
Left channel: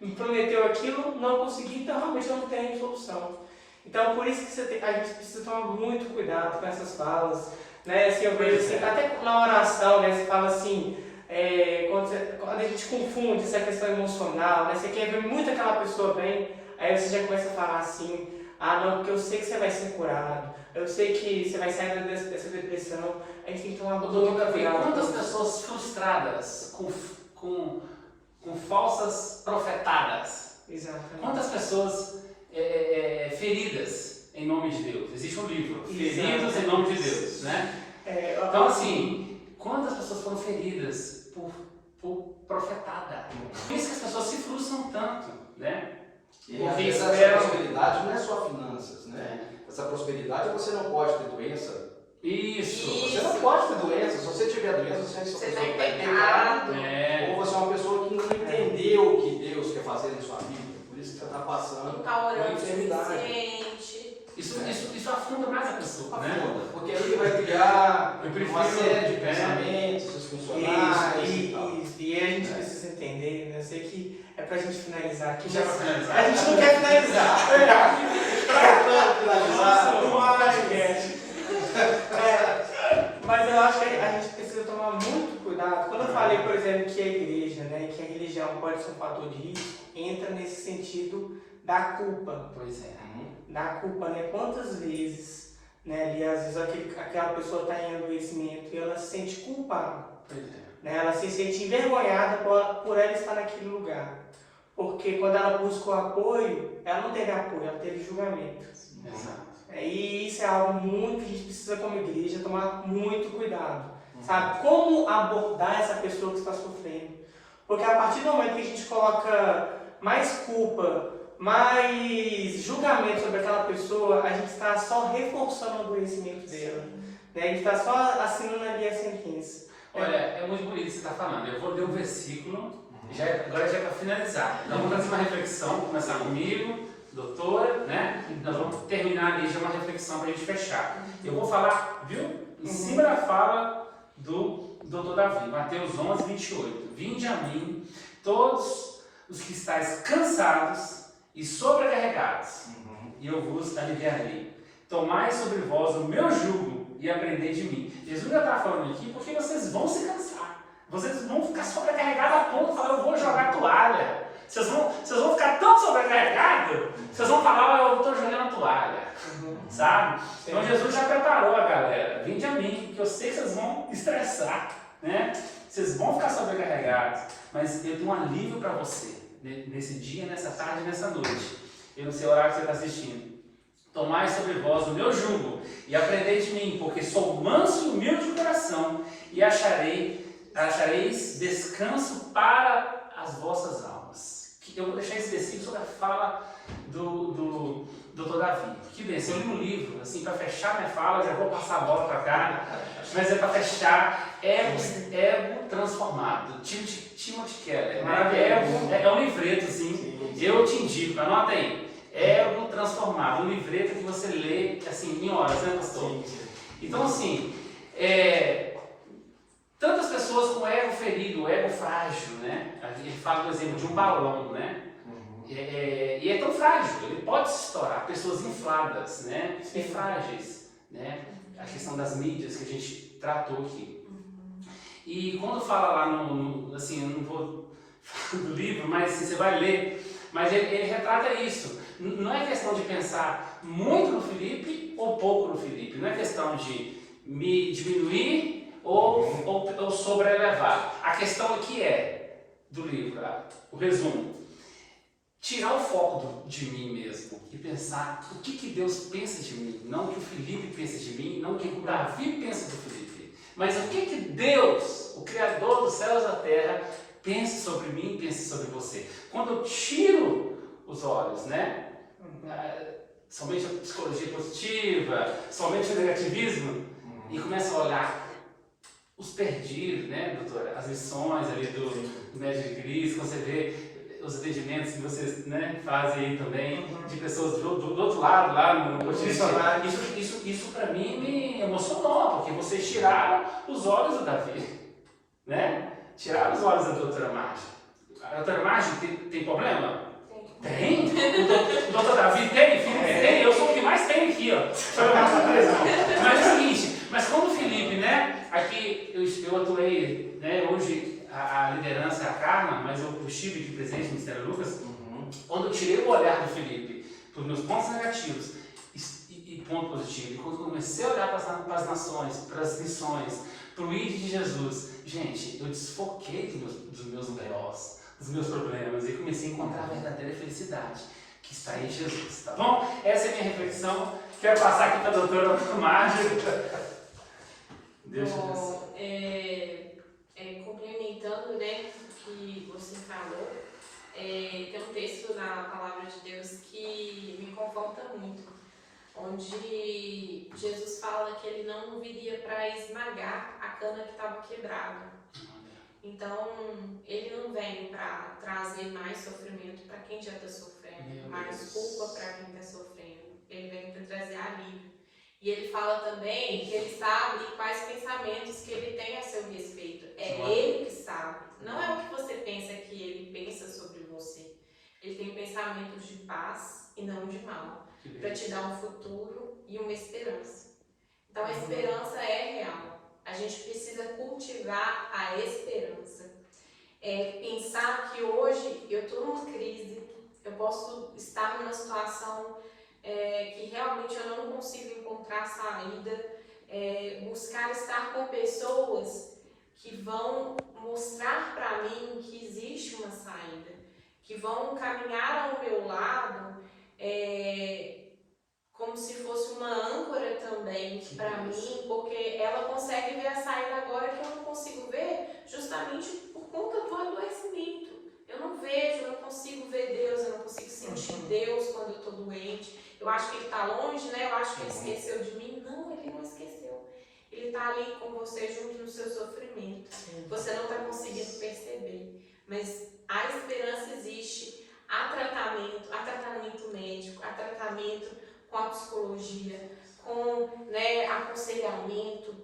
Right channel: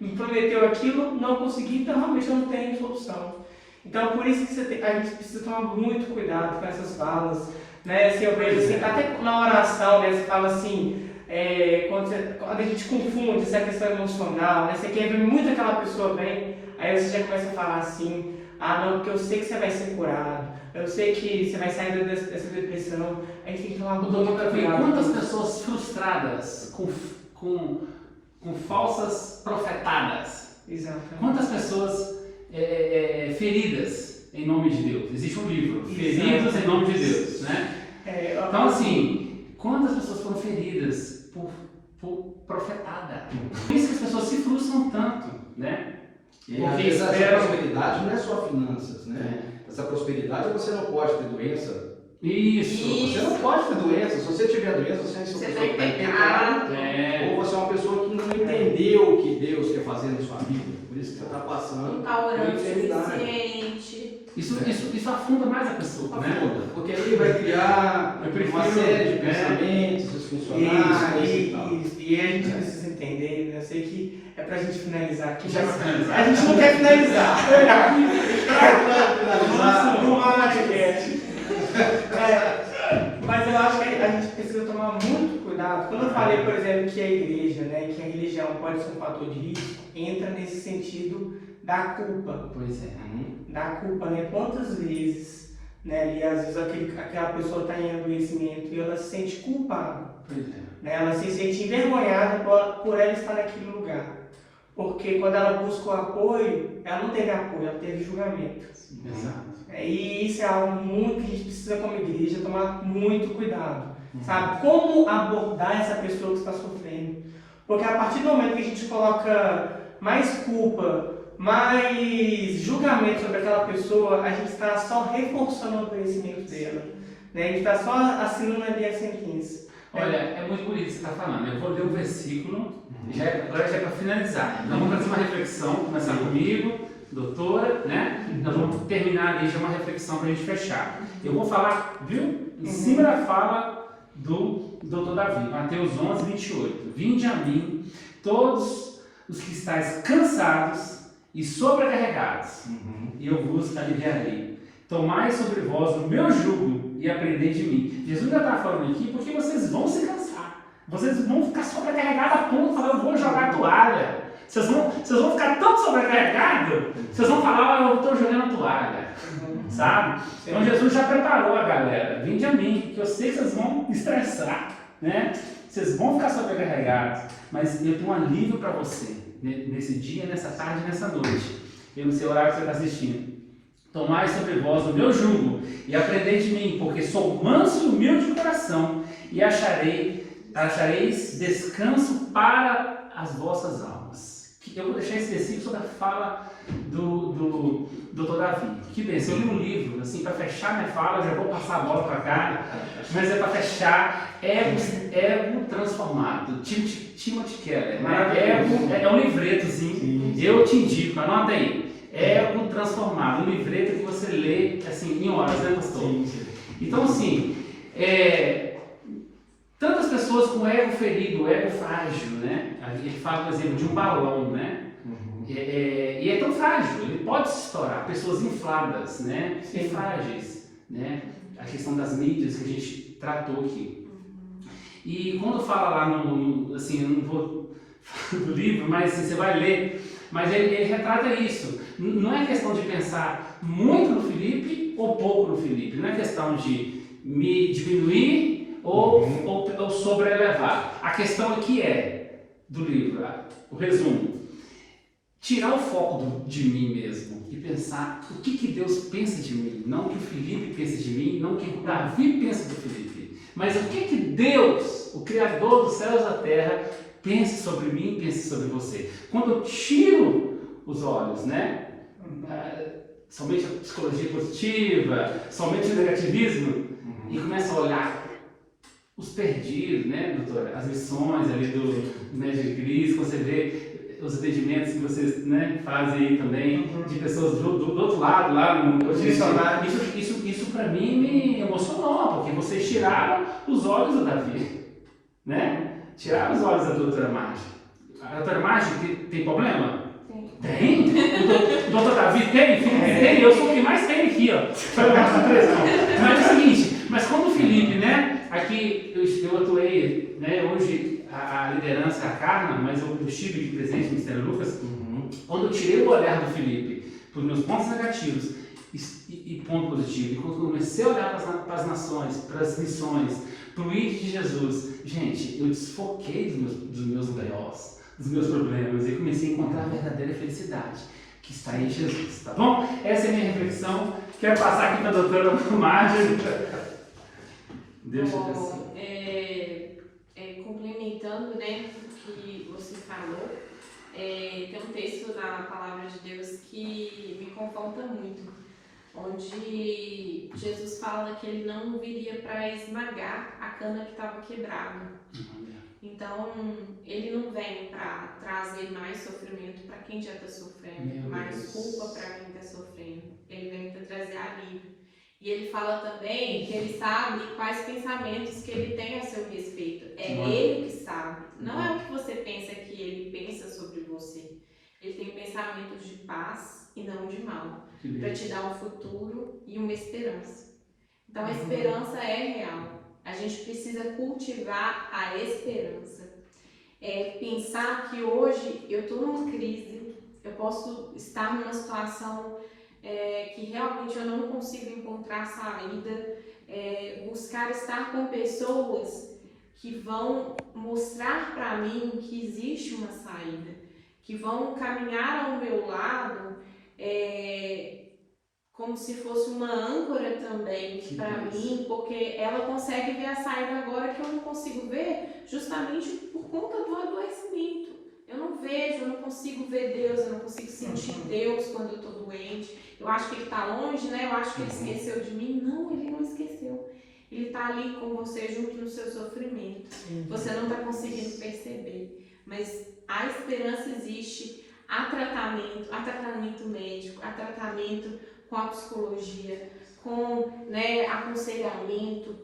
me prometeu aquilo, não consegui, então realmente não tem solução. Então, por isso que a gente precisa tomar muito cuidado com essas falas. Né? Assim, eu vejo assim, até na oração, né, você fala assim, quando a gente confunde essa questão emocional, né, você quer ver muito aquela pessoa bem, aí você já começa a falar assim, não, porque eu sei que você vai ser curado, eu sei que você vai sair dessa depressão, aí tem que tomar muito cuidado. Quantas pessoas frustradas com falsas profetadas? Exato. Quantas pessoas feridas em nome de Deus? Existe um livro, Feridos em Nome de Deus, né? Então, assim, quantas pessoas foram feridas por profetada? Por isso que as pessoas se frustram tanto, né? E às vezes essa prosperidade não é só finanças, né? Essa prosperidade você não pode ter doença. Isso. Você não pode ter doença. Se você tiver doença, você é uma pessoa que vai pecar. Ou você é uma pessoa que não entendeu o que Deus quer fazer na sua vida. Por isso que você está passando. Não está orando o enfermidade. suficiente. Isso afunda mais a pessoa, né? Porque aí vai criar uma série de pensamentos disfuncionais e tal. E a gente precisa entender, né? Eu sei que é pra gente finalizar aqui, Já mas pra finalizar. a gente não quer finalizar. Mas eu acho que a gente precisa tomar muito cuidado. Quando eu falei, por exemplo, que a igreja, né, que a religião pode ser um fator de risco, entra nesse sentido da culpa. Pois é. Da culpa, né? Quantas vezes, né, e às vezes aquela pessoa está em adoecimento e ela se sente culpada. Pois é. Né? Ela se sente envergonhada por ela estar naquele lugar. Porque quando ela busca o apoio, ela não teve apoio, ela teve julgamento. Exato. E isso é algo muito que a gente precisa, como igreja, tomar muito cuidado. Sabe? Como abordar essa pessoa que está sofrendo. Porque a partir do momento que a gente coloca mais culpa, mais julgamento sobre aquela pessoa, a gente está só reforçando o adoecimento dela. Né? A gente está só assinando ali a sentença. Olha, é muito bonito o que você está falando. Eu vou ler um versículo, agora já é para finalizar. Então vamos fazer uma reflexão, começar comigo, doutora, né? Nós vamos terminar ali já uma reflexão para a gente fechar. Eu vou falar, viu? Em cima da fala do doutor Davi, Mateus 11, 28. Vinde a mim, todos os que estáis cansados e sobrecarregados, e eu vos aliviarei. Tomai sobre vós o meu jugo e aprendei de mim. Jesus já está falando aqui porque vocês vão se cansar. Vocês vão ficar sobrecarregados a ponto de falar, eu vou jogar a toalha. Vocês vão ficar tão sobrecarregados, vocês vão falar, eu estou jogando a toalha. Sabe? Então Jesus já preparou a galera. Vinde a mim, porque eu sei que vocês vão estressar, né? Vocês vão ficar sobrecarregados, mas eu tenho um alívio para você, nesse dia, nessa tarde, nessa noite. E no seu horário que você está assistindo. Tomai sobre vós o meu jugo e aprendei de mim, porque sou manso e humilde de coração, e achareis descanso para as vossas almas. Eu vou deixar específico sobre a fala do Dr. Davi. Que bem, se eu li um livro, assim, para fechar minha fala, eu já vou passar a bola para cá, mas é para fechar Ego Transformado, Timothy Keller, né? Ego é um livretozinho, eu te indico, anota aí. Ego Transformado, um livreto que você lê assim, em horas, né, pastor? Então, assim, tantas pessoas com ego ferido, ego frágil, né? A gente fala, por exemplo, de um balão, né? E é tão frágil, ele pode se estourar. Pessoas infladas, né? E frágeis, né? A questão das mídias que a gente tratou aqui. E quando fala lá assim, eu não vou falar do livro, mas assim, você vai ler, mas ele retrata isso. Não é questão de pensar muito no Felipe ou pouco no Felipe. Não é questão de me diminuir ou sobreelevar. A questão aqui do livro, o resumo. tirar o foco de mim mesmo e pensar o que Deus pensa de mim, não o que o Felipe pensa de mim, não o que o Davi pensa do Felipe, mas o que Deus, o Criador dos céus e da terra, pensa sobre mim e pensa sobre você. Quando eu tiro os olhos, né? Somente a psicologia positiva, somente o negativismo, e começo a olhar os perdidos, né, doutora? As missões ali do Médio de Cristo, você vê os atendimentos que vocês, né, fazem aí também, de pessoas do outro lado, lá no isso para mim me emocionou, porque vocês tiraram os olhos do Davi, né? Tiraram os olhos da doutora Marge. A doutora Marge tem problema? Tem? O doutor Davi tem? Tem? Eu sou o que mais tem aqui, ó. Mas é o seguinte, mas quando o Felipe, né, aqui eu atuei, né, hoje a liderança é a Carla, mas eu estive aqui presente no Ministério Lucas, quando eu tirei o olhar do Felipe para os meus pontos negativos e ponto positivo, e quando eu comecei a olhar para as nações, para as missões, para o ID de Jesus, gente, eu desfoquei dos meus B.O.s, dos meus problemas e comecei a encontrar a verdadeira felicidade que está em Jesus, tá bom? Essa é a minha reflexão. Quero passar aqui para a doutora Marge. Deixa eu complementando, né, o que você falou, tem um texto na Palavra de Deus que me confronta muito, onde Jesus fala que ele não viria para esmagar a cana que estava quebrada. Então, ele não vem para trazer mais sofrimento para quem já está sofrendo, mais culpa para quem está sofrendo. Ele vem para trazer alívio. E ele fala também que ele sabe quais pensamentos que ele tem a seu respeito. É ele que sabe. Não é o que você pensa que ele pensa sobre você. Ele tem pensamentos de paz e não de mal, para te dar um futuro e uma esperança. Então, a esperança é real. A gente precisa cultivar a esperança. Pensar que hoje eu estou numa crise, eu posso estar numa situação que realmente eu não consigo encontrar saída, buscar estar com pessoas que vão mostrar para mim que existe uma saída, que vão caminhar ao meu lado como se fosse uma âncora também para mim, porque ela consegue ver a saída agora que eu não consigo ver, justamente por conta do adoecimento. Eu não vejo, eu não consigo ver Deus, eu não consigo sentir Deus quando eu estou doente. Eu acho que Ele está longe, né? Eu acho que Ele esqueceu de mim. Não, Ele não esqueceu. Ele está ali com você junto no seu sofrimento. Você não está conseguindo perceber. Mas a esperança existe. Há tratamento médico, há tratamento com a psicologia, com, né, aconselhamento,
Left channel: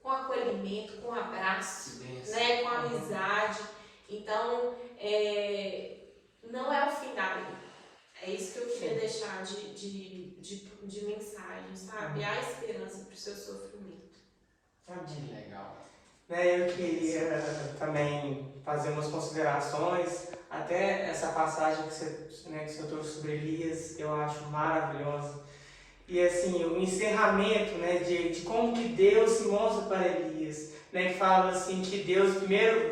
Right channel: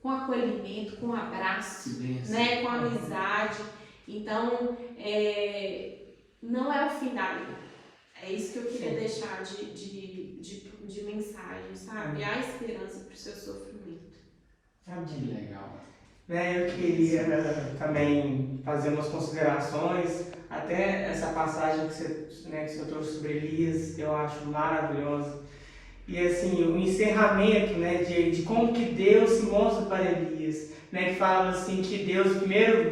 com acolhimento, com abraço, né, com amizade. Então, não é o fim da vida. É isso que eu queria deixar de mensagem, sabe? Há esperança para o seu sofrimento. Que legal. Eu queria também fazer umas considerações, até essa passagem que você trouxe sobre Elias, eu acho maravilhosa. E assim, o encerramento, né, de como que Deus se mostra para Elias, né, que fala assim que Deus primeiro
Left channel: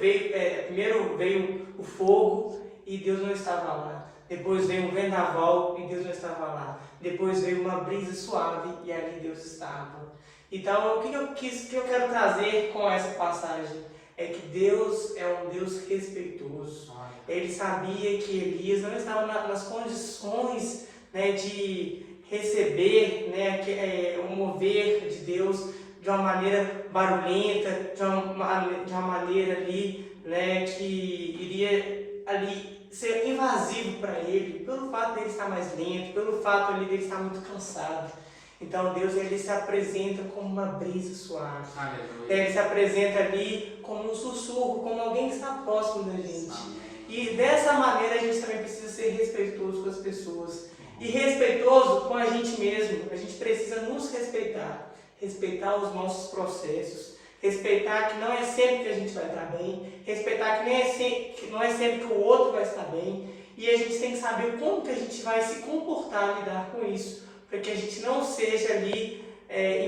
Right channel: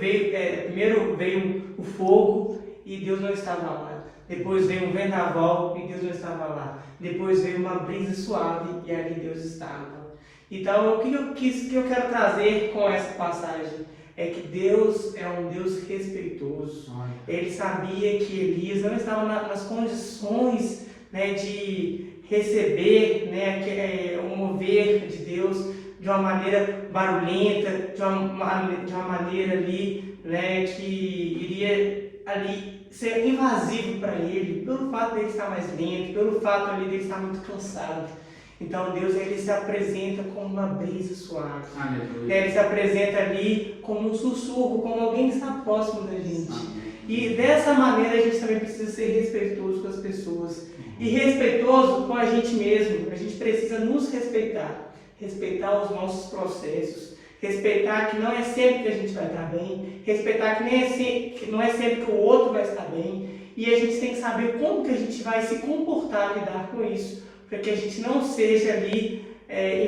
veio o fogo e Deus não estava lá. Depois veio um vendaval e Deus não estava lá. Depois veio uma brisa suave e ali Deus estava. Então, o que eu quero trazer com essa passagem é que Deus é um Deus respeitoso. Ele sabia que Elias não estava nas condições, né, de receber, né, o mover de Deus de uma maneira barulhenta, de uma maneira ali, né, que iria ali ser invasivo para ele, pelo fato dele estar mais lento, pelo fato ali dele estar muito cansado. Então Deus, ele se apresenta como uma brisa suave. Ele se apresenta ali como um sussurro, como alguém que está próximo da gente. E dessa maneira a gente também precisa ser respeitoso com as pessoas. E respeitoso com a gente mesmo. A gente precisa nos respeitar. Respeitar os nossos processos. Respeitar que não é sempre que a gente vai estar bem. Respeitar que não é sempre que o outro vai estar bem. E a gente tem que saber como que a gente vai se comportar, lidar com isso. Para que a gente não seja ali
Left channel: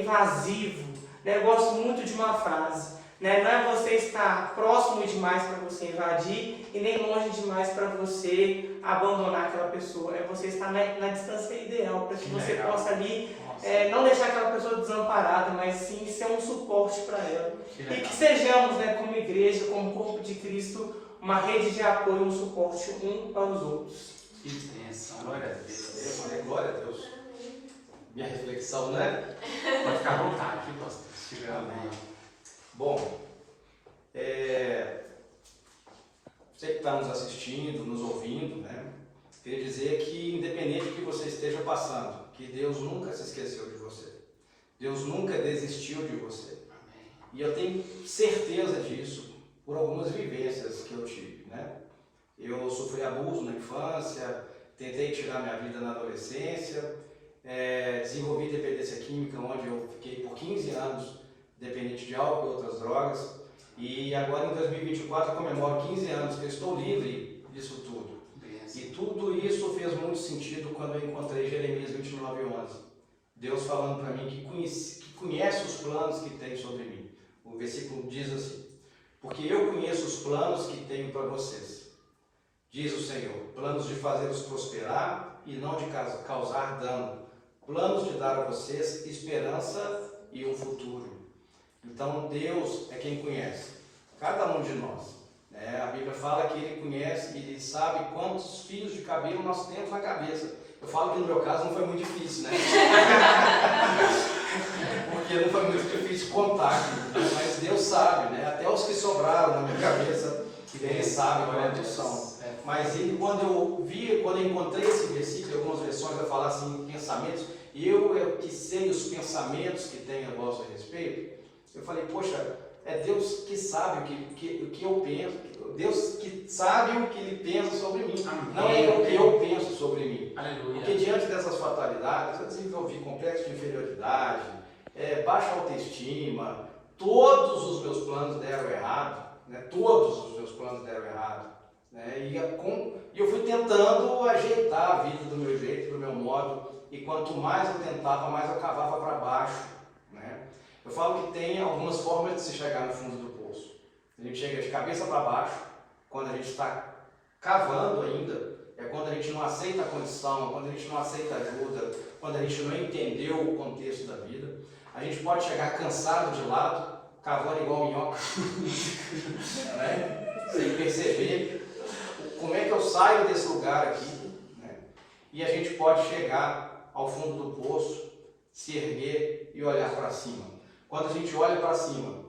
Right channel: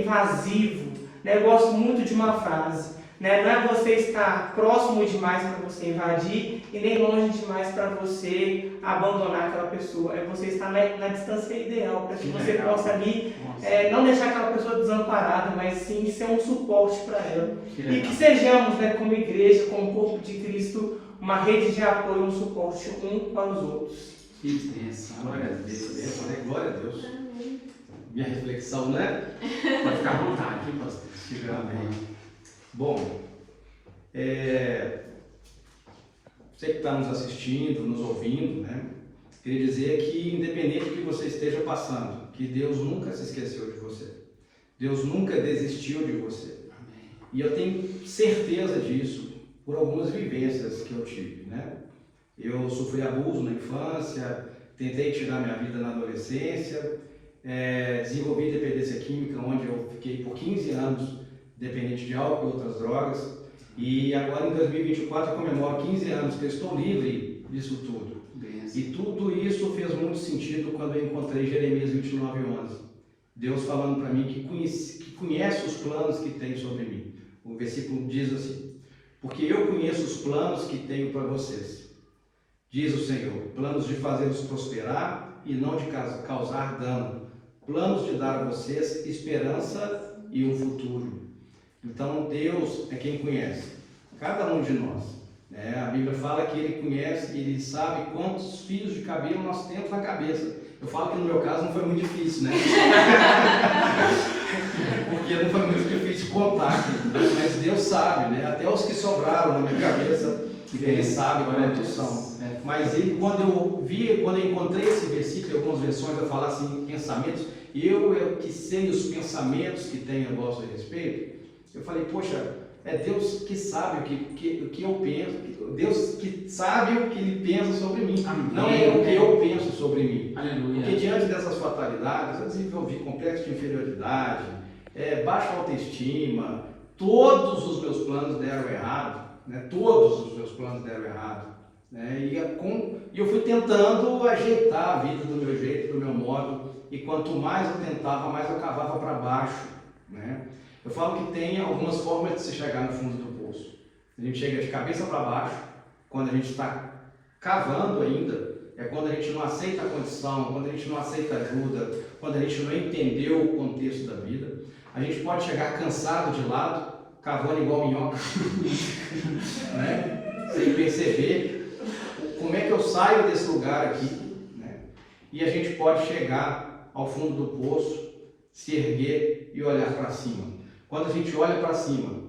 invasivo. Eu gosto muito de uma frase. Né? Não é você estar próximo demais para você invadir e nem longe demais para você abandonar aquela pessoa. É você estar na distância ideal, para que você possa ali não deixar aquela pessoa desamparada, mas sim ser um suporte para ela. E que sejamos, né, como igreja, como corpo de Cristo, uma rede de apoio, um suporte um para os outros. Que bênção, glória a Deus. Glória a Deus. Minha reflexão, né? Pode ficar à vontade, pastor. Amém. Bom, você que está nos assistindo, nos ouvindo, né? Queria dizer que, independente do que você esteja passando, que Deus nunca se esqueceu de você. Deus nunca desistiu de você. E eu tenho certeza disso por algumas vivências que eu tive, né? Eu sofri abuso na infância, tentei tirar minha vida na adolescência, desenvolvi dependência química, onde eu fiquei por 15 anos dependente de álcool e outras drogas. E agora em 2024 eu comemoro 15 anos que eu estou livre disso tudo. E tudo isso fez muito sentido quando eu encontrei Jeremias 29:11. Deus falando para mim que conhece os planos que tem sobre mim. O versículo diz assim: porque eu conheço os planos que tenho para vocês, diz o Senhor, planos de fazê-los prosperar e não de causar dano, planos de dar a vocês esperança e um futuro. Então Deus é quem conhece cada um de nós. A Bíblia fala que Ele conhece, Ele sabe quantos fios de cabelo nós temos na cabeça. Eu falo que no meu caso não foi muito difícil, né? Porque não foi muito difícil contar, mas Deus sabe, né? Até os que sobraram na minha cabeça, Ele sabe quantos são. Mas quando eu encontrei esse versículo, em algumas versões eu falo assim, pensamentos, eu que sei os pensamentos que tem a vosso respeito, eu falei, poxa, é Deus que sabe o que eu penso, Deus que sabe o que Ele pensa sobre mim, não é o que eu penso sobre mim. Aleluia. Porque diante dessas fatalidades, eu desenvolvi complexo de inferioridade, baixa autoestima, todos os meus planos deram errado, né? Todos os meus planos deram errado. Né? E eu fui tentando ajeitar a vida do meu jeito, do meu modo, e quanto mais eu tentava, mais eu cavava para baixo. Né? Eu falo que tem algumas formas de se chegar no fundo do poço. A gente chega de cabeça para baixo, quando a gente está cavando ainda, é quando a gente não aceita a condição, quando a gente não aceita ajuda, quando a gente não entendeu o contexto da vida. A gente pode chegar cansado de lado, cavando igual minhoca, né? Sem perceber como é que eu saio desse lugar aqui. Né? E a gente pode chegar ao fundo do poço, se erguer e olhar para cima. Quando a gente olha para cima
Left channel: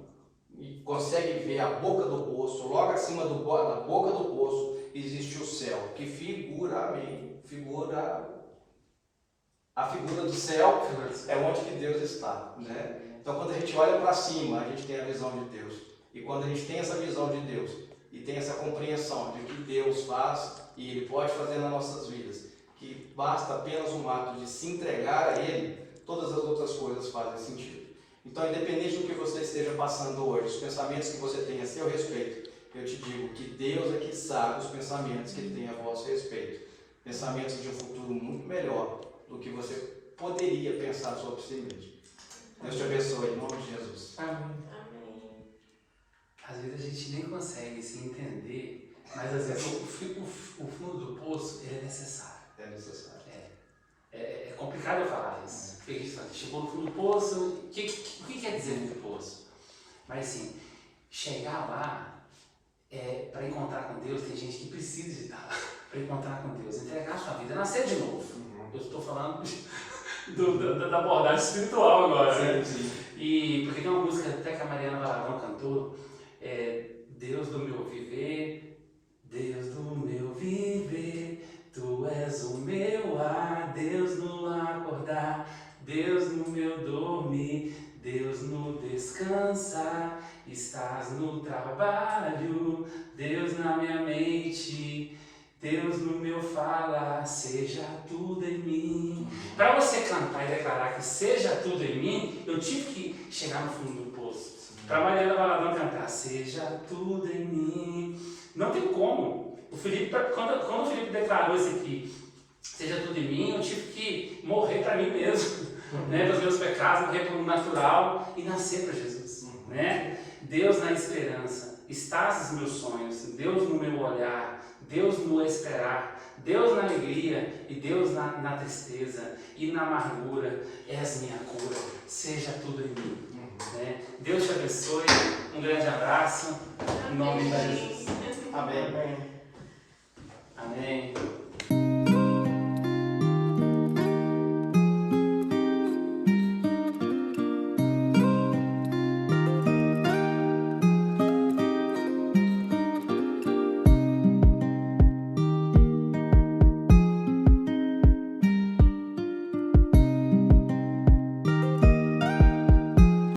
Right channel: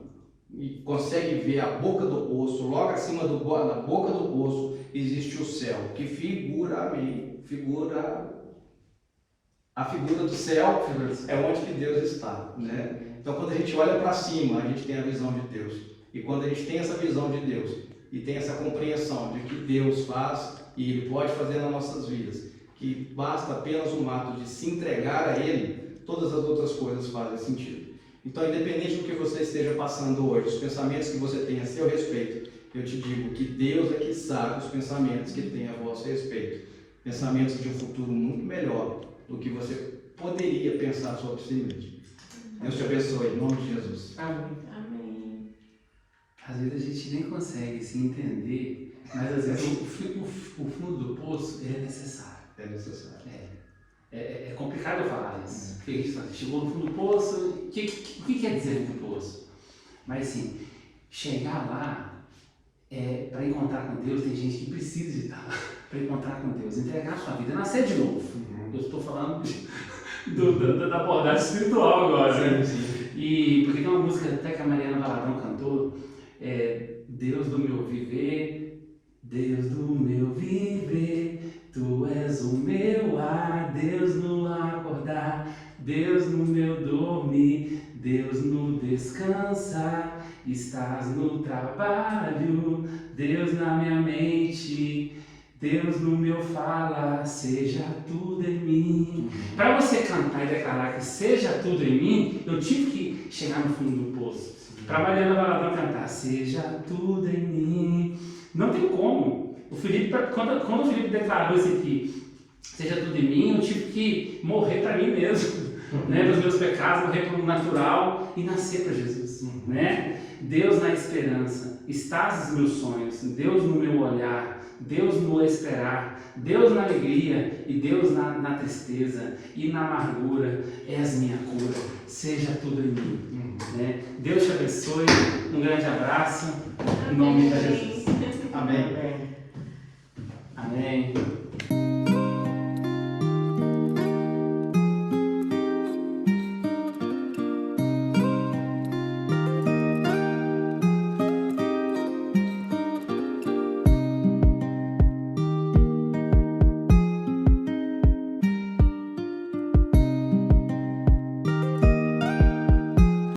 e consegue ver a boca do poço, logo acima da boca do poço existe o céu, que a figura do céu é onde que Deus está. Né? Então quando a gente olha para cima, a gente tem a visão de Deus. E quando a gente tem essa visão de Deus e tem essa compreensão de que Deus faz e Ele pode fazer nas nossas vidas, que basta apenas um ato de se entregar a Ele, todas as outras coisas fazem sentido. Então, independente do que você esteja passando hoje, os pensamentos que você tem a seu respeito, eu te digo que Deus é que sabe os pensamentos que Ele tem a vosso respeito. Pensamentos de um futuro muito melhor do que você poderia pensar sobre si mesmo. Deus te abençoe, em nome de Jesus. Amém. Às vezes a gente nem consegue se entender, mas às vezes o fundo do poço ele é necessário. É necessário. É complicado eu falar isso. Chegou no fundo do poço, o que quer dizer fundo do poço? Mas assim, chegar lá, para encontrar com Deus, tem gente que precisa de estar lá para encontrar com Deus, entregar a sua vida, nascer de novo. Eu estou falando da abordagem espiritual agora, né? Sim. E porque tem uma música até que a Mariana Valadão cantou, Deus do meu viver, Deus do meu viver, Tu és o meu ar, Deus no acordar, Deus no meu dormir, Deus no descansar, estás no trabalho, Deus na minha mente, Deus no meu falar, seja tudo em mim. Para você cantar e declarar que seja tudo em mim, eu tive que chegar no fundo do poço. Para Mariana Valadão cantar, seja tudo em mim. Não tem como. O Felipe, quando o Felipe declarou isso aqui, seja tudo em mim, eu tive que morrer para mim mesmo, né, dos meus pecados, morrer para o natural e nascer para Jesus, né? Deus na esperança, estás nos meus sonhos, Deus no meu olhar, Deus no meu esperar, Deus na alegria e Deus na tristeza e na amargura, és minha cura, seja tudo em mim. Né? Deus te abençoe, um grande abraço, em nome de Jesus. Amém. Amém.